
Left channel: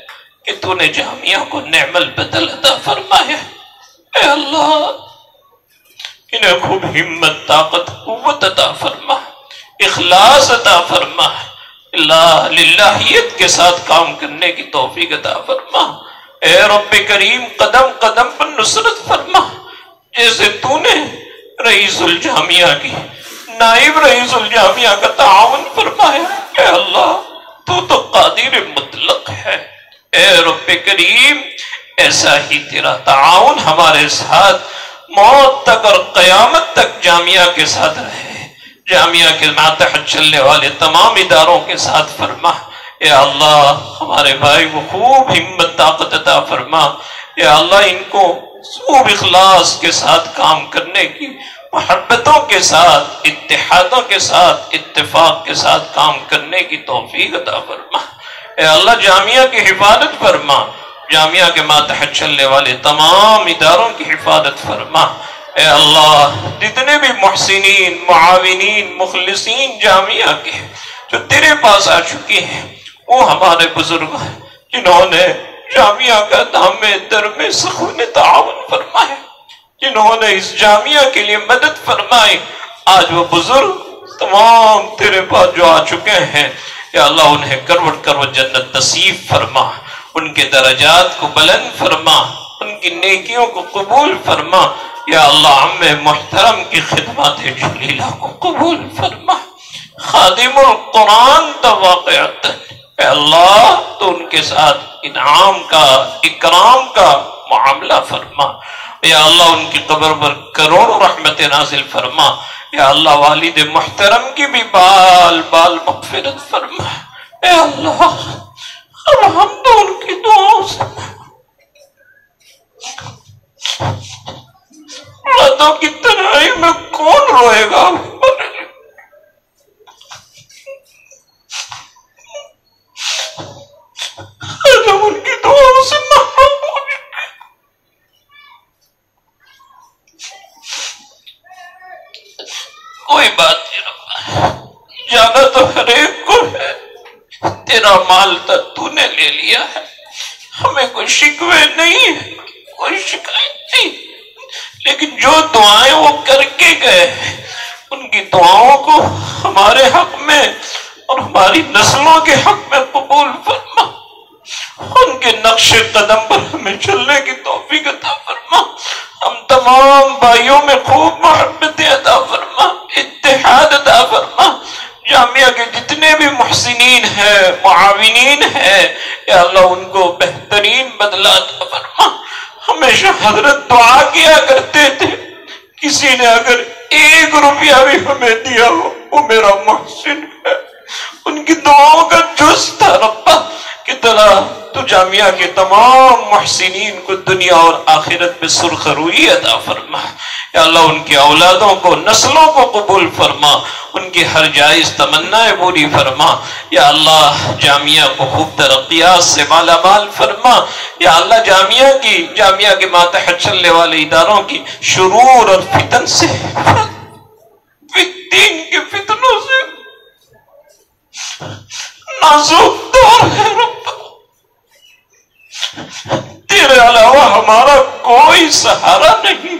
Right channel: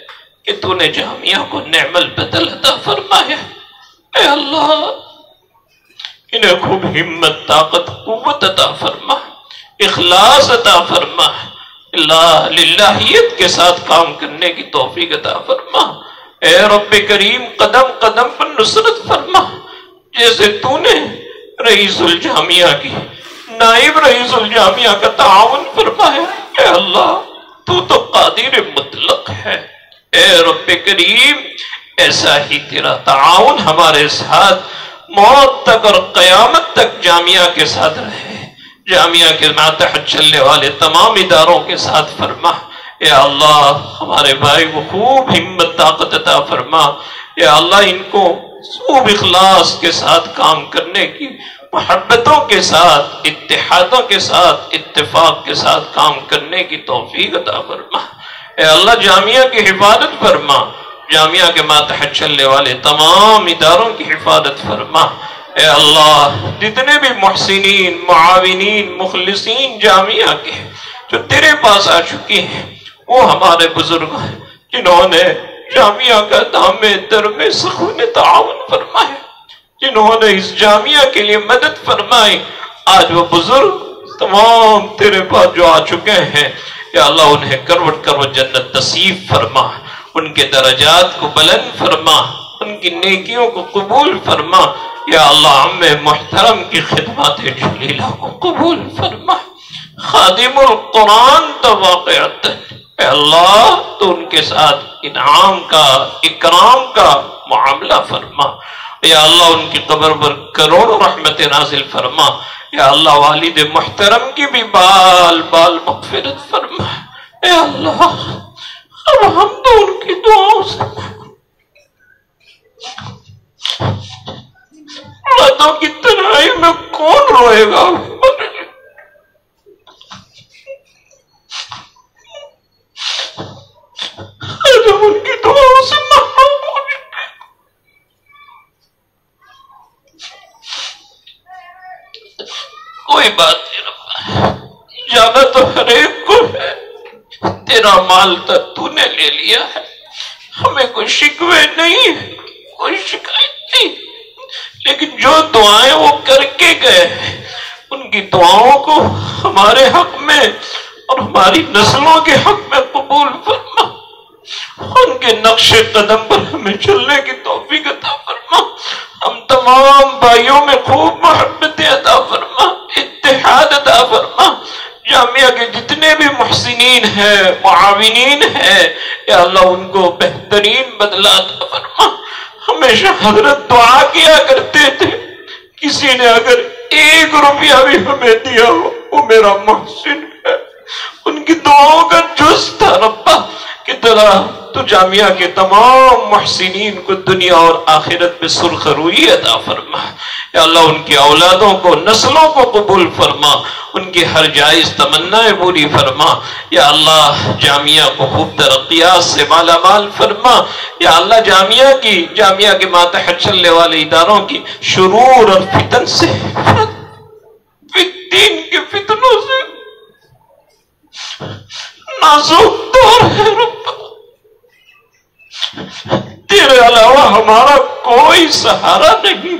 کہ تو نے جامعہ کو نعم البدل عطا فرمایا۔ اے اللہ انہیں خوب ہمت، طاقت، قوت عطا فرما، اخلاص عطا فرما۔ اللہ للہیت کے ساتھ کام کرنے کی توفیق عطا فرما۔ اے رب کریم قدم قدم پر نصرت فرما، جیسے تو نے رئیس الجامعہ کی، نائب رئیس الجامعہ کا تعاون فرمایا۔ اے اللہ تو قادر مطلق ہے۔ اے رب کریم ایسا ہی تیرا تعاون ہمارے ساتھ موت تک اور قیامت تک جامعہ کے ساتھ رہے، جامعہ کے ماتحت چلنے والے تمام اداروں کے ساتھ فرما۔ اے اللہ ہمارے بھائی کو خوب ہمت، طاقت عطا فرما۔ اے اللہ ان کو خوب اخلاص کے ساتھ کام کرنے کی، محبتوں کے ساتھ، اتحادوں کے ساتھ، اتفاق کے ساتھ کام کرنے کی توفیق عطا فرما۔ اے اللہ جامعہ کی حفاظت فرما، جامعہ کے ماتحت چلنے والے تمام اداروں کی حفاظت فرما۔ اے اللہ جتنے بھی محسنین، معاونین، مخلصین جامعہ کے جو تیرے پاس آ چکی ہیں، وہ ہمارے بزرگ ہیں جنہوں نے جامعہ کا دام در میں سخن تعاون فرمایا، جنہوں نے اس جامعہ کے لیے مدد فرمائی۔ آج وہ بزرگ تمام تیرے پاس جو آ چکے ہیں، یا اللہ انہیں کروٹ کروٹ جنت نصیب فرما، ان کے درجات کو بلند فرما، ان کی نیکیوں کو قبول فرما۔ یا اللہ عم محترم کی خدمات جلیلہ کو قبول فرما، خادم القرآن تواقعت۔ اے اللہ تو ان کے ساتھ انعام کا، اکرام کا معاملہ فرما، یا اللہ ان کی قبر پر کروڑوں رحمت نازل فرما. یا اللہ والد محترم کی بھی بال بال مغفرت فرما. اے اللہ اب ہم تو ان کی دعاؤں سے راتوں کی تنہائی میں کون روئے گا؟ ہم ان کی دعاؤں سے محروم ہو چکے. کوئی بات نہیں رب، جانا تو ہر ایک کو ہے. تیرا مال تو نے لے لیا ہے، ہمیں کوئی شکوے نہیں ہے، کوئی شکایت نہیں. لیکن جو دعائیں وہ کر کے گئے ان کی دعاؤں کو ہمارے حق میں اور ہماری نسلوں کے حق میں قبول فرما. ان کے نقش قدم پر ہمیں چلنے کی توفیق عطا فرما. ہم تمام بھائیوں میں خوب محبت عطا فرما، اتحاد عطا فرما. جامعہ کے جتنے بھی محسنین ہیں، معاونین ہیں، یا اللہ ان کو بہترین بدلہ عطا فرما. ہمیشہ حضرت دعا کیا کرتے تھے، کسی نے اگر 1 روپیہ بھی ہمیں دیا ہو وہ میرا محسن ہے. ان کی دعاؤں کا جز تھا ربا کہ تو جامعہ کے تمام محسنین کو دنیا اور آخرت میں سرخروئی عطا فرما. یا اللہ ان کی اولادوں کو، نسلوں کو قبول فرما، ان کی ہر جائز تمنائیں پوری فرما. یا اللہ جامعہ کو خوب ترقیات سے مالا مال فرما. یا اللہ جامعہ کے ماتحت چلنے والے اداروں کی شرور اور فتن سے، دین کے فتنوں سے نازک دور ہے رب. تیرے علاوہ ہمارا کوئی سہارا نہیں.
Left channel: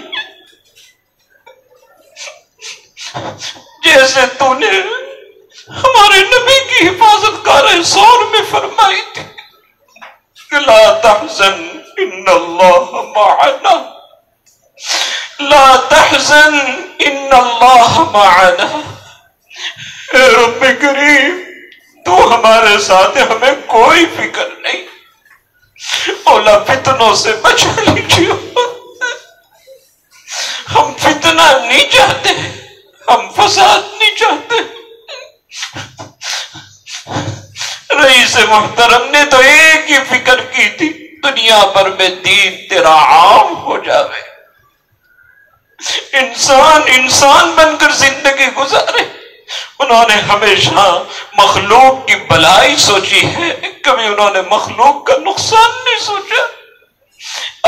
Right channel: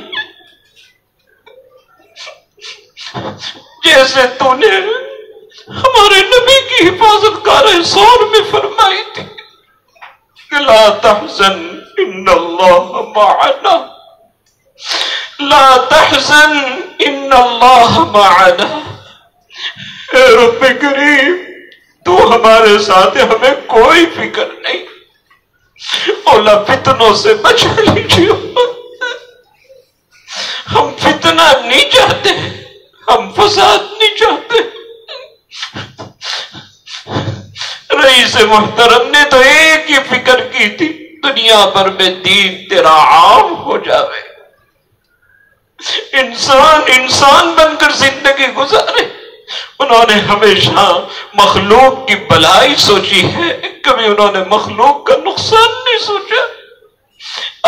جیسے تو نے ہمارے نبی کی حفاظت کار سور میں فرمائی تھی کہ لا تحزن ان اللہ معنا، لا تحزن ان اللہ معنا. اے رب کریم تو ہمارے ساتھ، ہمیں کوئی فکر نہیں. اولا فتنوں سے بچا لیجیے. ہم فتنہ نہیں چاہتے، ہم فساد نہیں چاہتے. رئیس محترم نے تو ایک ہی فکر کی تھی، دنیا بھر میں دین تیرا عام ہو جاوے، انسان بن کر زندگی گزارے. انہوں نے ہمیشہ مخلوق کی بھلائی سوچی ہے، کبھی انہوں نے مخلوق کا نقصان نہیں سوچا.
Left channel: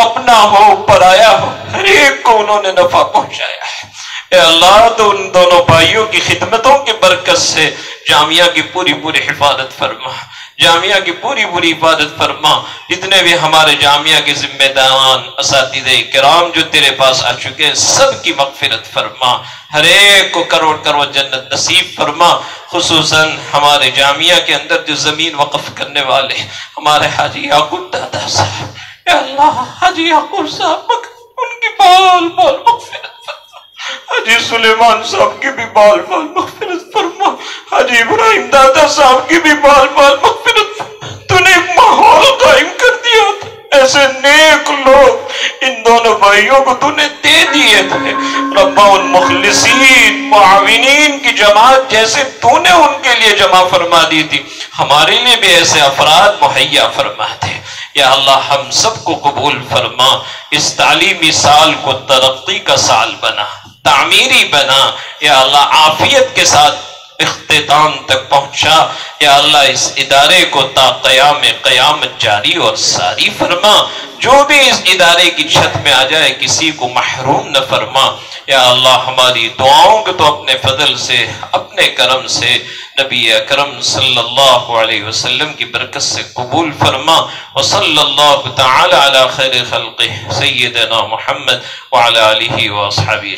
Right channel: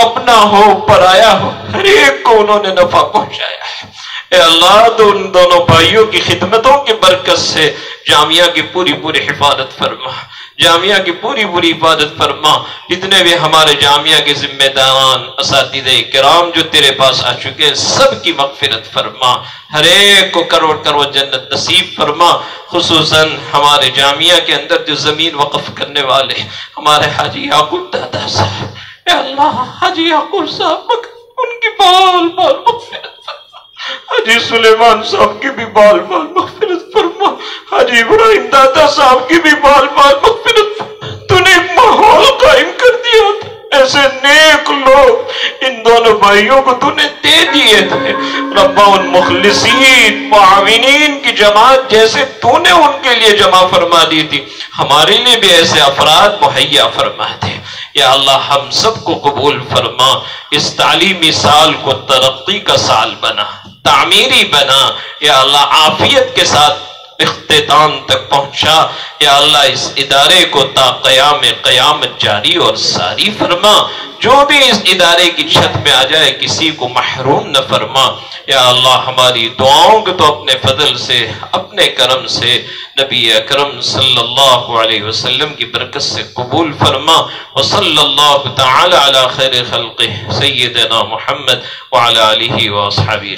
اپنا ہو پرایا ہو، ہر ایک کو انہوں نے نفع پہنچایا ہے. اے اللہ تو ان دونوں بھائیوں کی خدمتوں کی برکت سے جامعہ کی پوری حفاظت فرما، جامعہ کی پوری حفاظت فرما. جتنے بھی ہمارے جامعہ کے ذمہ داران، اساتذہ کرام جو تیرے پاس آ چکے ہیں، سب کی مغفرت فرما. ہر ایک کو کروڑ جنت نصیب فرما. خصوصاً ہمارے جامعہ کے اندر جو زمین وقف کرنے والے ہمارے حاجی یعقوب دادا صاحب، اے اللہ حاجی یعقوب صاحب ان کی بال مغفرت فرما. حاجی سلیمان صاحب کی بھی بال مغفرت فرما. حاجی ابراہیم دادا صاحب کی بھی بال مغفرت فرما. تو نے ایک ماحول قائم کر دیا تھا، ایسے نیک لوگ ان دونوں بھائیوں کو تو نے دے دیے تھے. ربا ان مخلصین معاونین کی جماعت جیسے تو نے ان کے لیے جمع فرما دی تھی، ہمارے لیے بھی ایسے افراد مہیا فرما دے. یا اللہ ہم سب کو قبول فرما. اس تعلیمی سال کو ترقی کا سال بنا، تعمیری بنا. یا اللہ عافیت کے ساتھ اختتام تک پہنچا. یا اللہ اس ادارے کو تا قیامت جاری اور ساری فرما. جو بھی اس ادارے کی چھت میں آ جائے کسی کو محروم نہ فرما. یا اللہ ہماری دعاؤں کو تو اپنے فضل سے، اپنے کرم سے نبی اکرم صلی اللہ علیہ وسلم کی برکت سے قبول فرما. وصلی اللہ تعالی علی خیر خلقہ سیدنا محمد وعلی آلہ واصحابہ.